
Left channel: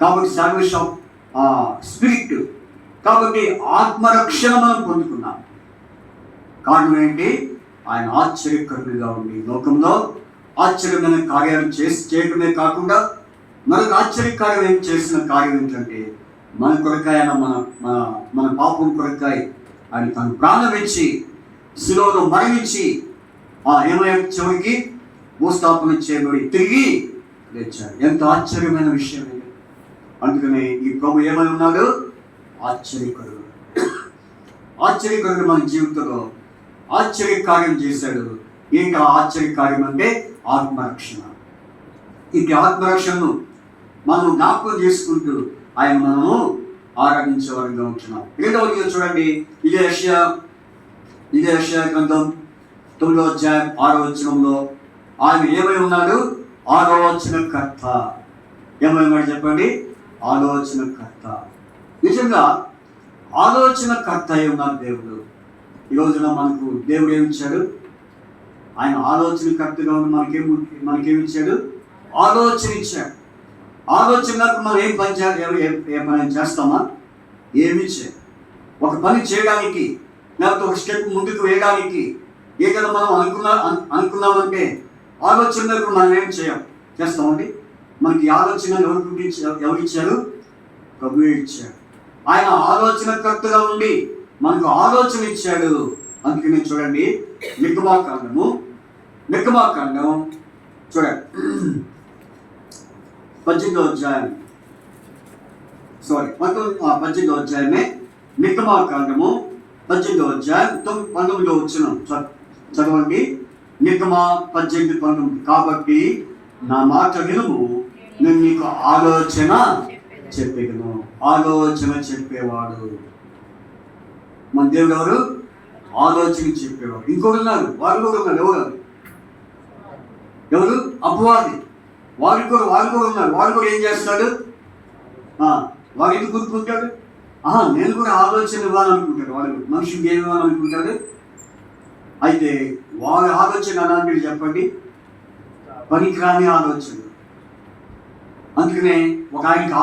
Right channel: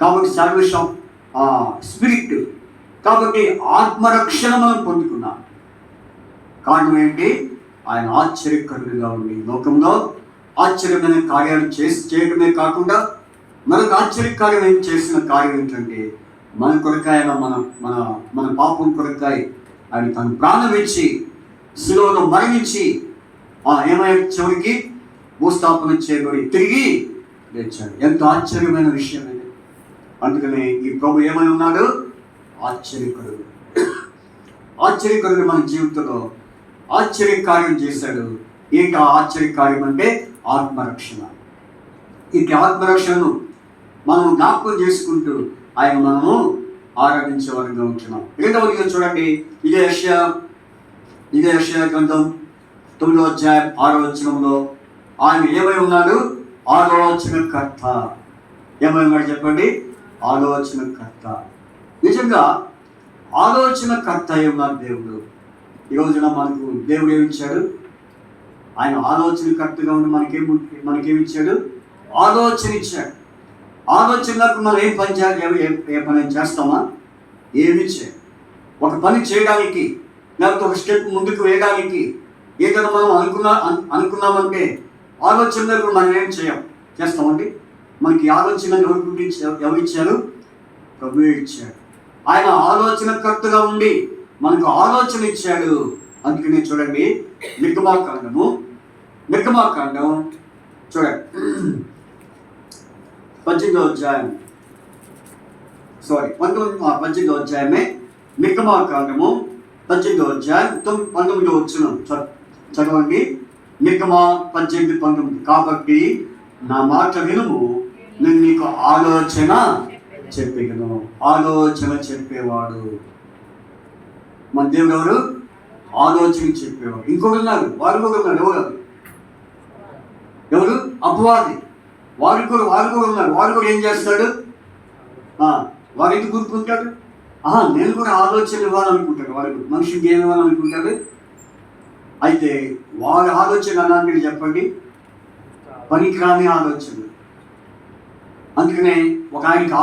కాబట్టి సాల్వేషన్ స్పిరిట్. కాబట్టి ఆత్మరక్షణ మనం పొందుకున్నాం. కారణం ఏంటి? ఆయన ఆశ్చర్యకరుడుగా ఉండి లోకంలో ఆశ్చర్యమైన కార్యాలు చేయడమే కాకుండా మనకు ఆశ్చర్యకార్యం ఏం చేసిన కార్యం ఏంటంటే మన కొరకాయ మన పాపం కొరకాయ ఆయన తను ప్రాణం ఇచ్చి శిలువలో మరణించి ఏమైనా చివరికి భూస్థాపన చేయబడి తిరిగి లేచాడు. ఎంత ఆశ్చర్యమైన విషయం ఇది. అందుకనే ఈ ప్రభు ఏమై ఉన్నాడు? ఆశ్చర్యకరుడు. ఆశ్చర్యకరుడు మన జీవితంలో ఆశ్చర్యకార్యం చేశాడు. ఏంటి ఆ ఆశ్చర్యకార్యం అంటే? ఆత్మరక్షణ. ఈ ఆత్మరక్షణను మనం జ్ఞాపకం చేసుకుంటూ ఆయన మనము ఆరాధించే వారిగా ఉంటున్నాం. రెండవదిగా చూడండి, ఇదే యెషయా గ్రంథం 9వ అధ్యాయం 6వ వచనంలో ఆయన ఏమై ఉన్నాడు? ఆలోచనకర్త. ఏమై ఉన్నాడు చెప్పండి? ఆలోచనకర్త. నిజంగా ఆలోచనకర్త అయి ఉన్నాడు దేవుడు. ఈ రోజున మనకు దేవుడు ఏమిచ్చాడు? ఆయన ఆలోచనకర్తగా ఉన్న మనకేమిచ్చాడు? ఆలోచన ఇచ్చాడు. ఆలోచనకు మనం ఏం పని చేయాలి? ఏ పని చేస్తామా? ఏమి చేయాలి? ఒక పని చేయడానికి లేకపోతే ఒక స్టెప్ ముందుకు వేయడానికి ఏదైనా మనం అనుకున్నామంటే ఆలోచనలకు మనం ఏం చేస్తామండి? మనకి ఆలోచన ఎవరు ఇచ్చారు? ప్రభువే ఇచ్చాడు. ఆయన ఆలోచనకర్తగా ఉండి మనకు ఆలోచన ఇచ్చాడు. అందుకనే చూడండి, నిర్గమాకాండం చూడండి 18వ అధ్యాయం 18వ అధ్యాయమే నిర్గమాకాండము 18వ అధ్యాయం 19వ వచనం చదవండి. నిర్గమా 18:19. కాబట్టి నా మాట వినుము, నేను నీకు ఆలోచన చెప్పగలను. ఆలోచన చెప్పేవాడు మన దేవుడు. ఎవరు? ఆలోచన చెప్పేవాడు. ఇంకొకరు ఉన్నారు, వారు కూడా ఉన్నారు. ఎవరు? అపవాది. వారు కూడా ఉన్నారు. వారు కూడా ఏం చేస్తాడు? వారు ఎందుకు గుర్తుకుంటాడు? నేను కూడా ఆలోచన ఇవ్వాలనుకుంటాడు. వాడు మనిషికి ఏమి ఇవ్వాలనుకుంటాడు? అయితే వారి ఆలోచన అలాంటివి చెప్పండి, పనికిరాని ఆలోచన. అందుకనే ఒక ఆయనకి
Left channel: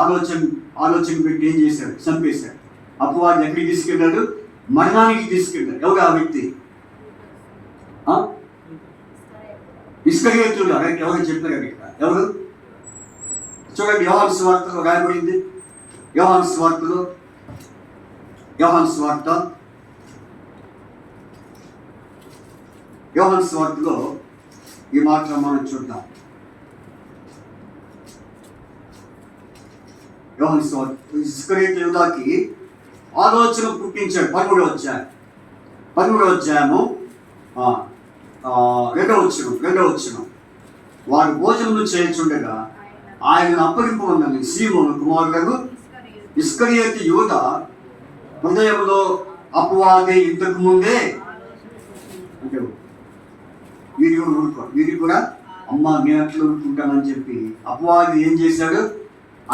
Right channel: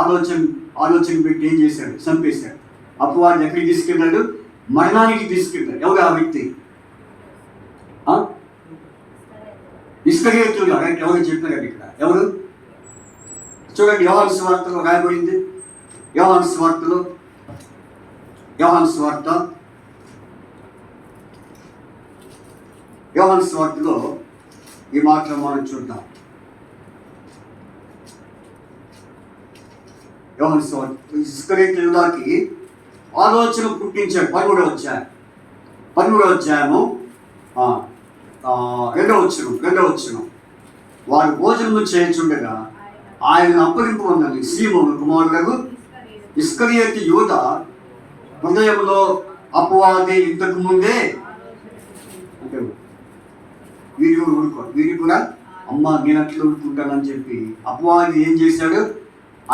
ఆలోచన పెట్టి ఏం చేశాడు? చంపేశాడు. అపవాది ఎక్కడికి తీసుకెళ్ళాడు? మరణానికి తీసుకెళ్ళాడు. ఎవరు ఆ వ్యక్తి? ఇస్కరియోతు. ఎవరు చెప్పారు ఇక్కడ? ఎవరు? చూడండి, యోహాను సువార్తలో రాయబడింది. యోహాను సువార్తలో ఈ మాట మనం చూద్దాం. యోహాను సువార్త ఇస్కరియోతు యూదాకి ఆలోచన పుట్టించాడు. 13వ అధ్యాయము 2వ వచనం. వారు భోజనము చేయించుండగా ఆయన అప్పగింపమన్నది సీమోను కుమారుడు ఇస్కరియోతు యూదా హృదయంలో అపవాది ఇంతకు ముందే అంటే వీరు కూడా అమ్మ నేను అట్లా ఊరుకుంటానని చెప్పి అపవాది ఏం చేశాడు?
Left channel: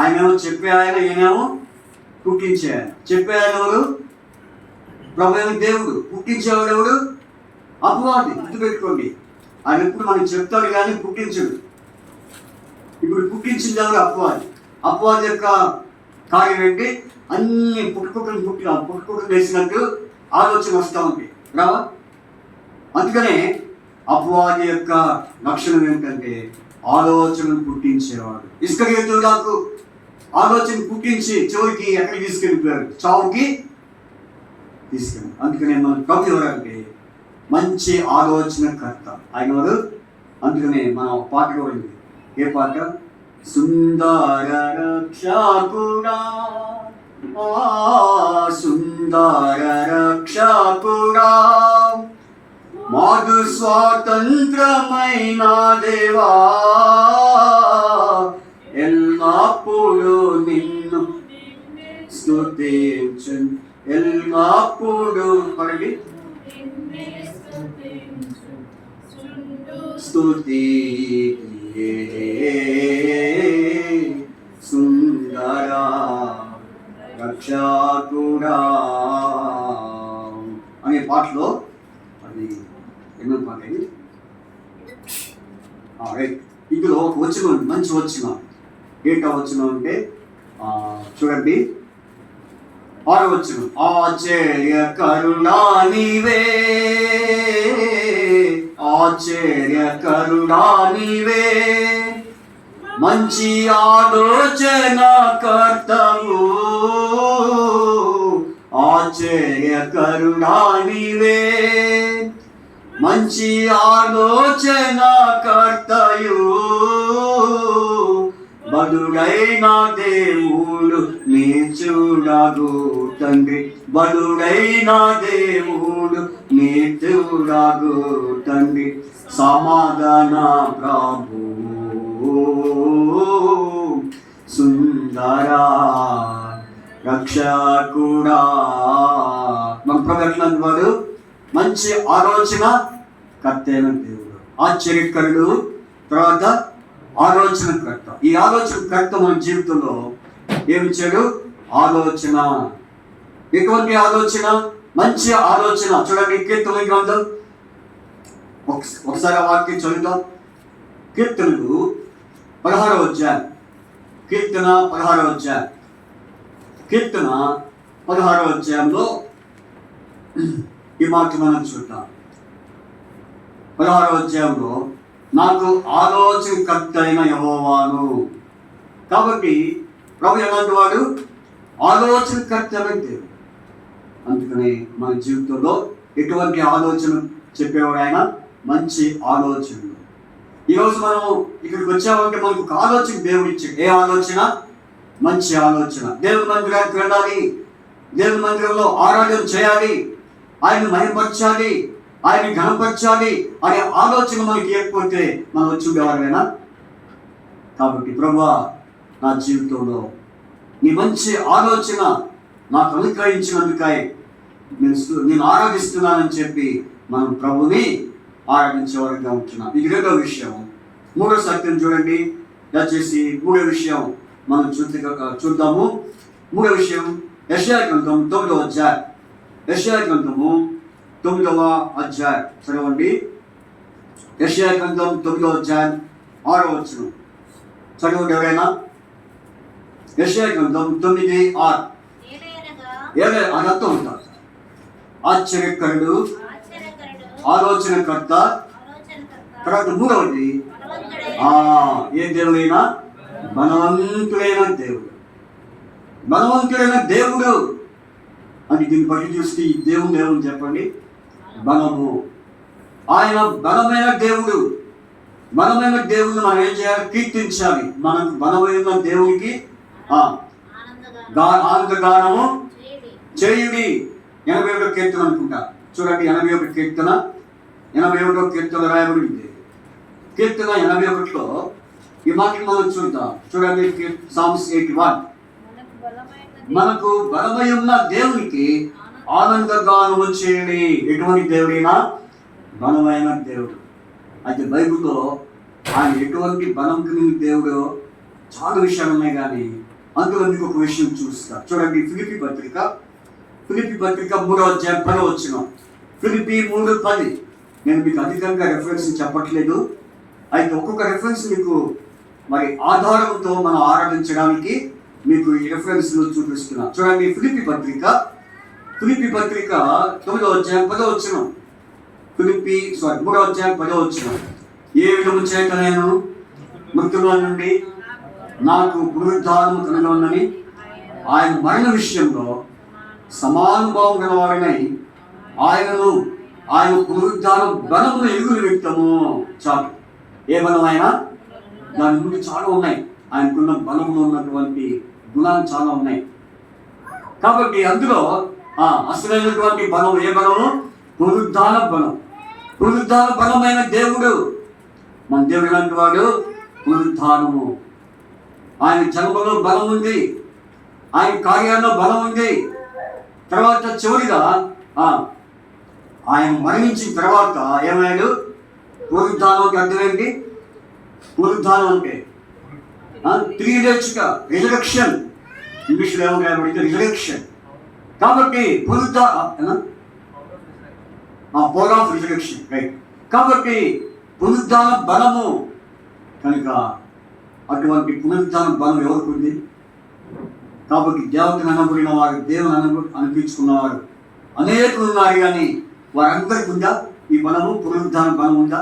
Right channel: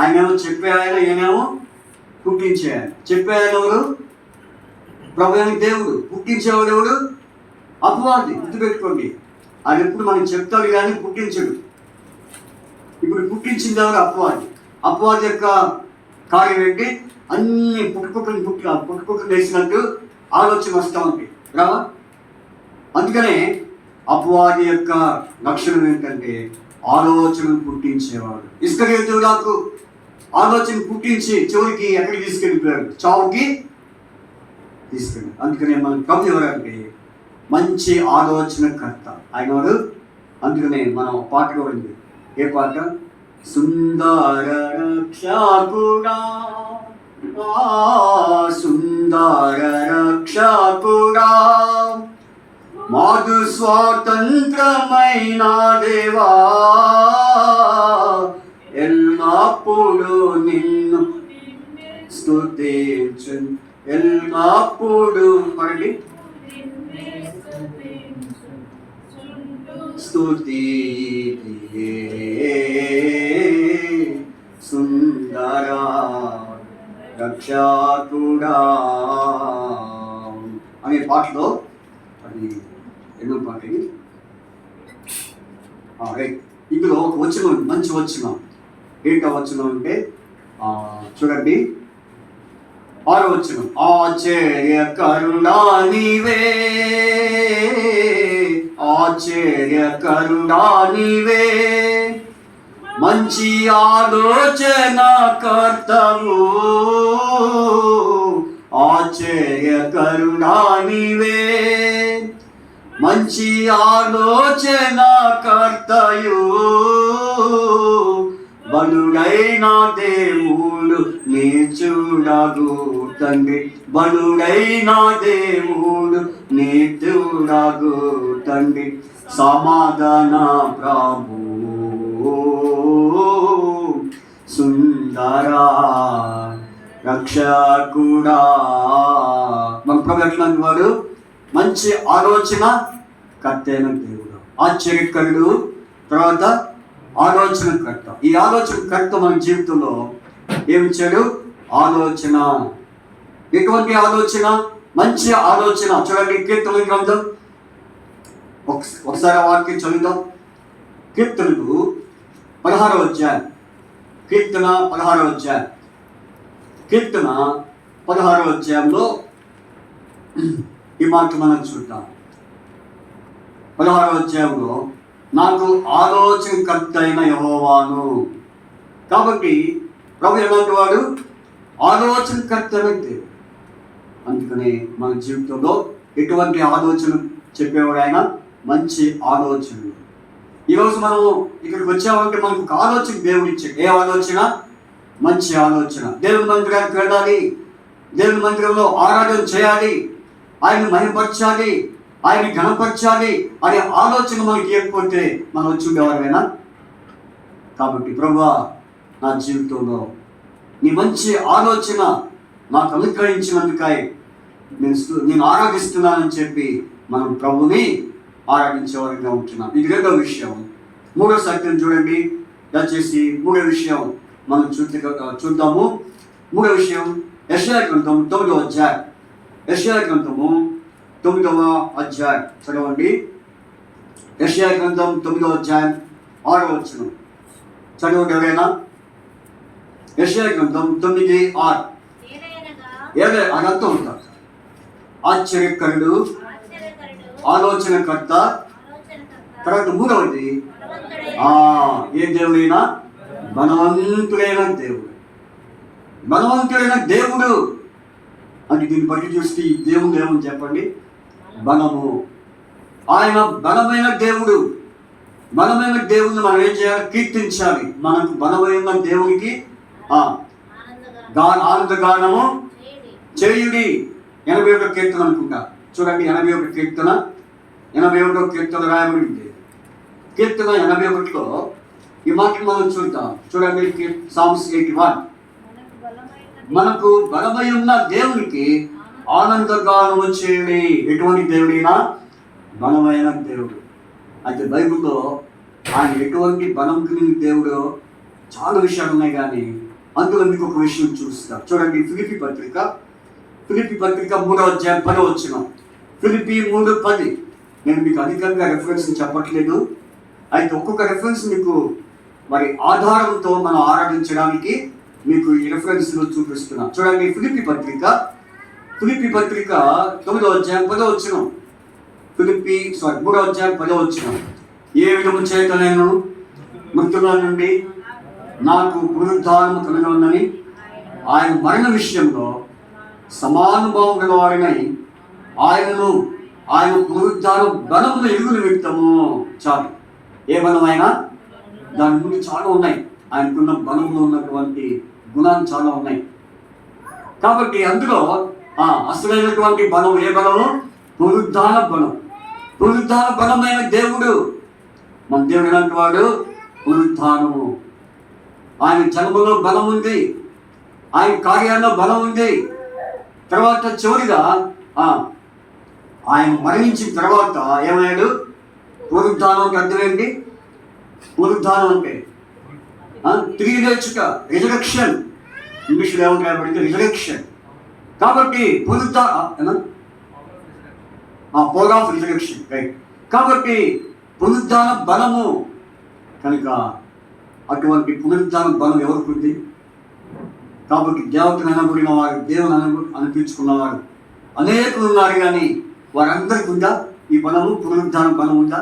ఆయనేమో చెప్పే ఈయనేమో పుట్టించేయాలి. చెప్పే ఆయన ఎవరు? ప్రభువైన దేవుడు. పుట్టించేవాడు ఎవడు? అపవాది. గుర్తుపెట్టుకోండి. ఆయన ఎప్పుడు మనం చెప్తాడు కానీ పుట్టించడు. ఇప్పుడు పుట్టించింది ఎవరు? అపవాది. అపవాది యొక్క కార్యం ఏంటి? అన్ని పుట్టుకుట్లు వేసినట్టు ఆలోచన వస్తూ ఉంది రావా? అందుకనే అపవాది యొక్క లక్షణం ఏంటంటే ఆలోచనను పుట్టించేవాడు. ఇస్కరియోతు యూదాకు ఆలోచన పుట్టించి చివరికి ఎక్కడికి తీసుకెళ్ళిపోయాడు? చావుకి తీసుకెళ్ళి. అందుకనే మన ప్రభు ఎవరంటే మంచి ఆలోచనకర్త ఆయన వాడు. అందుకనే మనం పాట కూడా ఉంది. ఏ పాట? సుందర రక్షకుడా, సుందర రక్షకుడా, మాకు స్వాతంత్రమైన దేవా, ఎల్లప్పుడు నిన్ను స్తుతించు, ఎల్లప్పుడు పడి స్తుతి సుందర రక్షకుడా అనే పాటలో అది ఎన్నో పాట ఇది. ఇందులో వచ్చిన మంచి వచ్చిన ఏంటో వచ్చిన అంటే చూడండి 6వ వచనం. ఆశ్చర్య కరుణా నీవే, ఆశ్చర్య కరుణా నీవే, మంచి ఆలోచన కర్తవు, ఆశ్చర్య కరుణా నీవే, మంచి ఆలోచన కర్తయు, బలుడైన దేవుడు నీ చూడగు తండ్రి, బలుడైన దేవుడు నీ చూడగు తండ్రి, సమాధాన ప్రభు సుందర రక్షకుడా. మన ప్రభు ఎట్లా వాడు మంచి ఆలోచన కర్తైన దేవుడు, ఆశ్చర్యకరుడు, తర్వాత ఆలోచనకర్త. ఈ ఆలోచనకర్త మన జీవితంలో ఏమిచ్చాడు? ఆలోచన. ఎటువంటి ఆలోచన? మంచి ఆలోచన. చూడండి కీర్తన గ్రంథం ఒకసారి ఆ వాక్యం చదువుదాం. కీర్తనలు 16వ అధ్యాయం, కీర్తన 16వ అధ్యాయం, కీర్తన 16వ అధ్యాయంలో ఈ మాట మనం చూద్దాం. 16వ అధ్యాయంలో నాకు ఆలోచనకర్త అయిన యెహోవాను. కాబట్టి ప్రభు ఎలాంటి వాడు? ఆలోచనకర్త వ్యక్తి. అందుకని మన జీవితంలో ఎటువంటి ఆలోచన చెప్పేవాడు ఆయన? మంచి ఆలోచనలు. ఈరోజు మనం ఇక్కడికి వచ్చామంటే మనకు ఒక ఆలోచన దేవుడు ఇచ్చాడు. ఏ ఆలోచన? మంచి ఆలోచన. దేవుని మందిరానికి వెళ్ళాలి, దేవుని మందిరంలో ఆరాధన చేయాలి, ఆయన మహిమపరచాలి, ఆయన ఘనపరచాలి అనే ఆలోచన మనకి ఇవ్వకపోతే మనం వచ్చేవారైనా? కాబట్టి ప్రభువా, నా జీవితంలో నీ మంచి ఆలోచన నాకు అనుగ్రహించినందుకై నేను ఆరాధిస్తున్నానని చెప్పి మనం ప్రభుని ఆరాధించేవారిగా ఉంటున్నాం. ఇది 2వ విషయం. 3వ సత్యం చూడండి, దయచేసి 3వ విషయం మనం చూద్దాము. 3వ విషయం యెషయా గ్రంథం 9వ అధ్యాయం, యెషయా గ్రంథము 9వ అధ్యాయం చదవండి. యెషయా గ్రంథం 9వ అధ్యాయం 6వ వచనం చదవండి ఎవరైనా. యెషయా గ్రంథం 9:6. అని అర్థం ఉంటారు. ఆశ్చర్యకరుడు, ఆలోచనకర్త. తర్వాత 3వది ఏ దేవుడైనా? బలవంతుడైన దేవుడు. బలవంతుడైన దేవుడు అని దీన్ని బట్టి చూస్తే ఈ దేవుడు ఏమని చెప్పండి? బలము. ఆయన బలమైన దేవుడు. బలమైన దేవుడిని మనం ఏం చేయాలి? కీర్తించాలి. మనకు బలమైన దేవునికి ఆనందగానము చేయుడి. 81వ కీర్తన అనుకుంటా. చూడండి 81వ కీర్తన, 81వ కీర్తన రాయబడింది. కీర్తన 81లో ఈ మాటలు మనం చూద్దాం. చూడండి సామ్స్ 81. మనకు బలమై ఉన్న దేవునికి ఆనందగానము చేయండి. ఎటువంటి దేవుడైనా బలమైన దేవుడు. అయితే బైబిల్లో ఆయన ఎటువంటి బలం కలిగిన దేవుడు చాలా విషయాలు ఉన్నాయి, కానీ అందులో మీకు ఒక విషయం చూస్తా. చూడండి ఫిలిప్పీ పత్రిక 3వ అధ్యాయం 10వ వచనం. ఫిలిప్పీ 3:10. నేను మీకు అధికంగా రెఫరెన్స్ చెప్పట్లేదు, అయితే ఒక్కొక్క రెఫరెన్స్ మీకు మరి ఆధారంతో మనం ఆరాధించడానికి మీకు ఈ రెఫరెన్స్లు చూపిస్తున్నా. చూడండి ఫిలిప్పీ పత్రిక 9వ అధ్యాయం 10వ వచనం. 3వ అధ్యాయం 10వ వచనం. ఏ విధము చేత నేను మృతుల నుండి నాకు పునరుద్ధానము కలుగునని ఆయన మరణ విషయంలో సమానుభావం గల వారినై ఆయన పునరుద్ధాన బలమును ఎరుగులు వ్యక్తము. చాలు. ఏ బలం ఆయన? దాని గురించి చాలా ఉన్నాయి. ఆయనకున్న బలంలో ఉన్నటువంటి గుణాలు చాలా ఉన్నాయి. కాబట్టి అందులో అసలైనటువంటి బలం ఏ బలము? పునరుద్ధాన బలం. పునరుద్ధాన బలమైన దేవుడు మన దేవుడు ఎలాంటి వాడు? పునరుద్ధానము. ఆయన జన్మలో బలం ఉంది, ఆయన కార్యాల్లో బలం ఉంది. తర్వాత చివరిగా ఆయన మరణించిన తర్వాత ఏమయ్యాడు? పునరుద్ధానం అర్థం ఏంటి? పునరుద్ధానం అంటే తిరిగి లేచుట, రిజరెక్షన్. ఇంగ్లీష్లో ఏమంటే రిజరెక్షన్. కాబట్టి పవర్ ఆఫ్ రిజరెక్షన్, రైట్. కాబట్టి పునరుద్ధాన బలము కనుక అటువంటి పునరుద్ధాన బలం ఎవరికి ఉంది? కాబట్టి దేవతను అనబడిన వారు, దేవుని అనిపించుకున్నవారు అనేకులు ఉన్నారు. కానీ వారందరికీ ఉందా ఈ బలము? పునరుద్ధాన బలం ఉందా?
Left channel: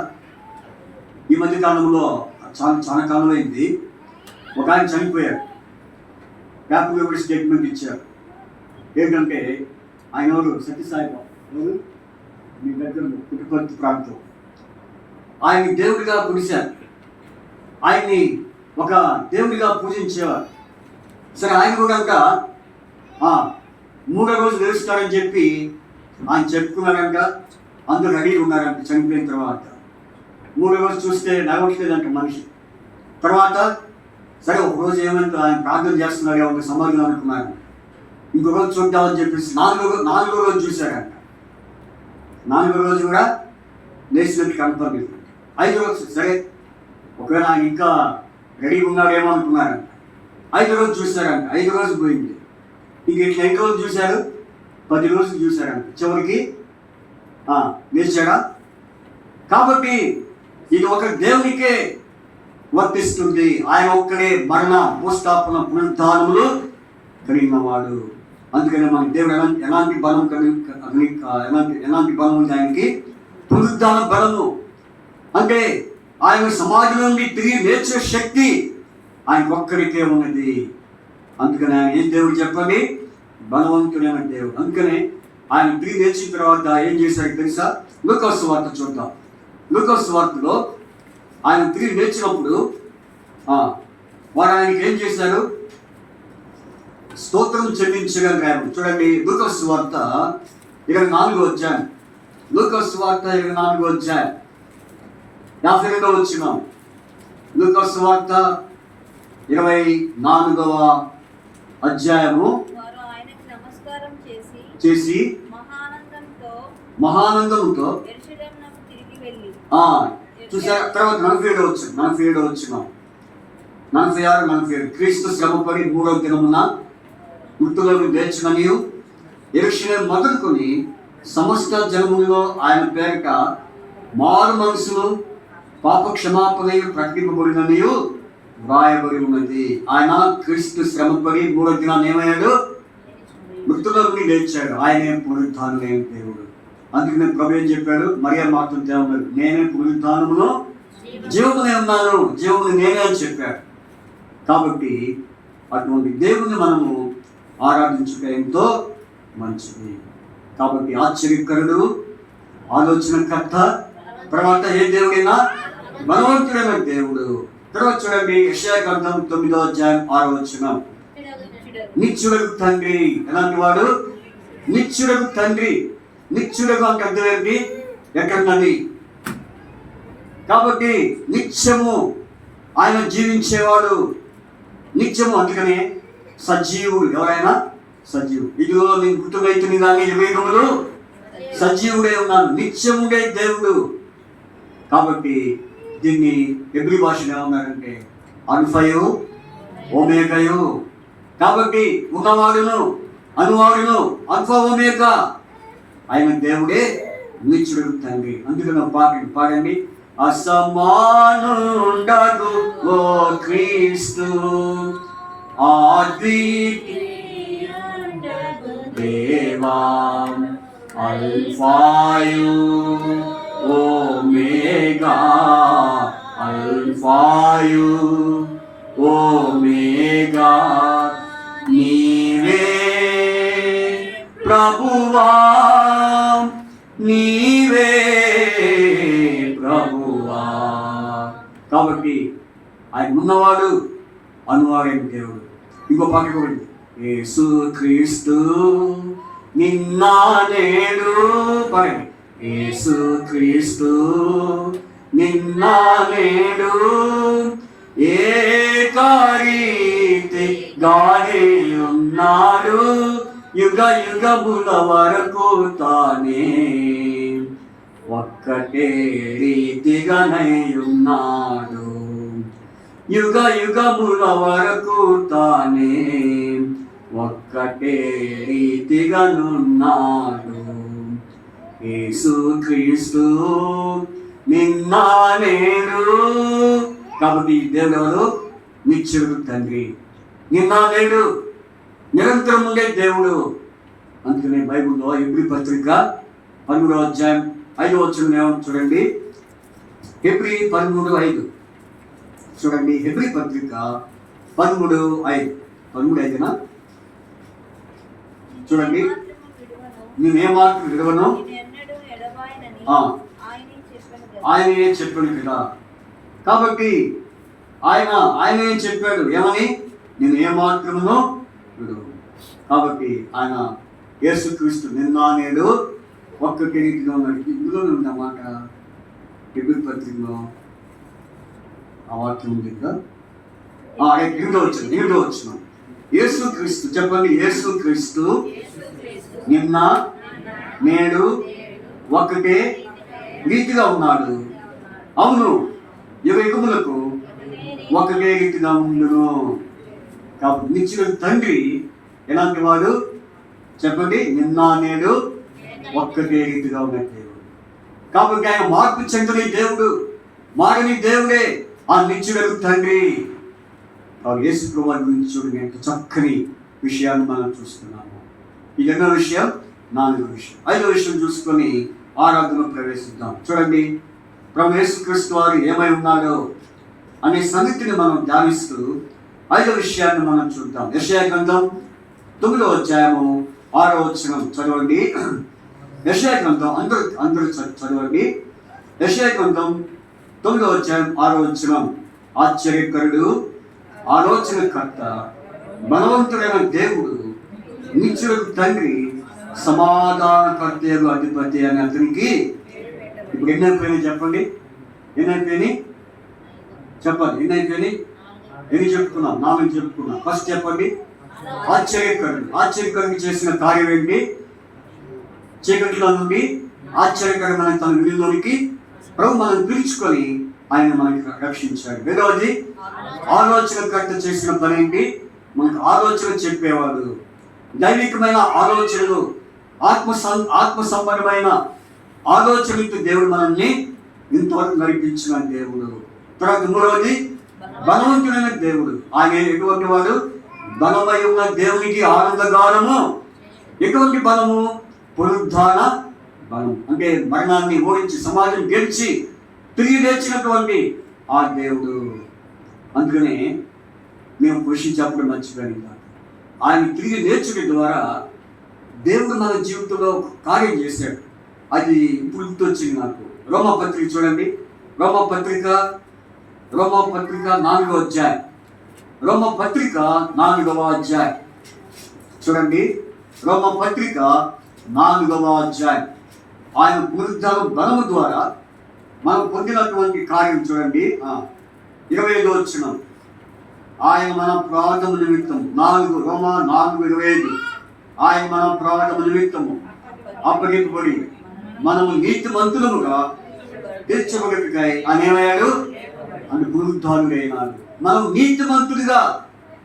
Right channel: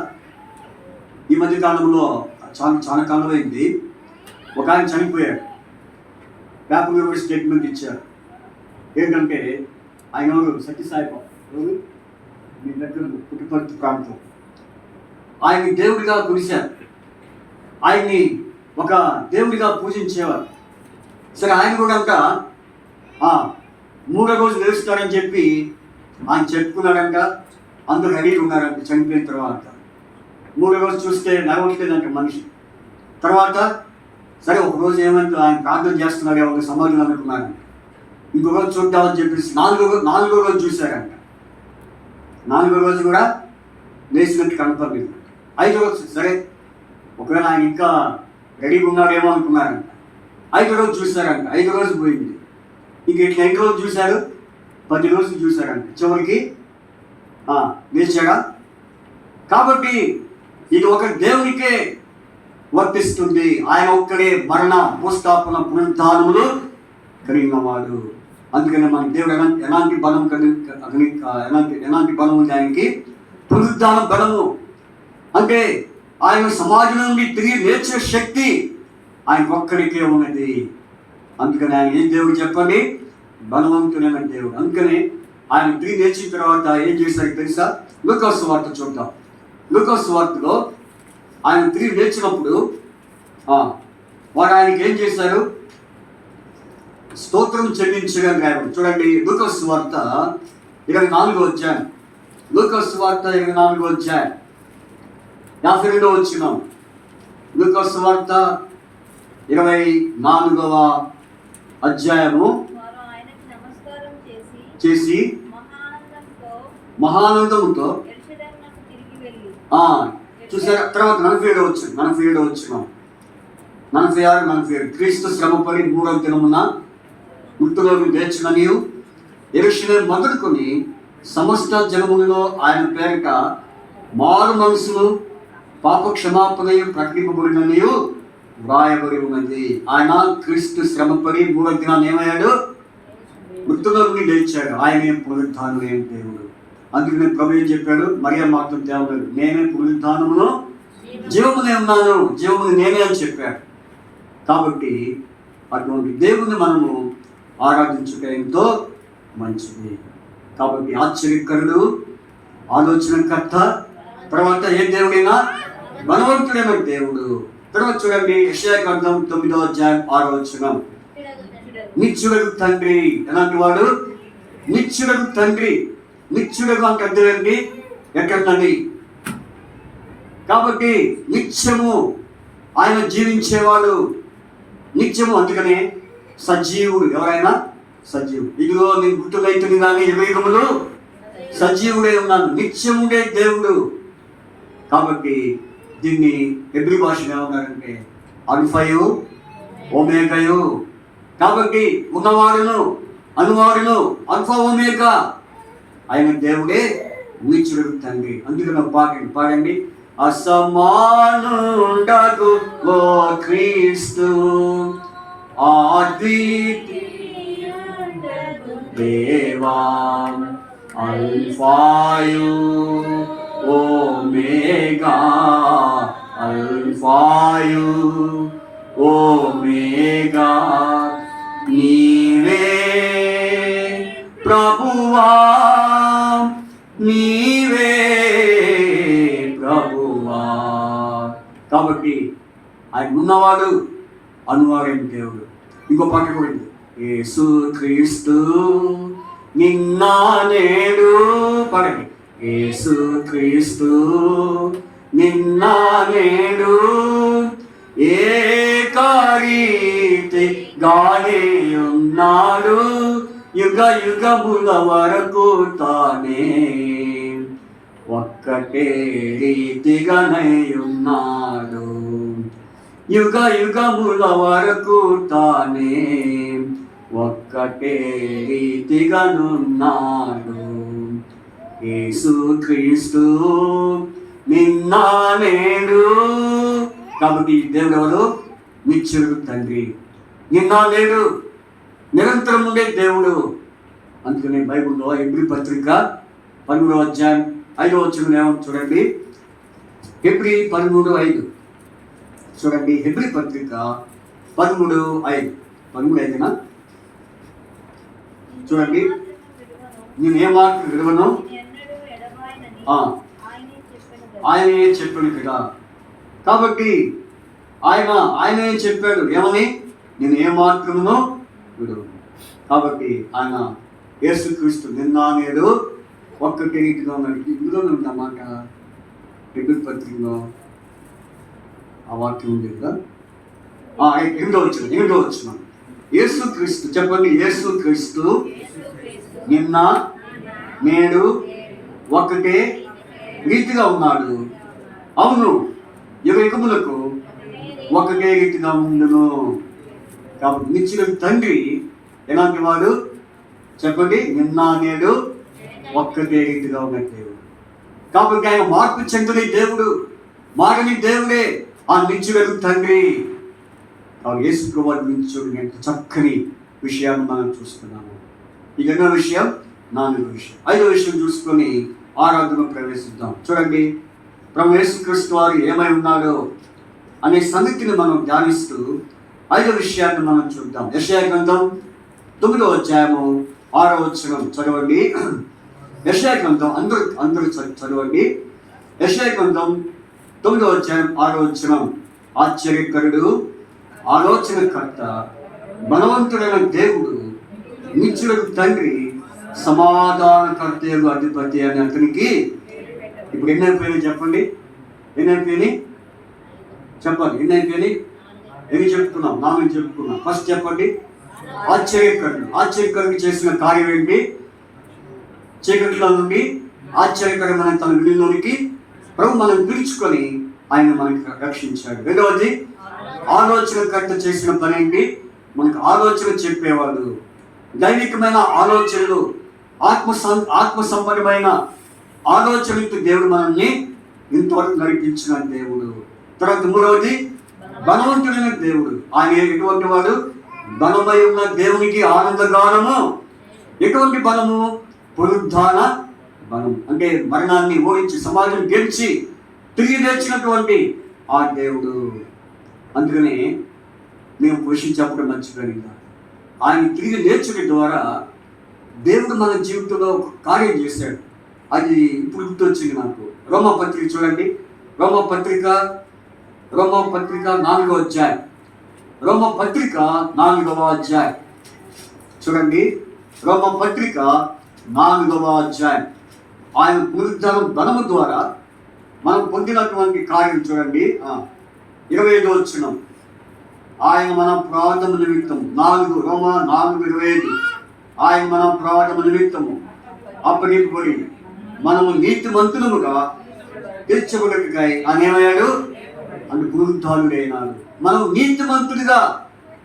ఈ మధ్య కాలంలో చాలా కాలం అయింది. ఒక ఆయన చనిపోయాడు. పేపర్లో కూడా స్టేట్మెంట్ ఇచ్చారు. ఏంటంటే ఆయన ఎవరు? సత్యసాయిబాబు. ఎవరు? మీ దగ్గర పుట్టుపర్తి ప్రాంతం. ఆయన్ని దేవుడిగా కొలిశారు. ఆయన్ని ఒక దేవుడిగా పూజించేవారు. సరే, ఆయన కూడా ఒక 3వ రోజు లేస్తాడని చెప్పి ఆయన చెప్పుకున్నాడంట. అందరూ రెడీ ఉన్నారంట. చనిపోయిన తర్వాత 3వ రోజు చూస్తే నడవట్లేదంట మనిషి. తర్వాత సరే, ఒక రోజు ఏమంటే ఆయన ప్రార్థన చేస్తున్నాడు, ఒక సమాధులు అనుకున్నాడు. ఇంకో రోజు చూద్దామని చెప్పేసి 4వ రోజు చూశారంట. 4వ రోజు కూడా లేచినట్టు కనపడలేదు. 5వ రోజు సరే, ఒకవేళ ఆయన ఇంకా రెడీగా ఉన్నాడేమో అనుకున్నారంట. 5వ రోజు చూశారంట. 5వ రోజు పోయింది. ఇంక ఇట్లా 5వ రోజు చూశారు, 10 రోజులు చూశారంట. చివరికి లేచాడా? కాబట్టి ఇది ఒక దేవునికే వర్తిస్తుంది. ఆయన ఒక్కడే మరణ, భూస్థాపన, పునరుద్ధానములు కలిగిన వాడు. అందుకని మన దేవుడు ఎలాంటి బలం ఎలాంటి బలం ఉంది ఆయనకి? పునరుద్ధాన బలము. అంటే ఆయన సమాజం నుండి తిరిగి లేచే శక్తి ఆయన ఒక్కడికే ఉన్నది. అందుకని ఆయన ఏం దేవుడు చెప్పండి? బలవంతుడైన దేవుడు. అందుకనే ఆయన తిరిగి లేచిన తర్వాత ఏం చేశారు తెలుసా? లూకాసు వార్త చూద్దాం. లూకాసు వార్తలో ఆయన తిరిగి లేచినప్పుడు వాడు ఆయనకి ఏం చేశారు? స్తోత్రం చెల్లించగా రాయబడి. చూడండి, లూకాసు వార్త 24వ అధ్యాయం. లూకాసు వార్త 24వ అధ్యాయం 52వ వచనం. లూకాసు వార్త 24వ అధ్యాయము చేసి మహానందంతో చూసారు. తర్వాత 47వ వచనం. 46 క్రీస్తు శ్రమపడి 3వ దినమున మృతులను లేచుననియు యెరూషలేము మొదలుకొని సమస్త జనములలో ఆయన పేరిట మారు మనసును పాప క్షమాపణయు ప్రకటింపబడిననియు వ్రాయబడి ఉన్నది. ఆయన క్రీస్తు శ్రమపడి 3వ దినాన్ని ఏమయ్యాడు? మృతుల నుండి లేచాడు. ఆయనే పునరుద్ధానమైన దేవుడు. అందుకనే ప్రభు ఏం చెప్పాడు? మరియా మాత్రం దేవుడు, నేనే పునరుద్ధానమును జీవమునే ఉన్నాను, జీవముని నేనే అని చెప్పాడు. కాబట్టి అటువంటి దేవుని మనము ఆరాధించుట ఎంతో మంచిది. కాబట్టి ఆశ్చర్యకరుడు, ఆలోచనకర్త, తర్వాత ఏ దేవుడైనా బలవంతుడైన దేవుడు. తర్వాత చూడండి, యెషయా గ్రంథం 9వ అధ్యాయం 6వ వచనం. నిత్యుడకు తండ్రి. ఎలాంటి వాడు? నిత్యుడకు తండ్రి. నిత్యుడకు అంటే అర్థం ఏంటి? ఎక్కడున్నది? కాబట్టి నిత్యము ఆయన జీవించేవాడు. నిత్యము, అందుకనే సజీవుడు. ఎవరైనా సజీవుడు. ఇదిగో నేను గుర్తువైతుని కానీ 20 సజీవుడే ఉన్నాను. నిత్యముడే దేవుడు. కాబట్టి దీన్ని హెబ్రీ భాషలో ఏమన్నారంటే అల్ఫయు ఓమేగయు. కాబట్టి ఉన్నవాడును అనువాడును అల్ఫా ఓమేగా ఆయన దేవుడే, నిత్యుడు తండ్రి. అందుకని పాడండి. అసమానుండగు ఓ క్రీస్తు అద్వితీయ దేవా, అల్ఫాయు ఓమేగా, అల్ఫాయు ఓమేగా నీవే యెహోవా. కాబట్టి ఆయన ఉన్నవాడు, అనువాడైన దేవుడు. ఇంకో పాట కూడా ఉంది. యేసు క్రీస్తు నిన్న నేడు, పాడండి. యేసు క్రీస్తు నిన్న నేడు ఏకరీతిగానే ఉన్నాడు, యుగ యుగముల వరకు తానే ఒక్కటే రీతిగానే ఉన్నాడు, యుగ యుగముల వరకు తానే ఒక్కటే రీతిగానున్నాడు. యేసు క్రీస్తు నిన్న నేడు. కాబట్టి దేవుడు ఎవరు? నిత్యుడు తండ్రి. నిన్న నేడు నిరంతరం ఉండే దేవుడు. అందుకనే బైబిల్లో హెబ్రీ పత్రిక 13వ అధ్యాయం 5వ వచనం చూడండి. హెబ్రీ 13:5 చూడండి. హెబ్రీ పత్రిక 13:5 13:5 చూడండి. నేనేమాత్రం విడవను, ఆయనే చెప్పాడు కదా. కాబట్టి ఆయనే చెప్పాడు ఏమని? నేను ఏమాత్రమును విడవను. కాబట్టి ఆయన యేసుక్రీస్తు నిన్న నేడు ఒక్కటి రీతిగా ఉన్నాడు. ఇందులో ఉన్నమాట హెబ్రీ పత్రికలో ఆ వాక్యం ఉంది కదా. 8వ వచనం. యేసుక్రీస్తు చెప్పండి. యేసుక్రీస్తు నిన్న నేడు ఒకటే రీతిగా ఉన్నాడు. అవును, యుగ యుగములకు ఒకటే రీతిగా ఉండును. కాబట్టి నిత్యుడు తండ్రి ఎలాంటి వాడు చెప్పండి? నిన్న నేడు ఒక్కటే రీతిగా ఉన్న దేవుడు. కాబట్టి ఆయన మార్పు చెందని దేవుడు, మారని దేవుడే ఆ నిత్యుడు తండ్రి. యేసు ప్రభువు నిత్యుడు ఎంత చక్కని విషయాన్ని మనం చూస్తున్నాము. ఈ 2వ విషయం, 4వ విషయం, 5వ విషయం చూసుకొని ఆరాధన ప్రవేశిద్దాం. చూడండి, ప్రభు యేసుక్రీస్తు వారు ఏమై ఉన్నాడో అనే సంగతిని మనం ధ్యానిస్తూ 5వ విషయాన్ని మనం చూద్దాం. యెషయా గ్రంథం 9వ అధ్యాయము 6వ వచనం చదవండి. యెషయా గ్రంథం అందరూ చదవండి. యెషయా గ్రంథం 9వ అధ్యాయం 6వ వచనం. ఆశ్చర్యకరుడు, ఆలోచనకర్త, బలవంతుడైన దేవుడు, నిత్యుడు తండ్రి, సమాధానకర్త అధిపతి అని అతనికి ఇప్పుడు ఎన్నైపోయినాయి చెప్పండి? ఎన్నైపోయినాయి చెప్పండి. ఎన్నైపోయినాయి? ఎన్ని చెప్పుకున్నాం? 4 చెప్పుకున్నాం. ఫస్ట్ చెప్పండి. ఆశ్చర్యకరుడు. ఆశ్చర్యకరుడు చేసిన కార్యం ఏంటి? చీకటిలో నుండి ఆశ్చర్యకరమైన తన విలువలోనికి ప్రభు మనం పిలుచుకొని ఆయన మనకి రక్షించాడు. రెండవది, ఆలోచనకర్త చేసిన పని ఏంటి? మనకు ఆలోచన చెప్పేవాడు. దైవికమైన ఆలోచనలు, ఆత్మ సంబంధమైన ఆలోచనలతో దేవుడు మనల్ని ఇంతవరకు నడిపించిన దేవుడు. తర్వాత 3వది, బలవంతుడైన దేవుడు. ఆయన ఎటువంటి వాడు? బలమై ఉన్న దేవునికి ఆనందగానము. ఎటువంటి బలము? పునరుద్ధాన బలం. అంటే మరణాన్ని ఓడించి సమాజం గెలిచి తిరిగి లేచినటువంటి ఆ దేవుడు. అందుకనే మేము పోషించేప్పుడు మర్చిపోయాం. ఆయన తిరిగి లేచుడి ద్వారా దేవుడు మన జీవితంలో కార్యం చేశాడు. అది ఇప్పుడు గుర్తొచ్చింది నాకు. రోమపత్రిక చూడండి. రోమపత్రిక 4వ అధ్యాయం. రోమపత్రిక 4వ అధ్యాయం చూడండి. రోమపత్రిక 4వ అధ్యాయం. ఆయన పునరుద్ధాన బలము ద్వారా మనం పొందినటువంటి కార్యం చూడండి. 25వ వచనం. ఆయన మన ప్రార్థన నిమిత్తము రోమ 4:25. ఆయన మన ప్రార్థన నిమిత్తము అప్పగింపబడి మనము నీతిమంతులముగా తీర్చబడటకై అనేమయ్యాడు అని పునరుద్ధానుడైనాడు. మనం నీతిమంతుడిగా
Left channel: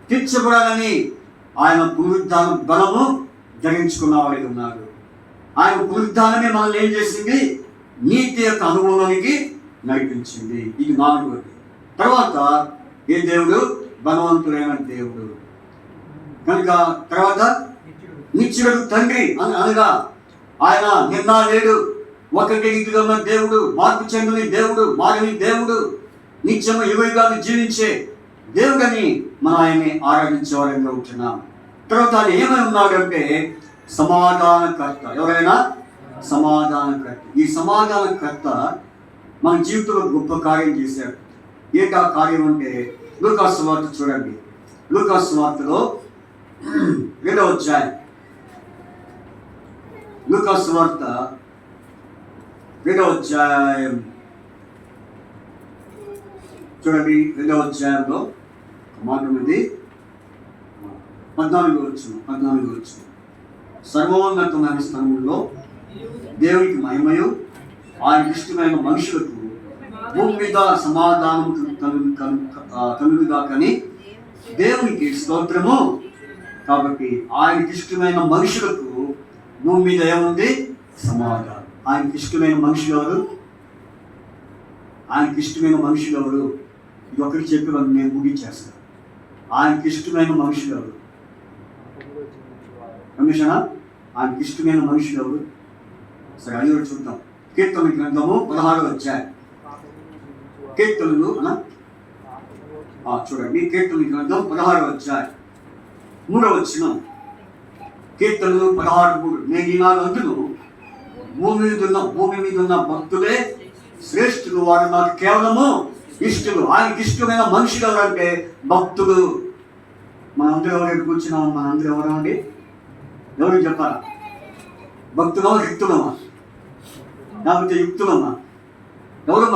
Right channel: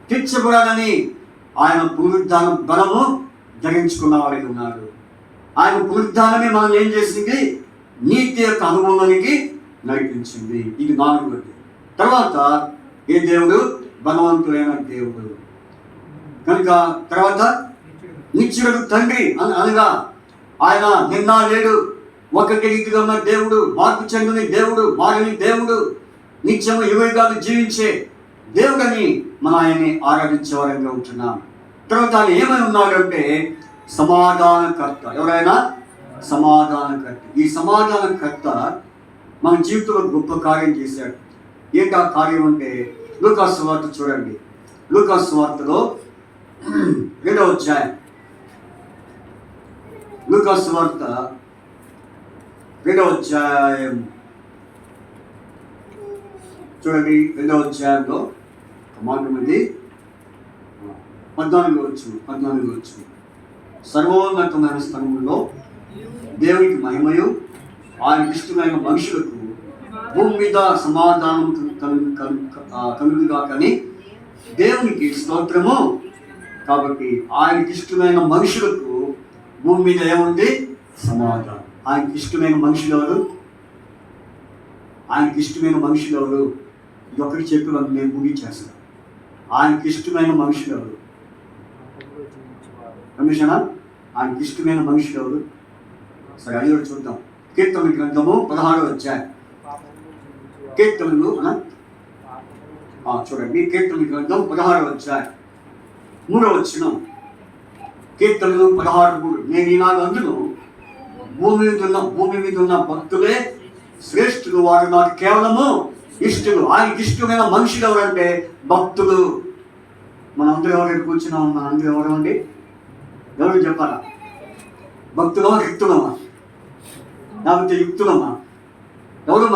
తీర్చబడాలని ఆయన పునరుద్ధాన బలము ధరించుకున్నవాడై ఉన్నాడు. ఆయన పునరుద్ధానమే మనల్ని ఏం చేసింది? నీతి యొక్క అనుభవానికి నడిపించింది. ఇది 4వది. తర్వాత ఏ దేవుడు? బలవంతుడైన దేవుడు. కనుక తర్వాత నిత్యుడు తండ్రి అనగా ఆయన నిన్న నేడు ఒకటి రీతిగా ఉన్న దేవుడు, మార్పు చెందని దేవుడు, మారని దేవుడు, నిత్యము యుగయుగాలు జీవించే దేవుడని మనం ఆయన్ని ఆరాధించేవారంగా ఉంటున్నాం. తర్వాత ఆయన ఏమై ఉన్నాడు అంటే సమాధానకర్త. ఎవరైనా సమాధానకర్త. ఈ సమాధానకర్త మన జీవితంలో గొప్ప కార్యం చేశాడు. ఏంటి ఆ కార్యం అంటే లూకాసు వార్త చూడండి. లూకాసు వార్తలో 2వ అధ్యాయం, లూకాసు వార్త 2వ అధ్యాయం చూడండి. 2వ అధ్యాయంలో మాట ఉంది 14 వచ్చు. సర్వోన్నతమైన స్థలంలో దేవునికి మహిమయు ఆయనకి ఇష్టమైన మనుషులకు భూమి మీద సమాధానం కలుగుగా కానీ దేవునికి స్తోత్రము. కాబట్టి ఆయనకి ఇష్టమైన మనుషులకు భూమి మీద ఏముంది? సమాధానం. ఆయనకి ఇష్టమైన మనుషులు ఎవరు? ఆయనకి ఇష్టమైన మనుషులు ఎవరు? ఇది ఒకటి చెప్పి నేను ముగించేస్తాను. ఆయనకి ఇష్టమైన మనుషులు ఎవరు? కమిషనా? ఆయనకి ఇష్టమైన మనుషులు ఎవరు? సరే, అది కూడా చూద్దాం. కీర్తన గ్రంథము 16వ అధ్యాయం. కీర్తనలు చూడండి. కీర్తన గ్రంథం 16వ అధ్యాయం 3వ వచనం. కీర్తనలు 16:3. నేను ఈనాడు అందును భూమి మీద ఉన్న భక్తులే శ్రేష్ఠులు, వారు నాకు కేవలము ఇష్టలు. ఆయనకి ఇష్టమైన మనుషులు ఎవరంటే భక్తులు. మనందరూ ఎవరైనా కూర్చున్నామా? మనందరూ ఎవరు అండి? ఎవరు చెప్పారా? భక్తులమా, యుక్తులమా? లేకపోతే యుక్తులమా? ఎవరు?